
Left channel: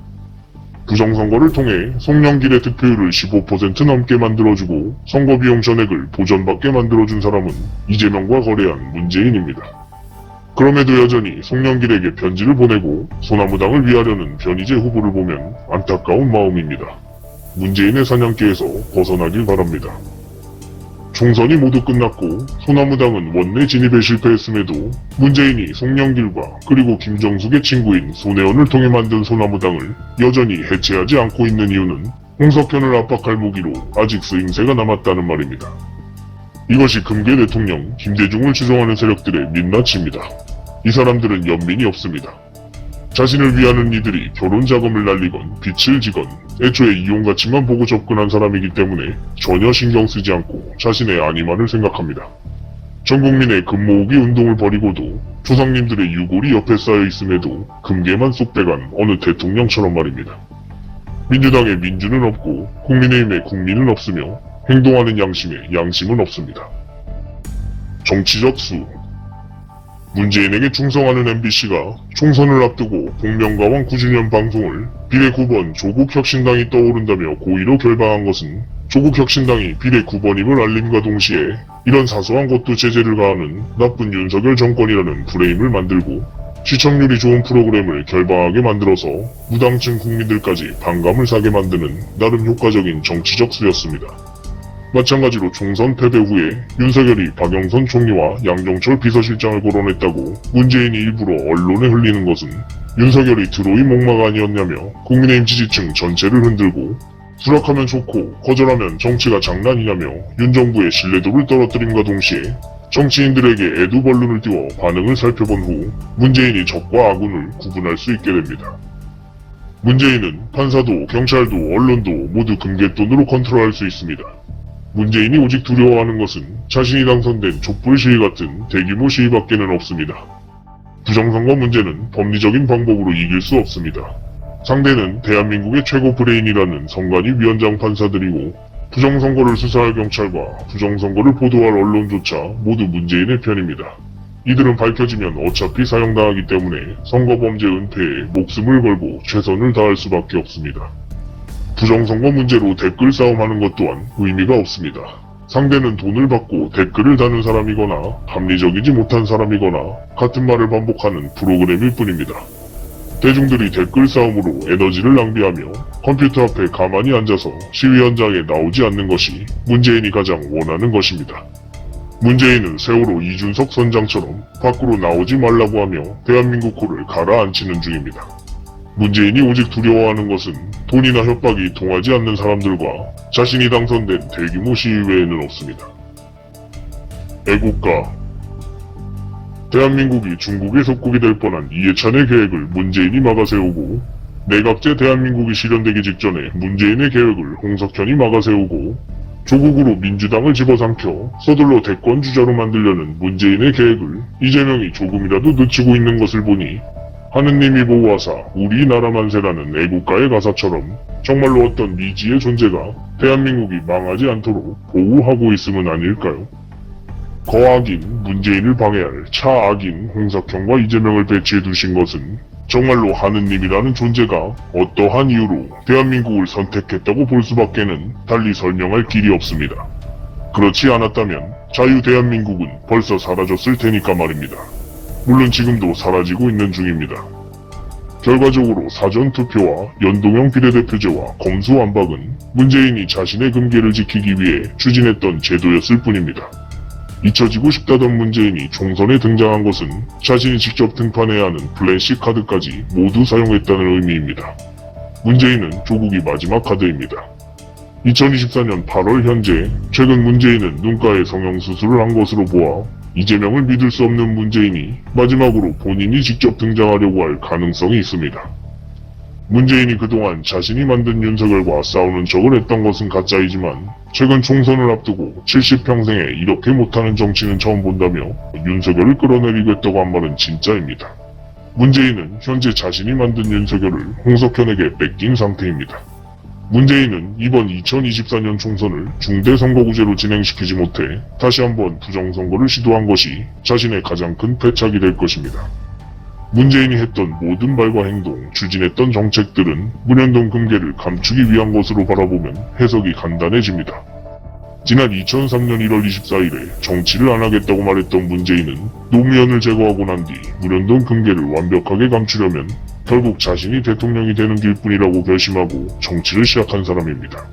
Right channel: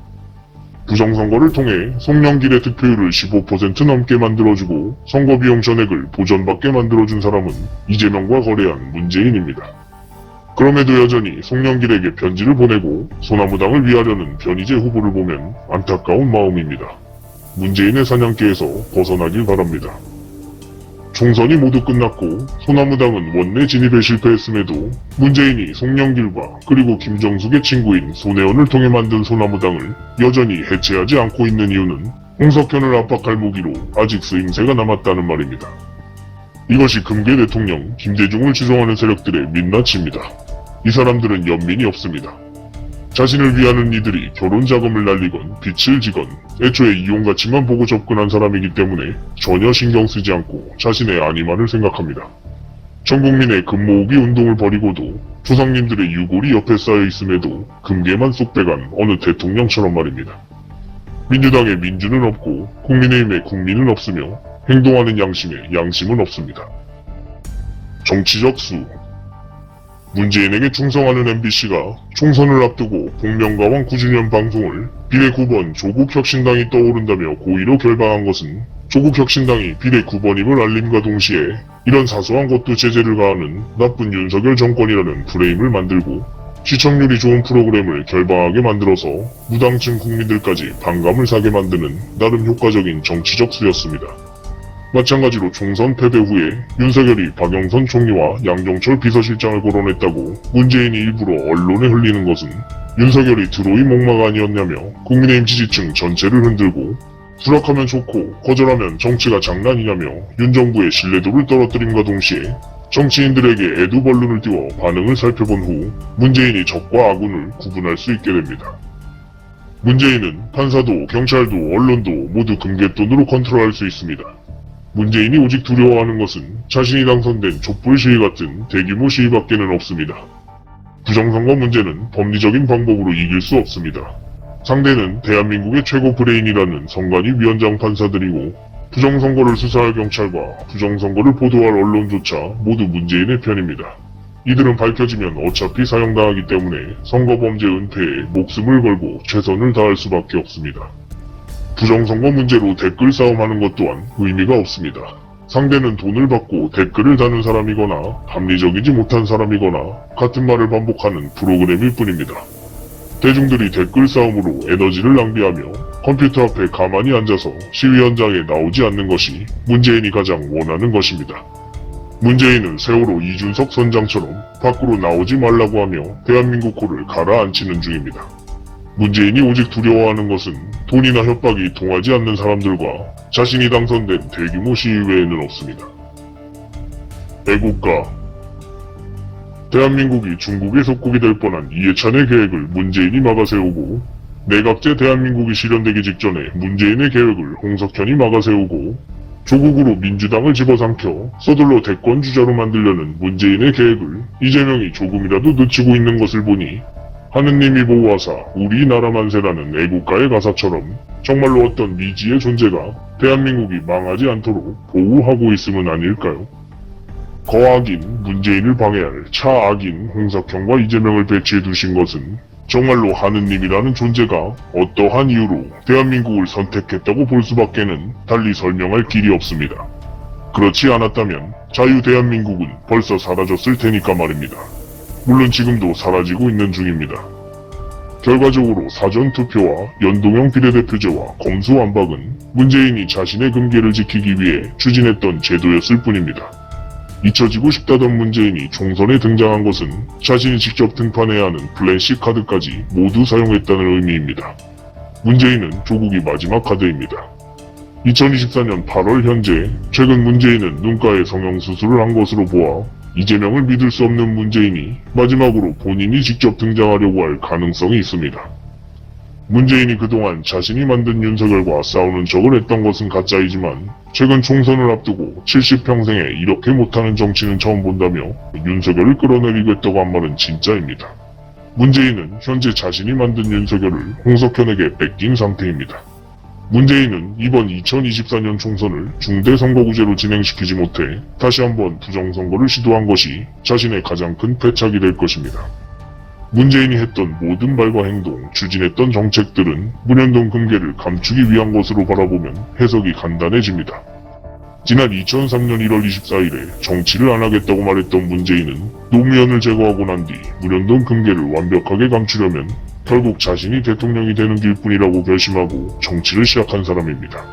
부정선거를 통해 송영길의 득표율을 15% 넘게 만들어주고 선거비용 전액을 보전받게 만들어준 사람은 이재명과 거래한 문재인입니다. 그럼에도 여전히 송영길에게 편지를 보내고 소나무당을 위하려는 변희재 후보를 보면 안타까운 마음입니다. 문재인의 사냥개에서 벗어나길 바랍니다. 총선이 모두 끝났고 소나무당은 원내 진입에 실패했음에도 문재인이 송영길과 그리고 김정숙의 친구인 손혜원을 통해 만든 소나무당을 여전히 해체하지 않고 있는 이유는 홍석현을 압박할 무기로 아직 쓰임새가 남았다는 말입니다. 이것이 금괴 대통령 김대중을 지성하는 세력들의 민낯입니다. 이 사람들은 연민이 없습니다. 자신을 위하는 이들이 결혼 자금을 날리건 빚을 지건 애초에 이용가치만 보고 접근한 사람이기 때문에 전혀 신경 쓰지 않고 자신의 안위만을 생각합니다. 전 국민의 금모으기 운동을 벌이고도 조상님들의 유골이 옆에 쌓여 있음에도 금괴만 쏙 빼간 어느 대통령처럼 말입니다. 민주당의 민주는 없고 국민의힘의 국민은 없으며 행동하는 양심에 양심은 없습니다. 정치적 수. 문재인에게 충성하는 MBC가 총선을 앞두고 복면가왕 9주년 방송을 비례 9번 조국혁신당이 떠오른다며 고의로 결방한 것은 조국혁신당이 비례 9번임을 알림과 동시에 이런 사소한 것도 제재를 가하는 나쁜 윤석열 정권이라는 프레임을 만들고 시청률이 좋은 프로그램을 결방하게 만들어서 무당층 국민들까지 반감을 사게 만드는 나름 효과적인 정치적 수였습니다. 마찬가지로 총선 패배 후에 윤석열이 박영선 총리와 양정철 비서실장을 거론했다고 문재인이 일부러 언론에 흘리는 것은 윤석열이 드로이 목마가 아니었냐며 국민의힘 지지층 전체를 흔들고 수락하면 좋고 거절하면 정치가 장난이냐며 윤 정부의 신뢰도를 떨어뜨림과 동시에 정치인들에게 애도벌룬을 띄워 반응을 살펴본 후 문재인이 적과 아군을 구분할 수 있게 됩니다. 문재인은 판사도 경찰도 언론도 모두 금괴돈으로 컨트롤할 수 있습니다. 문재인이 오직 두려워하는 것은 자신이 당선된 촛불 시위 같은 대규모 시위밖에는 없습니다. 부정선거 문제는 법리적인 방법으로 이길 수 없습니다. 상대는 대한민국의 최고 브레인이라는 선관위 위원장 판사들이고 부정선거를 수사할 경찰과 부정선거를 보도할 언론조차 모두 문재인의 편입니다. 이들은 밝혀지면 어차피 사형당하기 때문에 선거범죄 은폐에 목숨을 걸고 최선을 다할 수밖에 없습니다. 부정선거 문제로 댓글 싸움하는 것 또한 의미가 없습니다. 상대는 돈을 받고 댓글을 다는 사람이거나 합리적이지 못한 사람이거나 같은 말을 반복하는 프로그램일 뿐입니다. 대중들이 댓글 싸움으로 에너지를 낭비하며 컴퓨터 앞에 가만히 앉아서 시위 현장에 나오지 않는 것이 문재인이 가장 원하는 것입니다. 문재인은 세월호 이준석 선장처럼 밖으로 나오지 말라고 하며 대한민국 코를 가라앉히는 중입니다. 문재인이 오직 두려워하는 것은 돈이나 협박이 통하지 않는 사람들과 자신이 당선된 대규모 시위 외에는 없습니다. 애국가. 대한민국이 중국의 속국이 될 뻔한 이해찬의 계획을 문재인이 막아세우고 내각제 대한민국이 실현되기 직전에 문재인의 계획을 홍석현이 막아세우고 조국으로 민주당을 집어삼켜 서둘러 대권주자로 만들려는 문재인의 계획을 이재명이 조금이라도 늦추고 있는 것을 보니 하느님이 보호하사 우리나라 만세라는 애국가의 가사처럼 정말로 어떤 미지의 존재가 대한민국이 망하지 않도록 보호하고 있음은 아닐까요? 거악인 문재인을 방해할 차악인 홍석현과 이재명을 배치해 두신 것은 정말로 하느님이라는 존재가 어떠한 이유로 대한민국을 선택했다고 볼 수밖에는 달리 설명할 길이 없습니다. 그렇지 않았다면 자유대한민국은 벌써 사라졌을 테니까 말입니다. 물론 지금도 사라지고 있는 중입니다. 결과적으로 사전투표와 연동형 비례대표제와 검수완박은 문재인이 자신의 금괴를 지키기 위해 추진했던 제도였을 뿐입니다. 잊혀지고 싶다던 문재인이 총선에 등장한 것은 자신이 직접 등판해야 하는 플랜 C 카드까지 모두 사용했다는 의미입니다. 문재인은 조국이 마지막 카드입니다. 2024년 8월 현재 최근 문재인은 눈가에 성형수술을 한 것으로 보아 이재명을 믿을 수 없는 문재인이 마지막으로 본인이 직접 등장하려고 할 가능성이 있습니다. 문재인이 그동안 자신이 만든 윤석열과 싸우는 척을 했던 것은 가짜이지만 최근 총선을 앞두고 70평생에 이렇게 못하는 정치는 처음 본다며 윤석열을 끌어내리겠다고 한 말은 진짜입니다. 문재인은 현재 자신이 만든 윤석열을 홍석현에게 뺏긴 상태입니다. 문재인은 이번 2024년 총선을 중대선거구제로 진행시키지 못해 다시 한번 부정선거를 시도한 것이 자신의 가장 큰 패착이 될 것입니다. 문재인이 했던 모든 말과 행동, 추진했던 정책들은 문현동 금괴를 감추기 위한 것으로 바라보면 해석이 간단해집니다. 지난 2003년 1월 24일에 정치를 안 하겠다고 말했던 문재인은 노무현을 제거하고 난 뒤 문현동 금괴를 완벽하게 감추려면 결국 자신이 대통령이 되는 길뿐이라고 결심하고 정치를 시작한 사람입니다.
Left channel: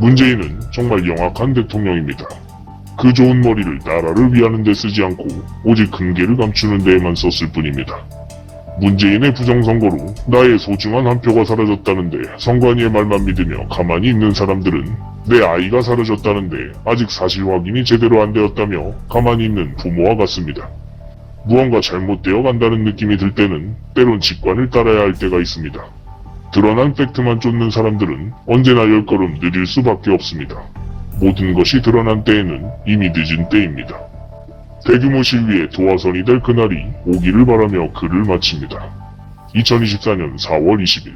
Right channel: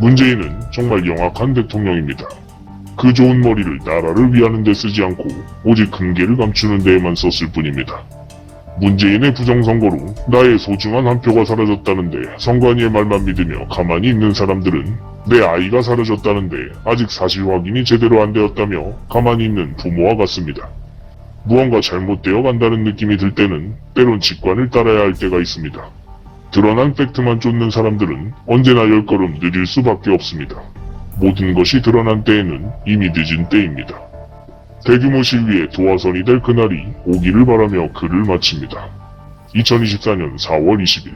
문재인은 정말 영악한 대통령입니다. 그 좋은 머리를 나라를 위하는 데 쓰지 않고 오직 금괴를 감추는 데에만 썼을 뿐입니다. 문재인의 부정선거로 나의 소중한 한 표가 사라졌다는데 선관위의 말만 믿으며 가만히 있는 사람들은 내 아이가 사라졌다는데 아직 사실 확인이 제대로 안 되었다며 가만히 있는 부모와 같습니다. 무언가 잘못되어 간다는 느낌이 들 때는 때론 직관을 따라야 할 때가 있습니다. 드러난 팩트만 쫓는 사람들은 언제나 10걸음 느릴 수밖에 없습니다. 모든 것이 드러난 때에는 이미 늦은 때입니다. 대규모 시위의 도화선이 될 그날이 오기를 바라며 글을 마칩니다. 2024년 4월 20일